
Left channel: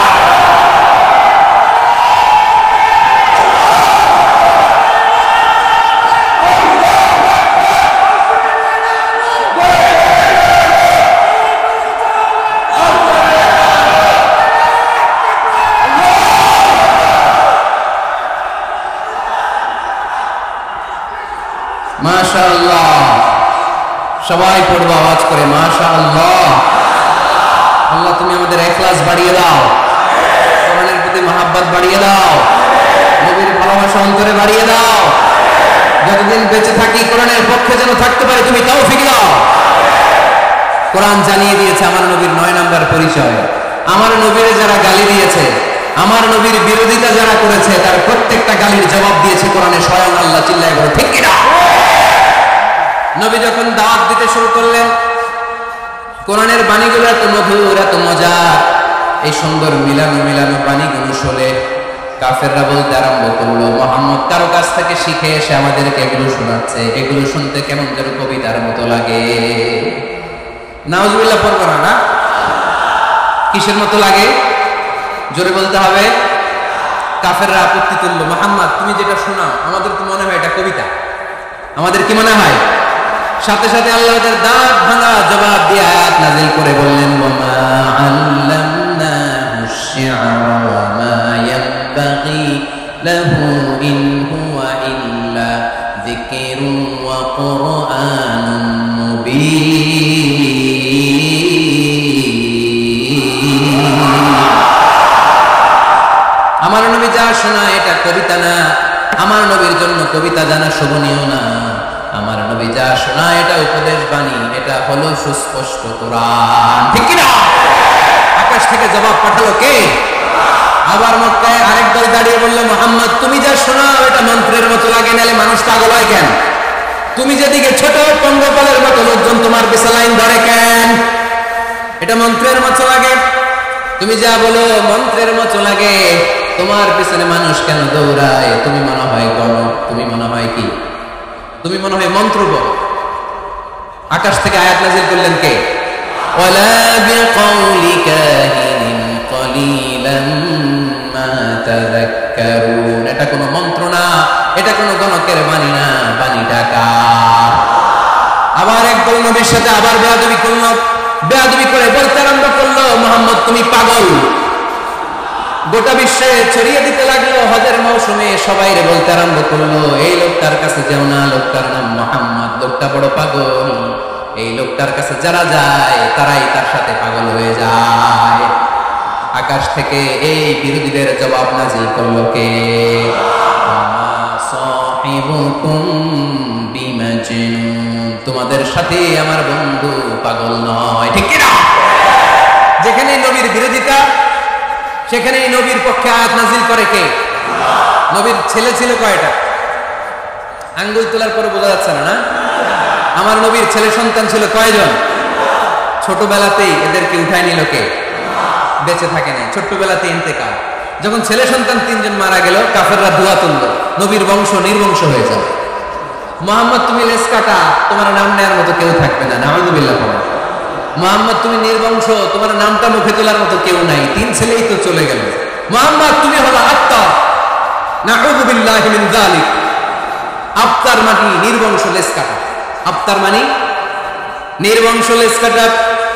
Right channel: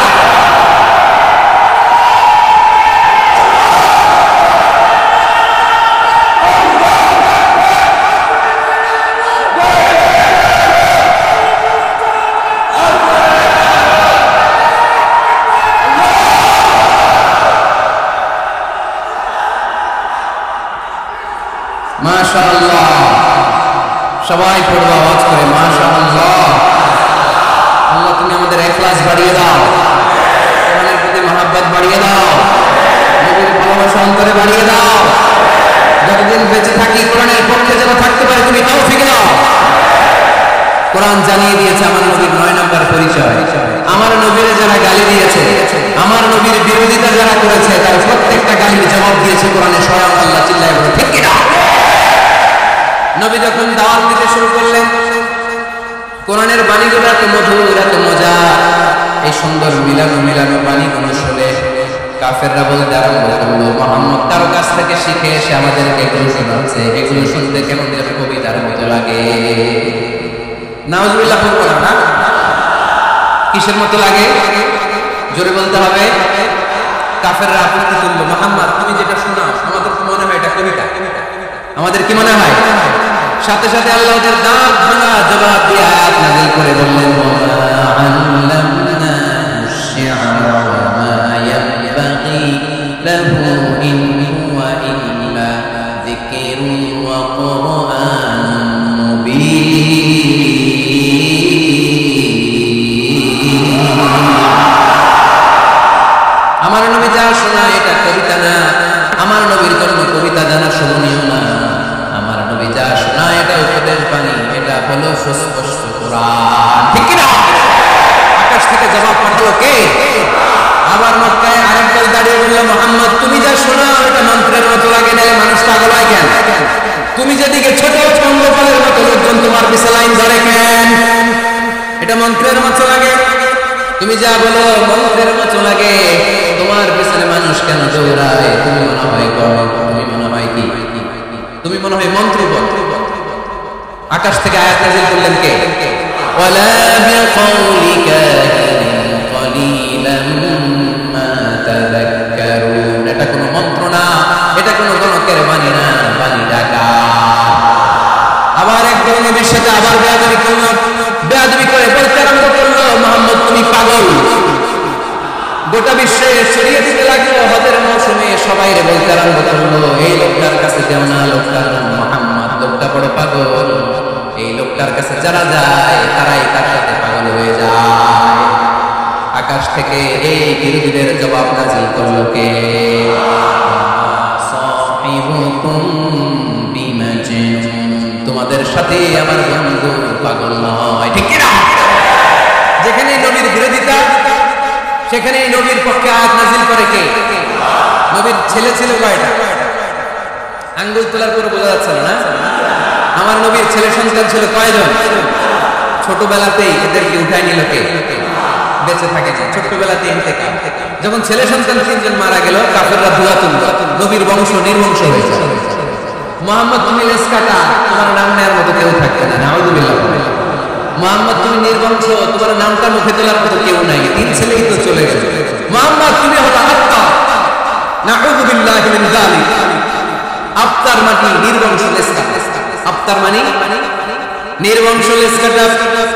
মাশাআল্লাহ। সবাই পড়বো আওয়াজ করে মাশাআল্লাহ। আল্লাহ তুমি আমাদের ইখলাস বাড়িয়ে দাও, কোরআনের প্রতি মহব্বত বাড়িয়ে দাও, নবীর ভালোবাসা অন্তরে বাড়িয়ে দাও। যতদিন বেঁচে থাকি কোরআনের পক্ষে যেন থাকতে পারে তুমি তৌফিক দাও। কোরআন জানিয়ে দিয়েছে আমার নবীর 9 নম্বর পরিচয়। আমার নবীরে যারা গালি দিয়েছে, আমার নবীর বিরোধিতা যারা করেছে, তার প্রত্যেকটা গালির জবাব দিয়েছে কোরআনে স্বয়ং আল্লাহ। চিল্লায় বলো ঠিক কিনা? নবী যখন দাওয়াত দিতে শুরু করলেন, কোরআনের বাণীগুলো এত মধুর, এত মজার। এই সুন্দর মিলানো মিলানো বাণীগুলো শুনে কাফেররা বলতে আরম্ভ করলো, মুহাম্মদ কারো কাছ থেকে শিখে এসে আমাদেরকে এগুলো শোনাচ্ছে, এগুলো শুনতে কেমন যেন কবিতার মতো লাগে। নাউজুবিল্লাহ পড়বো না? না, কিসের মতো লাগে? জোরে বলতে হবে। কাফেররা আপত্তি তুললো, মুহাম্মদ তুমি যেটা শোনাও আমাদের তো মনে হয় এটা কবিতা। আমাদের কি মনে হয়? সাথে সাথে আল্লাহ ওদের দাঁত ভাঙা জবাব দিয়ে আয়াত নাযিল করে বললেন, ওয়ামা আল্লামনাহু আশ-শি'রা ওয়ামা ইয়ানবাগি লাহু ইন হুয়া ইল্লা যিকরুন ওয়া কুরআনুন মুবিন। আমার নবী যা শোনায় এটা কবিতা না, আমার নবীর জন্য কবিতা জানা শোভনীয় না। আমার নবী যা শোনায় এটা উপদেশ বাণী, এটা হলো সুস্পষ্ট কোরআন। ঠিক কিনা? আকাশ থেকে জবাব পাঠালো কে? আবার মক্কায় আরেক দল দাঁড়িয়ে বলল, মুহাম্মদ তুমি যা শোনাও এটা মন্ত্রের মতো লাগে, নালে মানুষ পাগল হয় কেন? তুমি যেদিকে ছোট পঙ্গপালের মতো লোকজন তোমার পিছে লাইন ধরে কেন? এটা মন্ত্রের মতো লাগে। তুমি যা বলো মন্ত্রের মতো লাগে, তোমার পিছনে মানুষ কেন দৌড়ায়? তুমি মনে হয় গণক, তুমি মনে হয় কি, তুমি মনে হয় মন্ত্র বল। আকাশ থেকে আয়াত নাজিল করলেন কে? ওয়ালা বিকাউলি কাহিনিন কলিলাম মা তাযাক্কারুন। এটা কোনো মন্ত্র না, এটা কোনো গণকের বাণী না, বাণীটা কার? আবার একদল নবীর সাথে আবার বেয়াদবি করলো, বেয়াদবি করে বলতে আরম্ভ করলো, মুহাম্মদ তুমি পাগল। গোটা বিশ্বে ছড়িয়ে দিতে লাগলো। হজের মৌসুমে সবাই রে বলতে আরম্ভ করলো, এই লোকটার কাছে যেও না, লোকটার নাম মুহাম্মদ, লোকটা বড় পাগল। এই লোকটার কাছে যারা যায় তারাই তার সাথে পাগল হয়ে যায়। আকাশ থেকে এই বিরোধীদের জবাব নাজিল করলো কে? সাহিবুকুম বিমাজনুন, তোমাদের সাথে আমার বন্ধু পাগল নয়, ঠিক কি না? যেখানে নবীর বিরোধিতা সেখানে নবীর পক্ষে আয়াত নাজিল করে কে? নবীর ছেলে ছিল কয়টা? আঙ্গুল তোলার পরে বোঝা যাচ্ছে না, না? আমার নবীর ছেলে সন্তান ছিল কয়জন? ছোটবেলাতেই এদেরকে উঠায় নিল কে? বেঁচে থাকেনি, ছোট্টবেলাতে ইন্তেকাল। যখন ছেলে সন্তান 3 জন মারা গেল, কাফেররা ধোয়া তুলল, নবীর বংশ নির্বংশ হয়ে যাবে। মুহাম্মদ তুমি লেস কাটা, তোমার নাম নেয়ার মতো কেউ থাকবে না, নাউযুবিল্লাহ বলে। মুহাম্মদ তুমি নির্বংশ, তোমার নামটা মুখে তোলার মতো কেউ নাই, 3 ছেলেই তো চলে গেল। মুহাম্মদ তুমি হলো আত্মা, নাউযুবিল্লাহি মিন যালিক। আত্মার মানে নির্বংশ, লেস কাটা। আত্মার মানে নির্বংশ, লেস কাটা।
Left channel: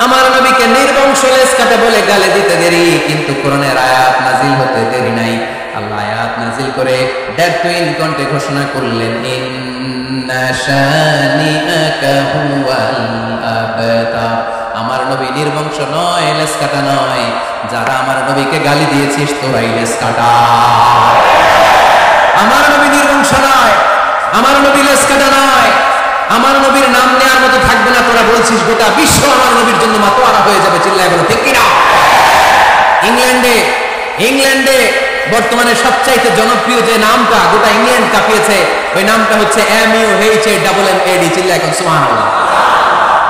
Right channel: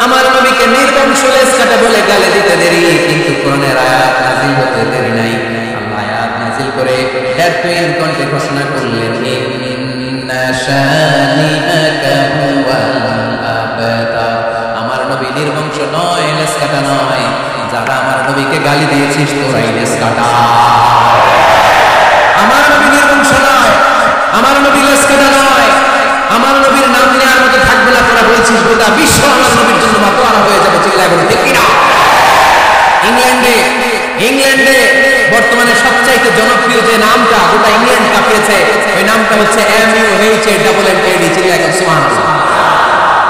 আমার নবীকে নির্বংশ লেস কাটা বলে গালে দিতে দেরি, কিন্তু কোরআনের আয়াত নাজিল হতে দেরি নাই। আল্লাহ আয়াত নাজিল করে দ্যাটুইন কণ্ঠে ঘোষণা করলেন, ইন্না শানিআকা হুয়াল আবতার। আমার নবী নির্বংশ নয়, লেস কাটা নয়। যারা আমার নবীকে গালি দিয়েছিস তোরাই লেস কাটা। আমার নবী নির্বংশ নয়, আমার নবী লেস কাটা নয়। আমার নবীর নাম নেওয়ার মতো থাকবে না, তোরা বলছিস গোটা বিশ্ব আমার নবীর জন্য মাতোয়ারা হয়ে যাবে। চিল্লায় বলো ঠিক কিনা? ইংল্যান্ডে বর্তমানে সবচাইতে জনপ্রিয় যে নামটা গোটা ইংল্যান্ড কাঁপিয়েছে, ওই নামটা হচ্ছে MUHAMMAD। চিল্লায় এখন সুবহানাল্লাহ।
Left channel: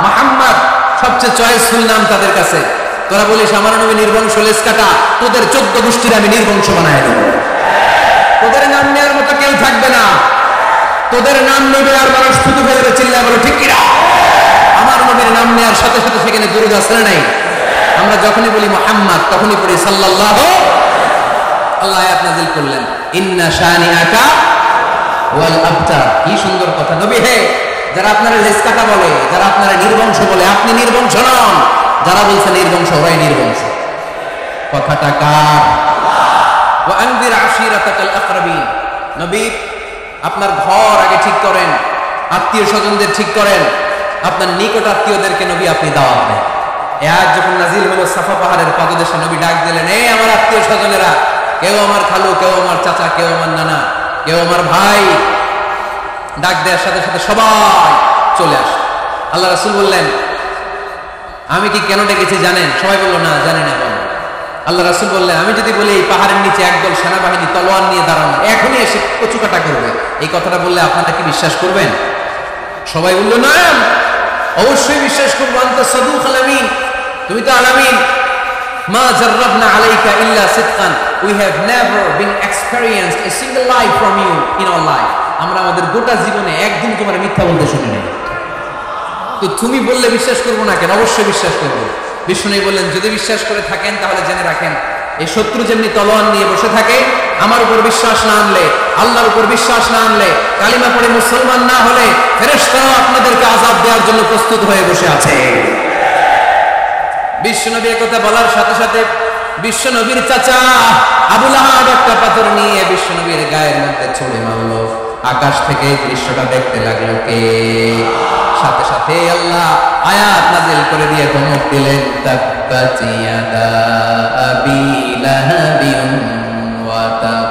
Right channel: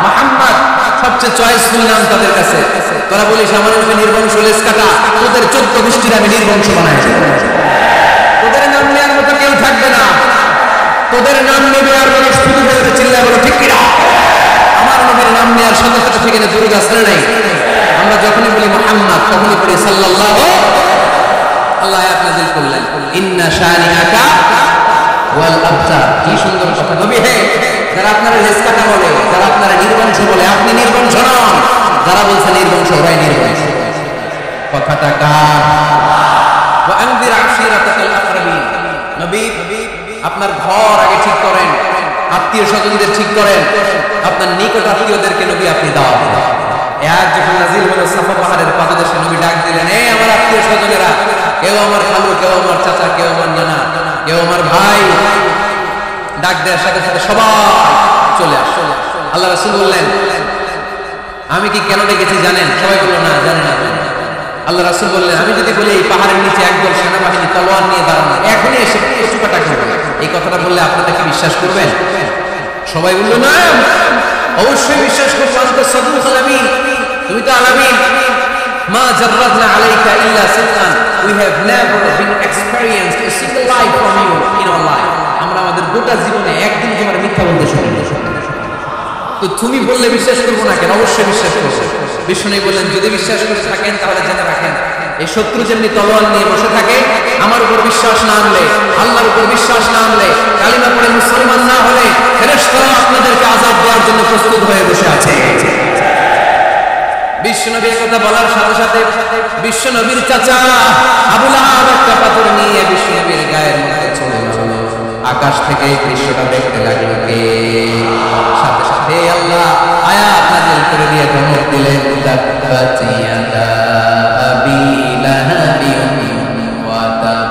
মুহাম্মদ সবচেয়ে চয়েসফুল নাম তাদের কাছে। তোরা বলিস আমার নবী নির্বংশ, লেস কাটা, তোদের 14 গোষ্ঠীর আমি নির্বংশ বানায় দেব। তোদের নাম নেওয়ার মতো কেউ থাকবে না, তোদের নাম নেবে আর মানুষ থুতু ফেলবে। চিল্লায় বলো ঠিক কিনা? আমার নবীর নাম নেওয়ার সাথে সাথে সেখানে দুরূদ আছে না নাই? আমরা যখনই বলি মুহাম্মদ তখনই পড়ি সাল্লাল্লাহু। আল্লাহ আয়াত নাযিল করলেন, ইন্না শানিআকা ওয়াল আবতার। কি সুন্দর কথা। নবী হে, যারা আপনারা লেস কাটা বলে, যারা আপনারা নির্বংশ বলে, আপনি নির্বংশ নন। যারা বলছে নির্বংশ, ওরাই নির্বংশ। কথাটা কার? ওয়া আনযির আশিরাতাকাল আকরাবিন। নবী আপনার ঘর আগে ঠিক করেন, আত্মীয় স্বজনদের ঠিক করেন, আপনার নিকট আত্মীয়দেরকে নবী আপনি দাওয়াত দেন। এই আয়াত যখন নাজিল হলো, সাফা পাহাড়ের পাদদেশে নবী ডাক দিলেন, এই আমার আত্মীয় স্বজনেরা, কেউ আমার খালু, কেউ আমার চাচা, কেউ আমার নানা, কেউ আমার ভাই। ডাক দেওয়ার সাথে সাথে সবাই চলে আসে। আল্লাহ রাসূল বললেন, আমি কি কেন ডেকেছি জানেন? সবাই বলল না, জানি না। বল। আল্লাহ রাসূল বললেন, আমি যদি বলি এই পাহাড়ের নিচে একদল সেনাবাহিনী তলোয়ার নিয়ে দাঁড়ানো, এখনই এসে কচুকাটা করবে, এই কথাটা বললে আপনারা কি বিশ্বাস করবেন? সবাই বলল না, অবশ্যই বিশ্বাস করবো। আনতা সাদুকুল আমিন, তুমি তো আলামিন। মা জাররাবনা আলাইকা ইল্লা সিদকান, we have never been experienced a single life from you in our life. আমরা আমাদের গোটা জীবনে একদিন তোমার মিথ্যা বলতে শুনিনি। তো তুমি বললে বিশ্বাস করবো না কেন? অবশ্যই বিশ্বাস করবো। বিষ্ণু বললেন, যদি বিশ্বাস করে থাকেন তাহলে জেনে রাখেন, এই শত্রু যেমনি তলোয়ার নিয়ে বসে থাকে, আমার উপর বিশ্বাস না আনলে, আল্লাহর উপর বিশ্বাস না আনলে, কালিমা পড়ে মুসলমান না হলে, ফেরেশতারা আপনাদেরকে আযাব দেওয়ার জন্য প্রস্তুত হয়ে বসে আছে। বিশ্বনবী একথা বলার সাথে সাথে বিশ্বনবীর চাচা আবু লাহাব একটা পাথর নিয়ে বিশ্বনবীর গায়ের মধ্যে ছুঁড়ে মারলো। আকাশ থেকে এই দৃশ্যটা দেখতে লাগলো কে? সাথে সাথে আল্লাহ আয়াত নাজিল করে দিয়ে ধমক দিলেন, তাব্বাত ইয়াদা আবি লাহাবিন ওয়া তাব।